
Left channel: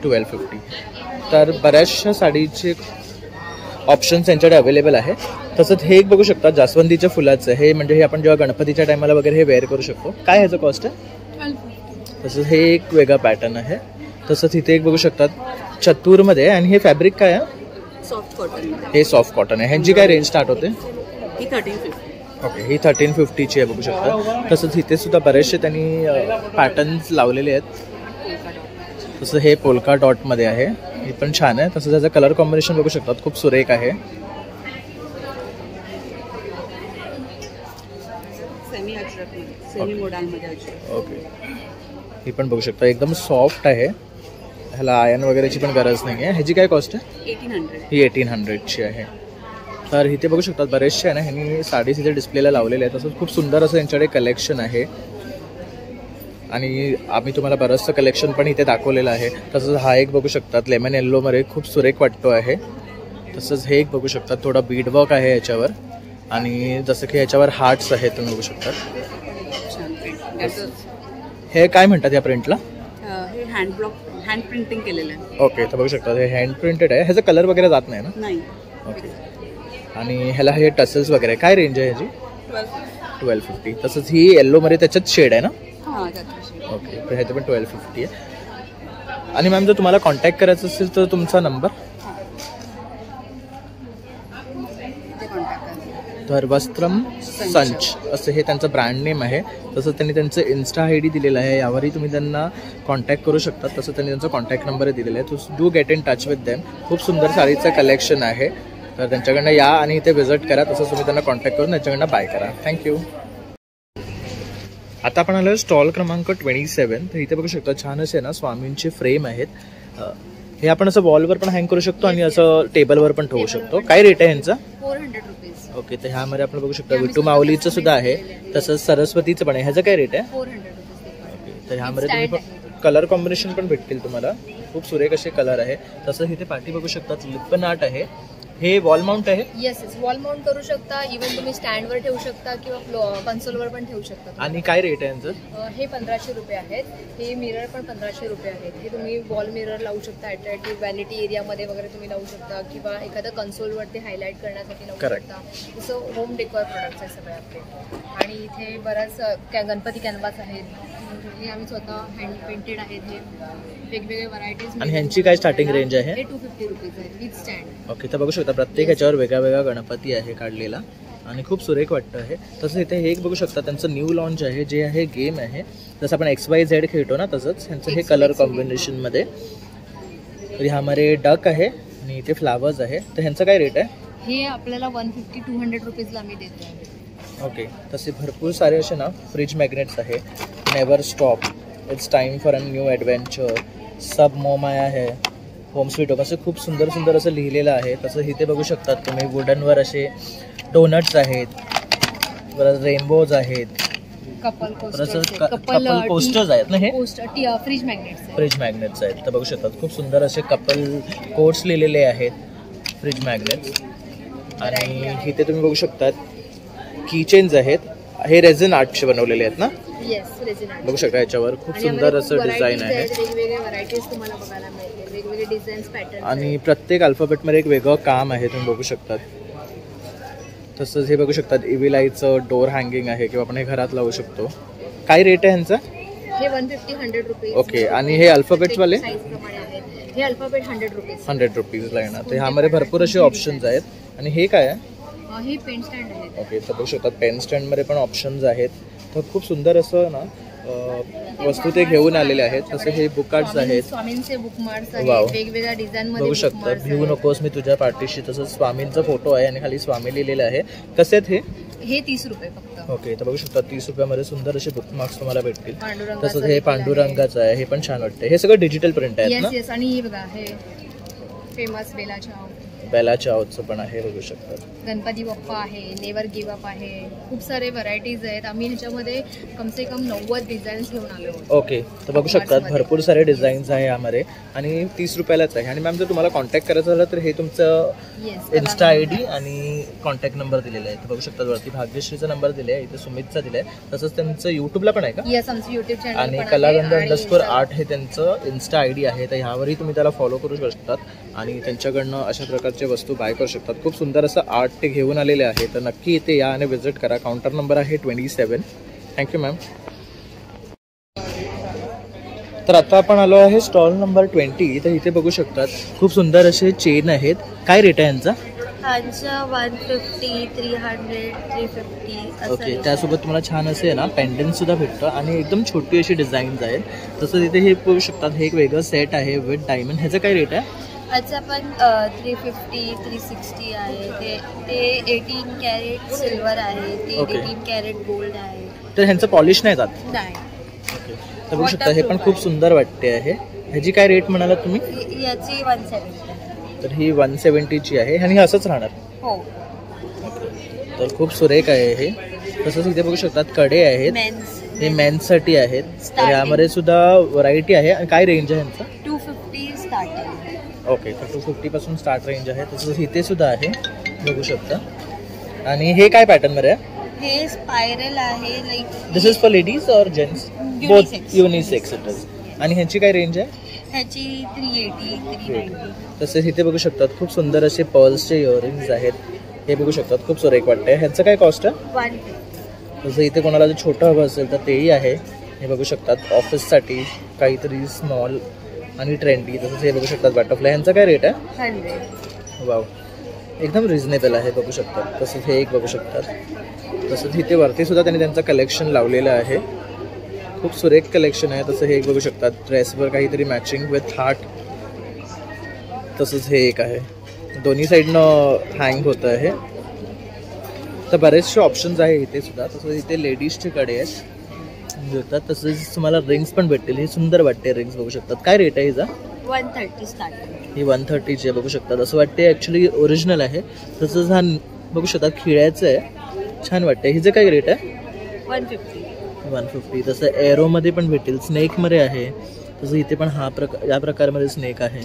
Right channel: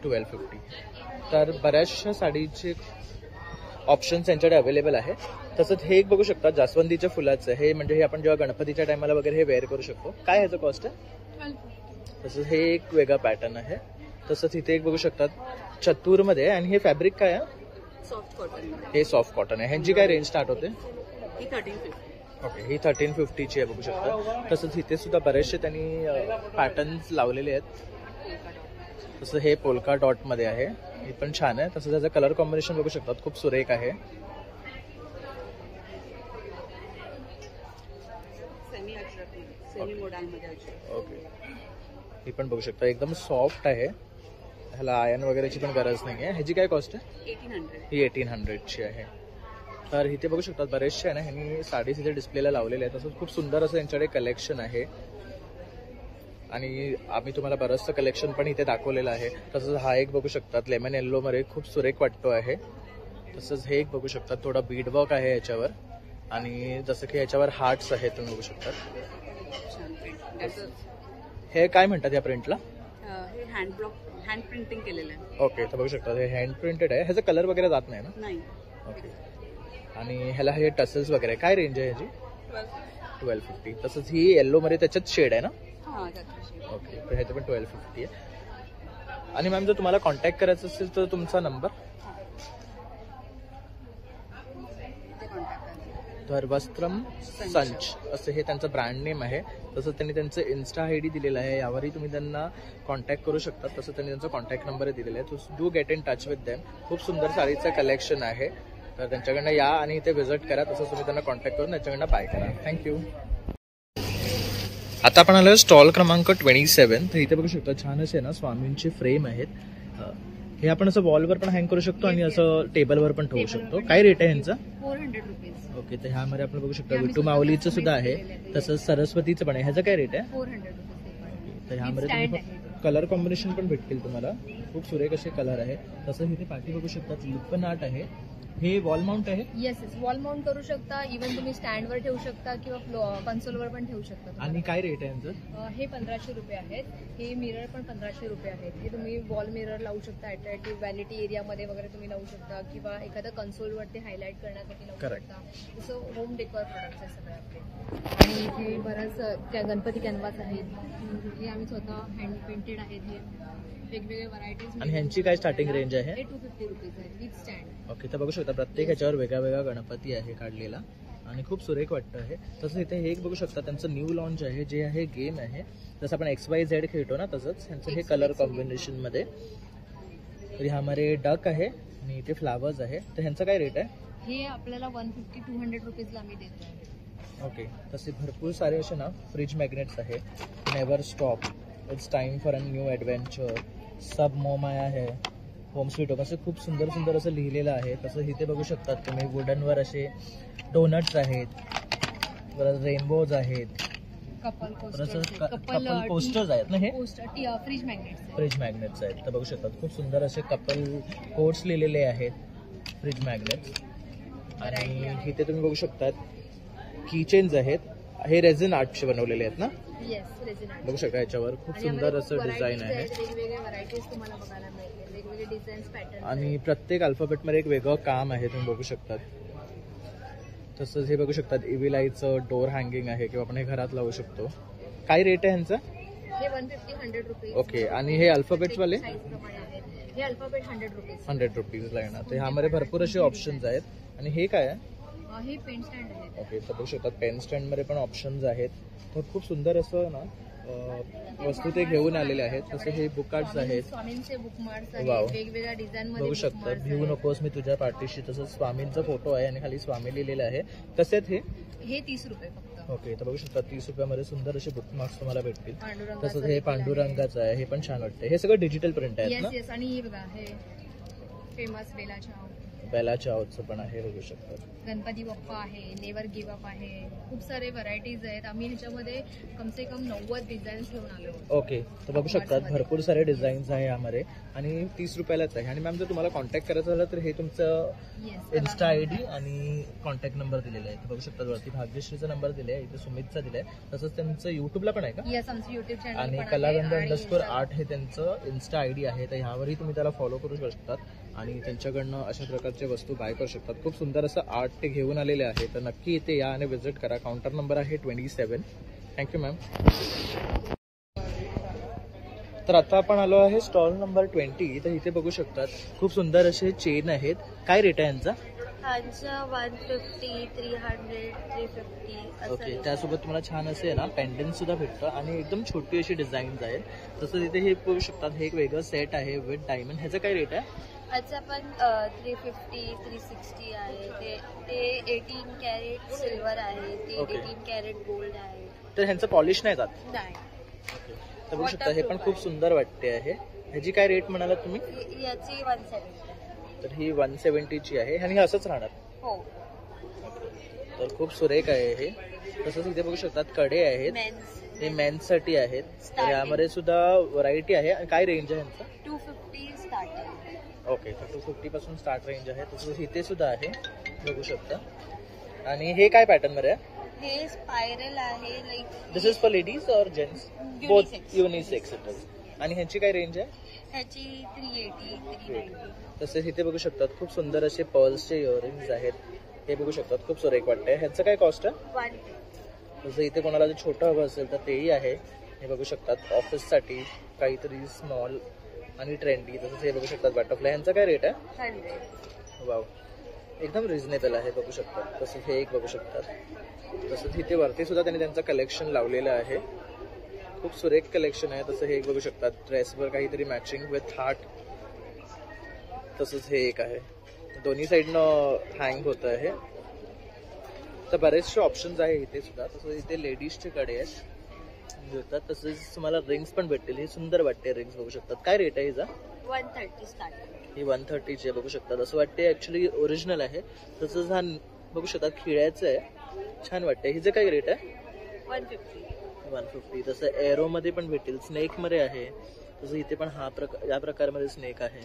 1250. तर बऱ्याचशा साडीचे ऑप्शन्स यांच्याकडे अवेलेबल आहे. तसंच हे एक बघू शकता जास्वंदीच्या फुलाचं. हे म्हणजे हे आपण जेव्हा गणपतीच्या टायमाला वगैरे हे वेअर करू शकतो. काय ह्याचं कॉस्ट आहे? तसंच हे एक वेगळा पॅटर्न आहे. तसंच इथे एक बघू शकतात चतुरमध्ये. आणि हे फॅब्रिक काय आहे? Soft cotton. हे सॉफ्ट कॉटन आहे. ह्यांची काय रेंज स्टार्ट होते? ही 1350. ओके. ही 1350ची आहे, बघू शकता. तसंच इथे सुद्धा बरेचसे त्यांनी पॅटर्न्स लावलेले आहेत. तसं हे पोल्का डॉटमध्ये आहे. हे पण छान आहे. तसंच त्याचं कलर कॉम्बिनेशन बघू शकतात, खूप सुरेख आहे. ओके. ही पण बघू शकता, एकदम सॉफ्ट आहे. ह्याला आयर्न वगैरेची पण गरज नाही आहे. ह्याची काय कॉस्ट आहे? 1800. ही 1800ची आहे. तर इथे बघू शकतात बरेचसे आहे ना, ह्यांनी साडीज इथे डिस्प्लेला लावलेले आहेत. तसंच खूप सुंदर असं यांच्याकडे कलेक्शन आहे. आणि आम्ही तुम्हाला बरंचसं कलेक्शन पण इथे दाखवलेलं आहे. तसंच हा एक बघू शकतात लेमन येल्लोमध्ये खूप सुरेख वाटतो आहे. तसंच हे एक बघू शकतात, थोडा बीडवर्क आहे याच्यावर. आणि जसं की याच्यावर हार्ट्स आहेत, तुम्ही बघू शकता. हे काय म्हणतात या प्रिंटला? हे हँड प्रिंटिंग केलेलं आहे. ओके. तर बघू शकता हे हँड प्रिंटेड आहे. ह्याचा कलर वगैरे जात नाही ना? नाही. ओके. आणि ह्याला हे टसल्स वगैरे काय रेंज आहे ह्याची? 1250. तसंच ही येल्लोमध्ये त्याच्यात शेड आहे ना? ओके. तर ह्याचं पण 1250 आहे. आणि मॅम जर तुम्हाला कॉन्टॅक्ट करायचं असेल तर तुमचा नंबर? तर वस्त्रम संच असं हे त्यांचं ब्रँड नेम आहे. तसंच त्यांनी त्यांचं इन्स्टा ID दिलेलं आहे. यावरही तुम्ही त्यांना कॉन्टॅक्ट करू शकता. तसं त्यांनी त्यांचा कॉन्टॅक्ट नंबर दिलेला आहे. तो do get in touch with them. खूप सुंदर साडीचं कलेक्शन आहे. तर त्यांच्याकडनं या आणि इथे व्हिजिट करा. तसंच तुम्ही त्यांना कॉन्टॅक्ट करून त्यांच्याकडनं बाय करा. थँक्यू. आता आपण आलो स्टॉल क्रमांक 27. तर इथे बघू शकता छान असे ना स्वामींची फ्रेम आहेत. हे आपण असं वॉलवर पण हँग करू शकतो आणि असं टेबलवर पण ठेवू शकतो. काय रेट आहे ह्यांचा? 400 रुपीज. ओके. तर ह्यामध्ये आपण बघू शकतो विठू माऊलीचं सुद्धा आहे. तसंच सरस्वतीचं पण आहे. ह्याचं काय रेट आहे? 400. तर ह्यामध्ये तुम्ही कलर कॉम्बिनेशन पण भेटतील तुम्हाला. खूप सुरेख असे कलर आहे. तसंच इथे पाठी बघू शकतात लिप्पन आर्ट आहे. हे वॉल माउंट आहे? येस येस, वॉल माउंट करू शकता, इव्हन तुम्ही स्टँडवर ठेवू शकता किंवा कन्सोलवर पण ठेवू शकता. आणि काय रेट आहे यांचं? हे 1500 रुपये आहेत. हे मिरर पण 1500 रुपये आहेत. हे तुम्ही वॉल मिरर लावू शकता, अट्रॅक्टिव्ह व्हॅनिटी एरियामध्ये वगैरे तुम्ही लावू शकता किंवा एखाद्या कन्सोलवरती हायलाईट करण्यासाठी लावू शकता. जसं होम डेकोर प्रोडक्ट्स आहे सगळे आपले. आणि इथे बऱ्याच गणपती कॅनव्हास आहेत, हे आम्ही स्वतः हँड पेंटेड आहेत. हे वेगवेगळे व्हरायटीज. आणि ह्यांची काय स्टार्टिंग रेंज आहे? हे 250 रुपीज आहे विथ स्टँड. ओके, तर बघू शकता प्रत्येक ह्याच्यावर वेगळा वेगळा गणपती आहे काढलेला आणि खूप सुरेख वाटतं आहे. तसं इथे हे एक बघू शकता त्यांचं न्यू लॉन्च आहे जे आहे गेम आहे. जसं आपण XYZ खेळतो ना तसंच ह्यांचं हे कलर कॉम्बिनेशनमध्ये. तर ह्यामध्ये डक आहे आणि इथे फ्लावर्स आहे. तर ह्यांचं काय रेट आहे? हे आपल्याला 150-200 रुपीजला आम्ही देतो आहे. ओके, तसे भरपूर सारे असे ना फ्रिज मॅग्नेट्स आहे. Never stop, it's time for a new adventure, सब मोमाया आहे, होम स्वीट होम, असं खूप सुंदर सुंदर असं लिहिलेलं आहे. तसं इथे बघू शकतात तुम्ही वुडनवर असे डोनट्स आहेत, परत रेनबोज आहेत, कपल कोस्टर्स आहेत ना, हे फ्रिज मॅग्नेट्स फ्रिज मॅग्नेट्स आहेत. तर बघू शकतात खूप सुंदर असे कपल कोट्स लिहिलेले आहेत फ्रिज मॅग्नेट्स. आणि इथे तुम्ही बघू शकतात कीचेन्स आहेत. हे रेझन आर्टचे बनवलेले आहेत ना? Yes, resin art. बघू शकता याच्यावर खूप सुंदर असं डिझाईन आहे. वेगवेगळे व्हरायटीज तुम्हाला बघायला मिळतील, वेगवेगळे डिझाईन्स, पॅटर्न. आणि प्रत्येक अल्फाबेटमध्ये एक वेगळं काम आहे तुम्ही बघू शकतात. तसंच हे बघू शकतात इव्हिलाईचं डोर हँगिंग आहे किंवा आपण हे घरात लावू शकतो. काय रेट आहे ह्यांचा? हे 150-100 रुपीज. ओके, आणि हे अल्फाबेट्सवाले? हे अल्फाबेट 100 रुपीज. 100 रुपीजला येणार. तर ह्यामध्ये भरपूर असे ऑप्शन्स आहेत. आणि हे काय आहे? हे पेन स्टँड आहे. ओके, तर बघू शकतात पेन स्टँडमध्ये पण ऑप्शन्स आहेत. तर खूप सुंदर असं ना वस्तू ते घेऊन आलेले आहेत. तसे हे बुक कार्ड्स आहेत, स्वामींचे बुकमार्क्स आहेत, वेगवेगळ्या डिझाईनमध्ये बघू शकता. भिवू नकोस मी तुझ्या पाठीशी, तसंच स्वामींचा फोटो आहे आणि खाली स्वामी लिहिलेलं आहे. कसे आहेत हे 30 रुपये फक्त. ओके, तर बघू शकता 30 रुपयामध्ये सुंदर असे बुकमार्क्स तुम्हाला भेटतील. तसंच हे पांडुरंगाचं आहे, हे पण छान वाटतं. हे सगळं डिजिटल प्रिंट आहेत ना? येस, आणि हे बघा हे फेमस बेला चावचं पण आहे, बघू शकता. गणपती बाप्पा आहे, नेवर गिव्ह अप आहे, खूप सारे व्हरायटीज आहेत. आम्ही ह्याच्यामध्ये कमसे कम 90 डिझाईन्स घेऊन आलो. ओके, तर बघू शकतात भरपूर सारे डिझाईन्स आहे यामध्ये आणि 30 रुपयालाच आहे. आणि मॅम जर तुम्हाला कॉन्टॅक्ट करायचं झालं तर हे तुमचं इन्स्टा ID आणि कॉन्टॅक्ट नंबर दिलेला आहे. तर बघू शकतात वरती भाग्यश्रीचा नंबर दिला आहे, इथे सुमितचा दिला आहे. तसंच त्यांचं यूट्यूबला पण आहे का? येस, आमचं यूट्यूब चॅनल आणि कलागंध_8 हे त्यांचं इन्स्टा ID आहे. तर ह्यावरही तुम्ही त्याला फॉलो करू शकतात आणि त्यांच्याकडनं अशा प्रकारचे वस्तू बाय करू शकतात. खूप सुंदर असं आर्ट ते घेऊन आलेले आहे. तर नक्की इथे या आणि विजिट करा. काउंटर नंबर आहे 27. Thank you ma'am. तर आता आपण आलो आहे स्टॉल नंबर 20. तर इथे बघू शकतात खूप सुंदर असे चेन आहेत. काय रेट आहे यांचा? 150, 300, 350. ओके, त्यासोबत तुम्हाला छान असे ना पेंडंट सुद्धा भेटतं आणि एकदम छोटी अशी डिझाईन्स आहेत. तसं तिथे हे बघू शकतात हे एक वेगळं सेट आहे विथ डायमंड. ह्याचं काय रेट आहे? अच्छा, पण 350, 360 आहे. ते 18 कॅरेट सिल्वर आहे, ते 18 कॅरेट गोल्ड आहे. तर ह्यांचं पॉलिश नाही जात? नाही. ओके, तर बघू शकता हे पण खूप सुंदर वाटते आहे. ह्याची काय रेट म्हणाला तुम्ही? याची 170. तर ही 170ची आहे आणि असंच राहणार? हो. तर खूप सुरेख आहे हे. तसंच इथे बघू शकतात कडे आहेत, हे मेन्ससाठी आहेत. तर यामध्ये सुद्धा व्हरायटी आहे. आणि काय रेंज आहे ह्यांचं? 250 स्टार्टिंग. ओके, तर 250 पासून स्टार्ट रेंज आहे. तसंच इथे सुद्धा आहे, बघू शकता. आणि हे काय पॅटर्नमध्ये आहे? हे स्पायरल आहे. Like this is for ladies और gents? Both unisex it is. आणि ह्याची काय रेंज आहे? ह्याची 380, 390. तसेच इथे बघू शकतात खूप सुंदर असे पर्ल्सचे इयरिंग्स आहेत. हे बघू शकतात खूप सुरेख वाटते. ह्याचं काय कॉस्ट आहे? 150. तसं इथे कोणाला जर छोटं हवं असेल तर तेही आहे. हे बघू शकतात ऑफिससाठी काहीतरी स्मॉल आणि ट्रेंडी. तसंच हे बघू शकतात बटरफ्लाय. ह्यांचा काय रेट आहे? 100. वाव, एकदम रिझनेबल आहे, बघू शकतात. तसंच हे एक बघू शकतात. तसंच इथे वरती सुद्धा त्यांनी त्यांचं कलेक्शन लावलेलं आहे. खूप सुरेख कलेक्शन आहे. तसं हे एक बघू शकतात ड्रेसवर काहीतरी मॅचिंग विथ हार्ट. तसंच हे एक आहे, दोन्ही साईडनं हँग होतं आहे. तर बरेचसे ऑप्शन्स आहे इथे सुद्धा. तसंच इथे लेडीजचे कडे आहेत मिळतात. तसंच तुम्हाला रिंग्स पण भेटतील. हे सुंदर वाटते रिंग्स, बघू शकतात. काय रेट आहे हिचा? 130 स्टार्टिंग. ही 130ची आहे, बघू शकतात. असं वाटते ॲक्च्युली ओरिजिनल आहे. तसंच हा बघू शकतात खिळ्याचं आहे, छान वाटतं. हिचं काय रेट आहे? 150. तसं एरोमध्ये पण भेटेल, स्नेकमध्ये आहे. तसं इथे पण या प्रकारमध्ये स्नेक आहे.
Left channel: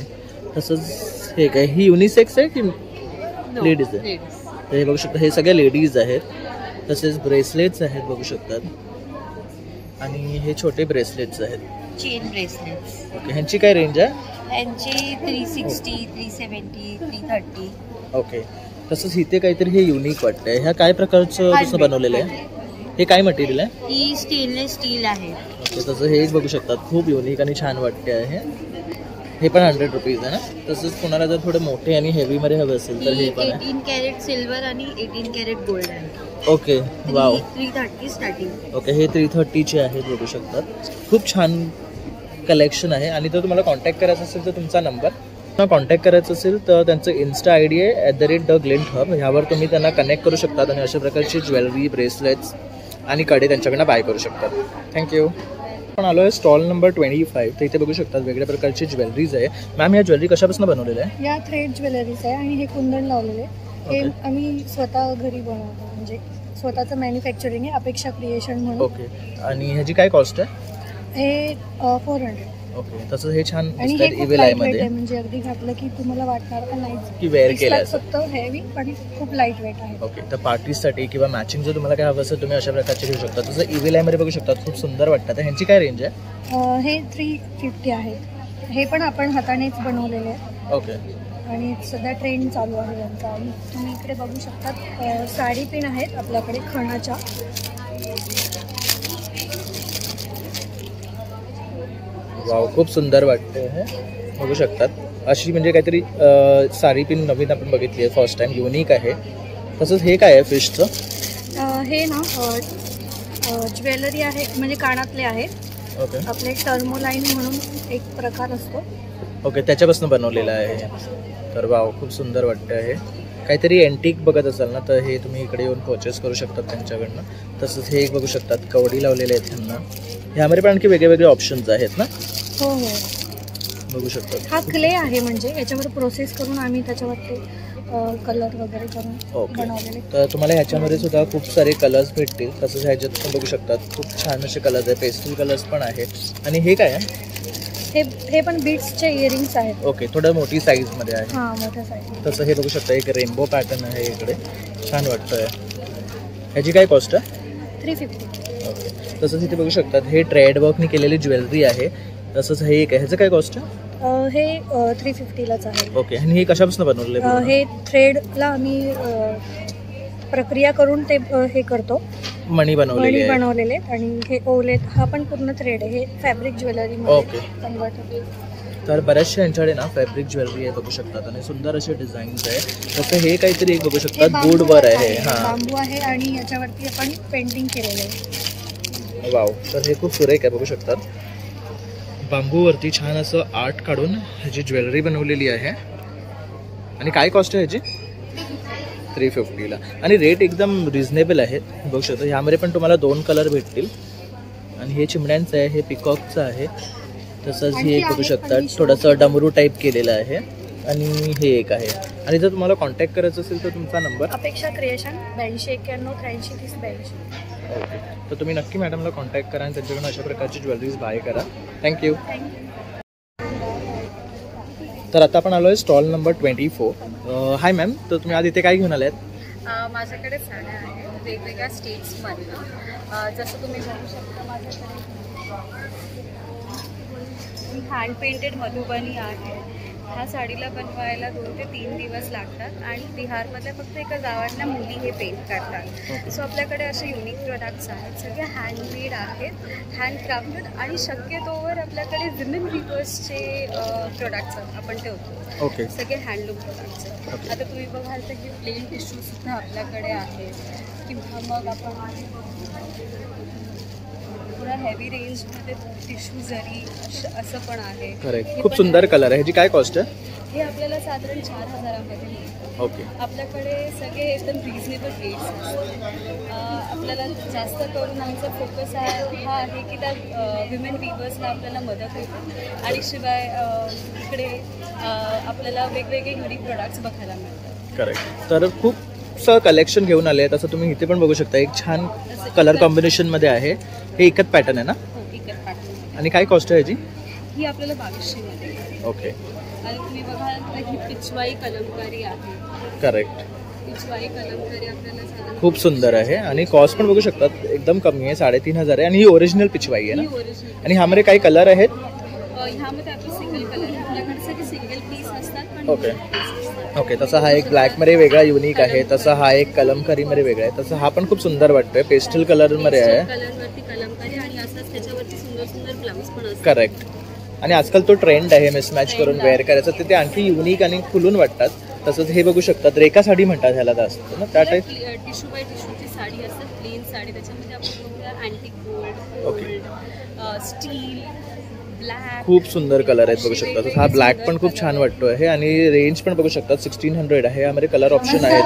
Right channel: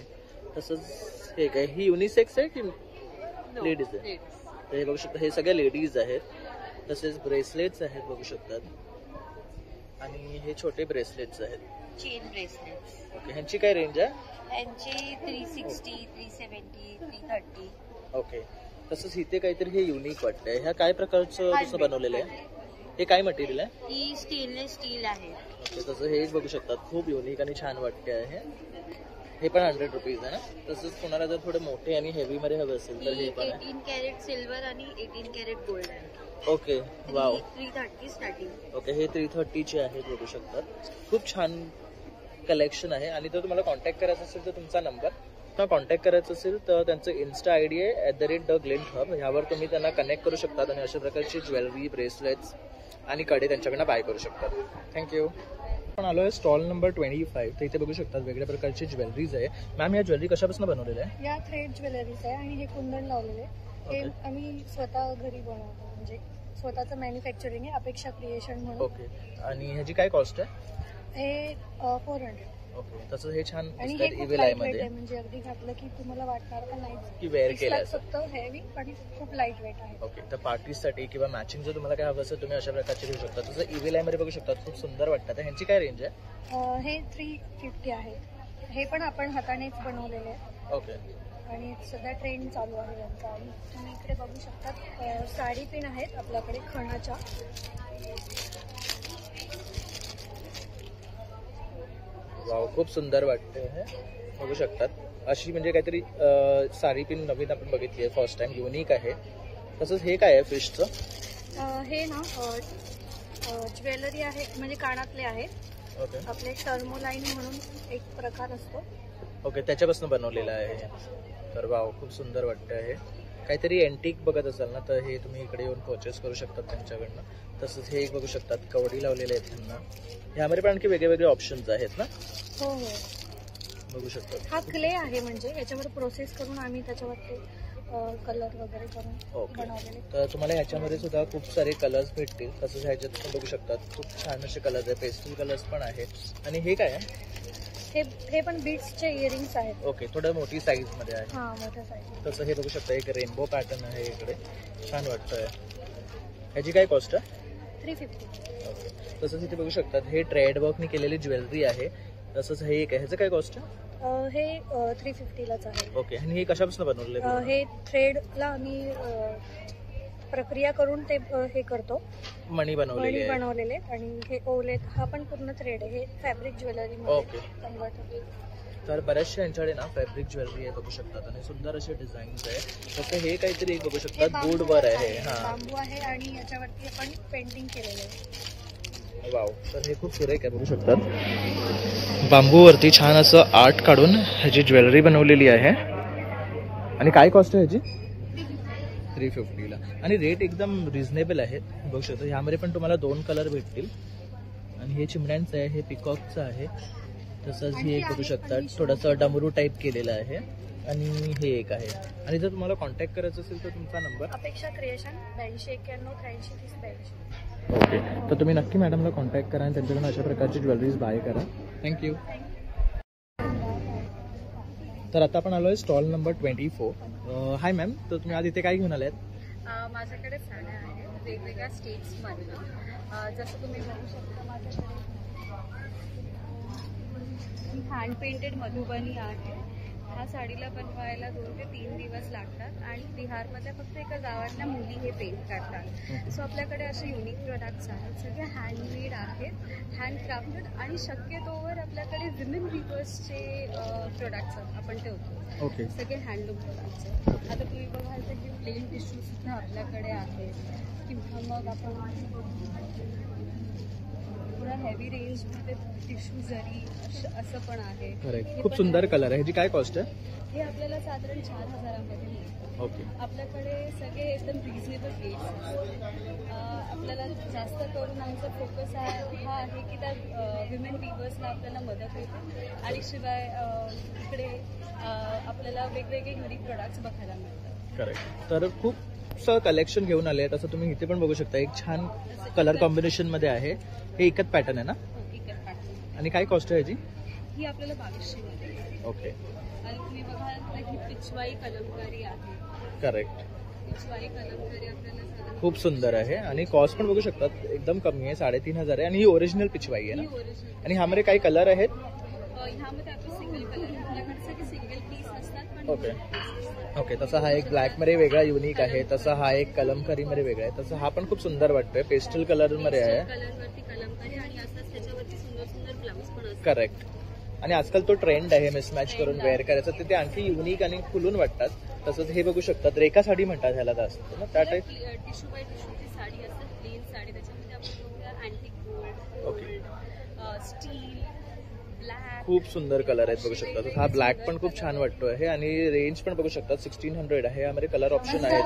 तसंच हे काय, ही युनिसेक्स आहे की लेडीज आहे. तर हे बघू शकता, हे सगळे लेडीज आहेत. तसेच ब्रेसलेट्स आहेत बघू शकतात, आणि हे छोटे ब्रेसलेट्स आहेत, चेन ब्रेसलेट्स. ओके. ह्यांची काय रेंज आहे? यांची 360, 370, 330. ओके. तसंच इथे काहीतरी हे युनिक वाटतंय. ह्या काय प्रकारचं कसं बनवलेलं आहे? हे काय मटेरियल आहे? ही स्टेनलेस स्टील आहे. ओके. तसं हे एक बघू शकतात, खूप युनिक आणि छान वाटते आहे. हे पण 100 रुपीज आहे ना. तसंच कोणाला जर थोडे मोठे आणि हेवीमध्ये हवे असेल तर हे पण आहे. 18 कॅरेट सिल्वर आणि 18 कॅरेट गोल्ड आहे. ओके. वाव. 330 स्टार्टिंग. ओके. हे 330चे आहेत बघू शकतात. खूप छान कलेक्शन आहे. आणि जर तुम्हाला कॉन्टॅक्ट करायचा असेल तर तुमचा नंबर कॉन्टॅक्ट करायचं असेल तर त्यांचं इन्स्टा आय डी आहे @theGlintHub. ह्यावर तुम्ही त्यांना कनेक्ट करू शकतात आणि अशा प्रकारची ज्वेलरी, ब्रेसलेट्स आणि कडे त्यांच्याकडनं बाय करू शकतात. थँक्यू. आपण आलो आहे स्टॉल नंबर 25. तर इथे बघू शकतात वेगळ्या प्रकारची ज्वेलरीज आहे. मॅम, या ज्वेलरी कशापासून बनवलेल्या आहे? या थ्रेड ज्वेलरीज आहे आणि हे कुंदन लावलेले. हे आम्ही स्वतः घरी बनवतो, म्हणजे स्वतःचं मॅन्युफॅक्चरिंग आहे, अपेक्षा क्रिएशन म्हणून. ओके. आणि ह्याची काय कॉस्ट आहे? हे 400. ओके. तसं हे छान आणि हे दिसतात खूप इव्हिल लाईट आय मध्ये, आहे, म्हणजे अगदी घातलं की तुम्हाला वाटणार का नाही की वेअर केलं आहे. फक्त हेवी पण खूप लाईट वेट आहे. ओके. तर पार्टीसाठी किंवा मॅचिंग जर तुम्हाला काय हवं असेल तुम्ही अशा प्रकारचे घेऊ शकता. तसं इव्हिल आय मध्ये बघू शकतात, खूप सुंदर वाटतात. ह्यांची काय रेंज आहे? हे 350 आहे. हे पण आपण हातानेच बनवलेले आहे. ओके. आणि सध्या ट्रेंड चालू आहे यांचा. आणि तुम्ही इकडे बघू शकता साडी पिन आहेत आपल्याकडे खणाच्या. वाव, खूप सुंदर वाटते हे बघू शकतात. अशी म्हणजे काहीतरी साडी पिन नवीन आपण बघितली आहे, फर्स्ट टाइम, युनिक आहे. तसंच हे काय आहे फिशचं? हे ना ज्वेलरी आहे, म्हणजे कानातले आहेत. ओके. आपले टर्मोलाईन म्हणून एक प्रकार असतो. ओके. त्याच्यापासून बनवलेलं आहे. तर वाव, खूप सुंदर वाटतं आहे. काहीतरी एंटिक बघत असाल ना तर हे तुम्ही इकडे येऊन परचेस करू शकतात त्यांच्याकडनं. तसंच हे एक बघू शकतात, कवडी लावलेले आहेत त्यांना. ह्यामध्ये पण आणखी वेगळे वेगळे ऑप्शन्स आहेत ना. हो हो, बघू शकतात. हा क्ले आहे, म्हणजे याच्यावर प्रोसेस करून आम्ही त्याच्यावरती कलर वगैरे करून बनवलेले. तर तुम्हाला ह्याच्यामध्ये सुद्धा खूप सारे कलर्स भेटतील. तसंच ह्याच्यात पण बघू शकतात खूप छान असे कलर्स आहेत, पेस्टल कलर्स पण आहेत. आणि हे काय आहे? हे पण बीट्सचे इयरिंग्स आहेत. ओके. थोडं मोठी साईजमध्ये आहे. हां, मोठ्या साईज. तसं हे बघू शकता, एक रेनबो पॅटर्न आहे इकडे, छान वाटतंय. ह्याची काय कॉस्ट आहे? 350. ओके. तसंच इथे बघू शकतात हे ट्रेड वर्कनी केलेली ज्वेलरी आहे. तसंच हे एक आहे, ह्याचं काय कॉस्ट आहे? हे 350लाच आहे. ओके. आणि हे कशापासून बनवलेलं आहे? हे थ्रेडला आम्ही प्रक्रिया करून ते हे करतो, मणी बनवलेले. आणि हे ओलेत, हा पण पूर्ण थ्रेड आहे. हे फॅब्रिक ज्वेलरी ओके. कन्वर्ट. तर बऱ्याचशा यांच्याकडे ना फॅब्रिक ज्वेलरी आहे बघू शकतात, आणि सुंदर असे डिझाईन्स आहे. तसं हे काहीतरी एक बघू शकतात, वूडवर आहे. हां, बांबू आहे आणि याच्यावरती आपण पेंटिंग केलेलं आहे. वाव. तर हे खूप सुरेख आहे बघू शकतात. बांबूवरती छान असं आर्ट काढून ह्याची ज्वेलरी बनवलेली आहे. आणि काय कॉस्ट आहे ह्याची? 350ला. आणि रेट एकदम रिझनेबल आहेत बघू शकता. ह्यामध्ये पण तुम्हाला 2 कलर भेटतील. आणि हे चिमण्यांचं आहे, हे पिकॉकचं आहे. तसंच हे बघू शकता, थोडंसं डमरू टाईप केलेलं आहे. आणि हे एक आहे. आणि जर तुम्हाला कॉन्टॅक्ट करायचं असेल तर तुमचा नंबर? अपेक्षा क्रिएशन 82 91 83 30 82. ओके. तर तुम्ही नक्की मॅडमला कॉन्टॅक्ट करा आणि त्यांच्याकडून अशा प्रकारची ज्वेलरीज बाय करा. थँक्यू. तर आता आपण आलो आहे स्टॉल नंबर 24. हाय मॅम, तर तुम्ही आज इथे काय घेऊन आले आहेत? माझ्याकडे साड्या आहेत वेगवेगळ्या स्टेट्समधनं. जसं तुम्ही बघू शकता माझ्याकडे हँड पेंटेड मधुबनी आहे. ह्या साडीला बनवायला 2 ते 3 दिवस लागतात आणि बिहारमधल्या फक्त एका गावातल्या मुली हे पेंट करतात. सो आपल्याकडे असे युनिक प्रोडक्ट्स आहेत, सगळे हँडमेड आहेत, हँडक्राफ्टेड, आणि शक्यतोवर आपल्याकडे विमेन वीवर्सचे प्रोडक्ट्स आपण ठेवतो. ओके. सगळे हँडलूम प्रोडक्ट्स. आता तुम्ही बघाल तर हे प्लेन टिश्यूसुद्धा आपल्याकडे आहेत, किंवा मग आपण पुन्हा हेवी रेंजमध्ये टिश्यू जरी असं पण आहे. करेक्ट. खूप सुंदर कलर आहे. ह्याची काय कॉस्ट आहे? हे आपल्याला साधारण 4000मध्ये मिळतं. ओके. आपल्याकडे सगळे एकदम रिजनेबल रेट्स असतात. आपल्याला जास्त करून आमचा फोकस हा आहे की त्या विमेन वीवर्सला आपल्याला मदत होते, आणि शिवाय इकडे आपल्याला वेगवेगळे युनिक प्रोडक्ट्स बघायला मिळतात. करेक्ट. तर खूपसं कलेक्शन घेऊन आले आहेत. असं तुम्ही इथे पण बघू शकता, एक छान कलर कॉम्बिनेशनमध्ये आहे. हे एकच पॅटर्न आहे ना? हो, एकच पॅटर्न. आणि काय कॉस्ट आहे ह्याची? ही आपल्याला 2200मध्ये. ओके. आणि तुम्ही बघाल तर ही पिचवाई कलमकारी आहे. करेक्ट. पिचवाई कलमकारी आपल्याला साधारण खूप सुंदर आहे आणि कॉस्ट पण बघू शकतात एकदम कमी आहे, 3,500 आहे आणि ही ओरिजिनल पिचवाई आहे ना. आणि ह्यामध्ये काही कलर आहेत? ह्यामध्ये आपले सिंगल कलर आहे. आपल्याकडे सगळे सिंगल पीस असतात पण ओके ओके. तसा हा एक ब्लॅकमध्ये वेगळा युनिक आहे, तसा हा एक कलमकारीमध्ये वेगळा आहे, तसा हा पण खूप सुंदर वाटतोय, पेस्टल कलरमध्ये आहे. कलरवरती कलमकारी आणि असंच त्याच्यावरती सुंदर सुंदर ब्लाऊज पण असतात. करेक्ट. आणि आजकाल तो ट्रेंड आहे मिसमॅच करून वेअर करायचं, तर ते आणखी युनिक आणि खुलून वाटतात. तसंच हे बघू शकतात, रेखा साडी म्हणतात ह्याला जास्त ना, त्या टाईप. टिश्यू बाय टिश्यूची साडी असते, प्लेन साडी. त्याच्यामध्ये आपण बघूया अँटिक गोल्ड, स्टील, ब्लॅक. खूप सुंदर कलर आहेत बघू शकता. हा ब्लॅक पण खूप छान वाटतो आहे आणि रेंज पण बघू शकतात 1600 आहे. यामध्ये कलर ऑप्शन आहेत.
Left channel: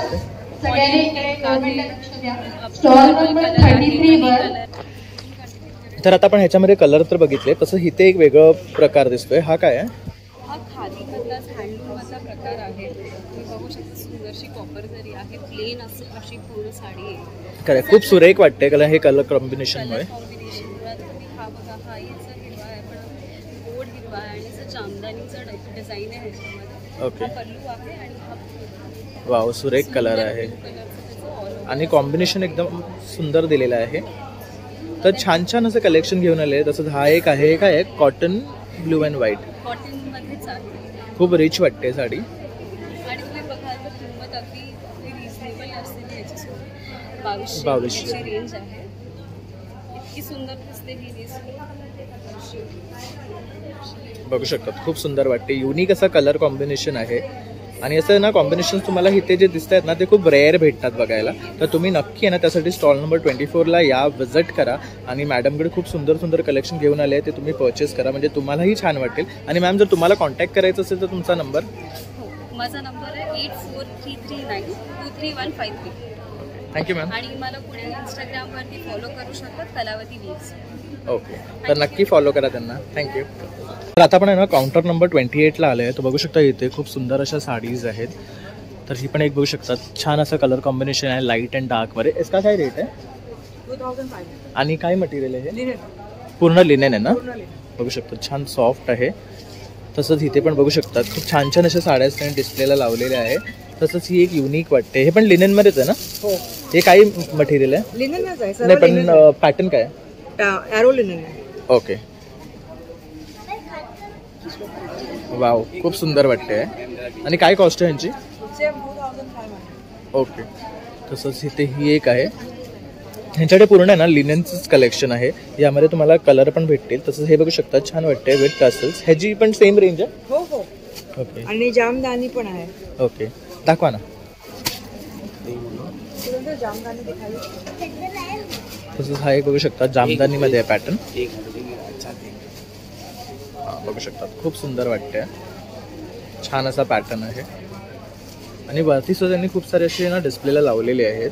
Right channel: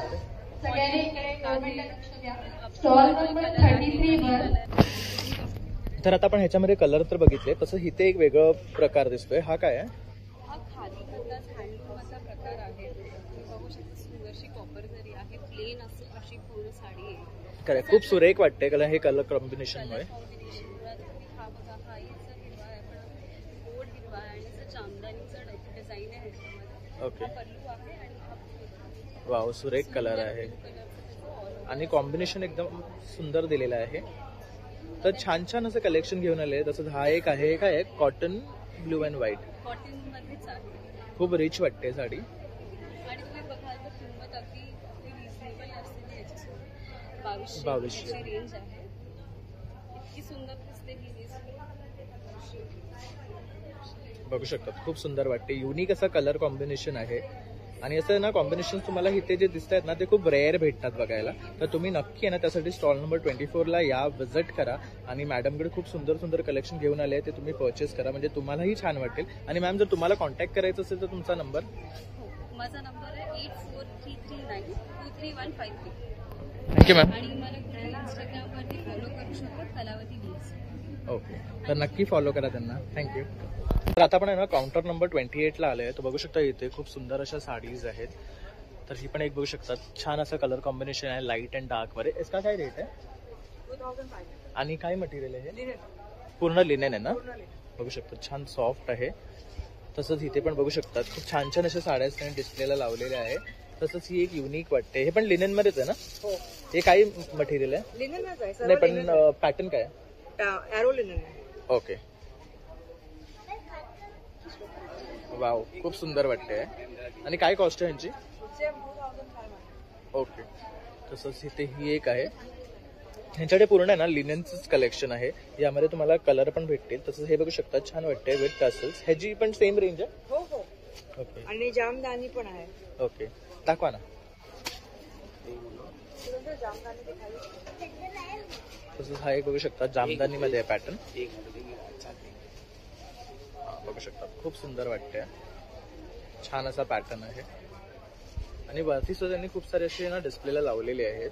तर आता आपण ह्याच्यामध्ये कलर तर बघितले, तसं इथे एक वेगळं प्रकार दिसतोय. हा काय आहे? हा खादीमधला हँडलूममधला प्रकार आहे. तुम्ही बघू शकता सुंदरशी कॉपर जरी आहे, प्लेन अशी पूर्ण साडी आहे. करेक्ट. खूप सुरेख वाटते कलर, हे कलर कॉम्बिनेशनमुळे. हा बघा, हा याचा हिरवा आहे पण गोड हिरवा आहे आणि जामदानीचा डिझाईन आहे ह्याच्यामध्ये. ओके. पल्लू आहे आणि हा वाव, सुरेख कलर आहे आणि कॉम्बिनेशन एकदम सुंदर दिलेलं आहे. तर छान छान असं कलेक्शन घेऊन आले. तसंच हा एक आहे, काय आहे, कॉटन ब्लू अँड व्हाईट. कॉटनमध्येच आहे. खूप रिच वाटते साडी. आणि तुम्ही बघाल तर किंमत अगदी रिजनेबल असते. याची 2200 रेंज आहे. इतकी सुंदर दिसते ही बघू शकतात. खूप सुंदर वाटते, युनिक असा कलर कॉम्बिनेशन आहे. आणि असं ना कॉम्बिनेशन तुम्हाला इथे जे दिसत आहेत ना ते खूप रेअर भेटतात बघायला. तर तुम्ही नक्की आहे ना त्यासाठी स्टॉल नंबर 24ला या, विजिट करा आणि मॅडमकडे खूप सुंदर सुंदर कलेक्शन घेऊन आले आहे, ते तुम्ही परचेस करा, म्हणजे तुम्हालाही छान वाटेल. आणि मॅम, जर तुम्हाला कॉन्टॅक्ट करायचं असेल तर तुमचा नंबर? माझा नंबर आहे 8433923153. Thank you ma'am. आणि मला पुढे इंस्टाग्रामवरती फॉलो करू शकतात, कलावती वीज. ओके, तर नक्की फॉलो करा त्यांना. थँक्यू. तर आता आपण आहे ना काउंटर नंबर 28ला आलो आहे. तर बघू शकता इथे खूप सुंदर अशा साडीज आहेत. तर ही पण एक बघू शकतात, छान असं कलर कॉम्बिनेशन आहे, लाईट अँड डार्कमध्ये. इसका काय रेट आहे? 2500. आणि काय मटेरियल आहे? पूर्ण लिनेन आहे ना. बघू शकता छान सॉफ्ट आहे. तसंच इथे पण बघू शकतात खूप छान छान अशा साड्या त्यांनी डिस्प्लेला लावलेल्या आहे. तसंच ही एक युनिक वाटते. हे पण लिनेनमध्येच आहे ना? हो. हे काय मटेरियल आहे? लिनेनच आहे. नाही पण पॅटर्न काय आहे? एरो लिनेन आहे. ओके. वाव, खूप सुंदर वाटते. आणि काय कॉस्ट आहे यांची? ओके. तसंच इथे ही एक आहे. ह्यांच्याकडे पूर्ण आहे ना लिनेनचंच कलेक्शन आहे. यामध्ये तुम्हाला कलर पण भेटतील. तसंच हे बघू शकता, छान वाटते विथ टसल्स. ह्याची पण सेम रेंज आहे? हो हो. ओके. आणि जामदानी पण आहे. ओके, दाखवा ना. तसंच हा एक बघू शकता, जामदानीमध्ये आहे पॅटर्न. बघू शकतात खूप सुंदर वाटते, छान असा पॅटर्न आहे. आणि वरती सुद्धा त्यांनी खूप सारे असे ना डिस्प्लेला लावलेले आहेत.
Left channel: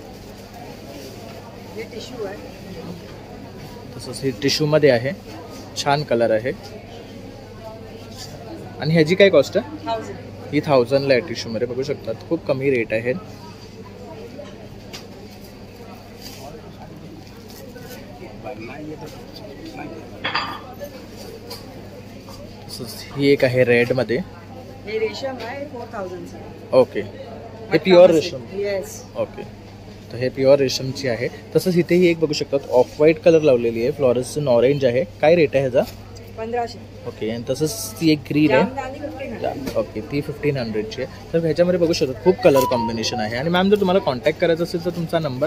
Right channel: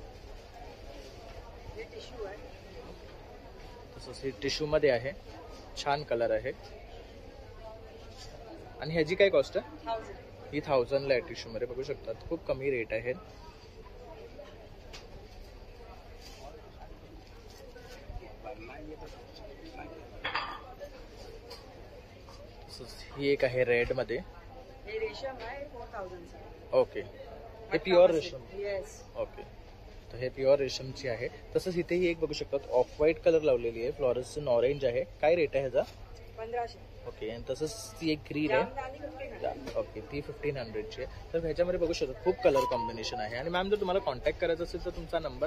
तसंच हे टिश्यूमध्ये आहे, छान कलर आहे. आणि ह्याची काय कॉस्ट आहे? ही 1000ला आहे टिश्यूमध्ये. बघू शकतात खूप कमी रेट आहे. ही एक आहे रेडमध्ये. हे रेशम आहे 4000. ओके, हे प्युअर रेशम. येस. ओके, तर हे प्युअर रेशमची आहे. तसंच इथे ही एक बघू शकतात ऑफ व्हाईट कलर लावलेली आहे, फ्लोरेसन ऑरेंज आहे. काय रेट आहे ह्याचा? 1500. ओके. आणि तसंच ती एक ग्रीन आहे. ओके, ती 1500ची आहे. तर ह्याच्यामध्ये बघू शकतात खूप कलर कॉम्बिनेशन आहे. आणि मॅम, जर तुम्हाला कॉन्टॅक्ट करायचा असेल तर तुमचा नंबर?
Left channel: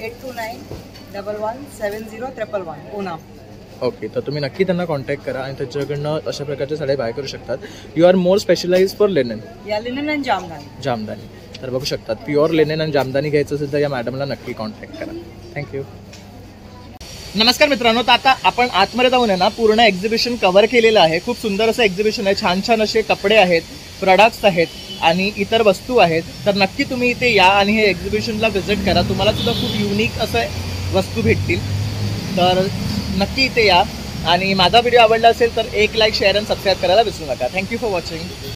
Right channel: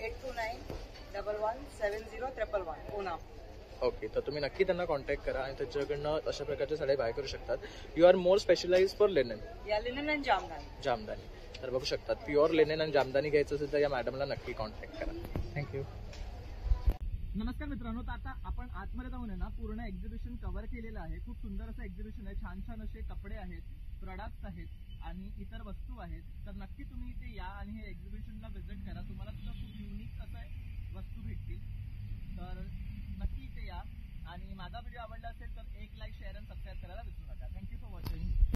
8291170311 पुणे. ओके, तर तुम्ही नक्की त्यांना कॉन्टॅक्ट करा आणि त्याच्याकडनं अशा प्रकारच्या साड्या बाय करू शकतात. You are more specialise for linen. या लिनेन आणि जामदानी. जामदानी. तर बघू शकतात प्युअर लिनेन आणि जामदानी घ्यायचं असेल तर या मॅडमला नक्की कॉन्टॅक्ट करा. थँक्यू. नमस्कार मित्रांनो, तर आता आपण आतमध्ये जाऊन आहे ना पूर्ण एक्झिबिशन कव्हर केलेलं आहे. खूप सुंदर असं एक्झिबिशन आहे. छान छान असे कपडे आहेत, प्रोडक्ट्स आहेत आणि इतर वस्तू आहेत. तर नक्की तुम्ही इथे या आणि हे एक्झिबिशनला व्हिजिट करा. तुम्हाला सुद्धा खूप युनिक असं वस्तू भेटतील. तर नक्की इथे या. आणि माझा व्हिडिओ आवडला असेल तर एक लाईक, शेअर आणि सबस्क्राईब करायला विसरू नका. Thank you for watching.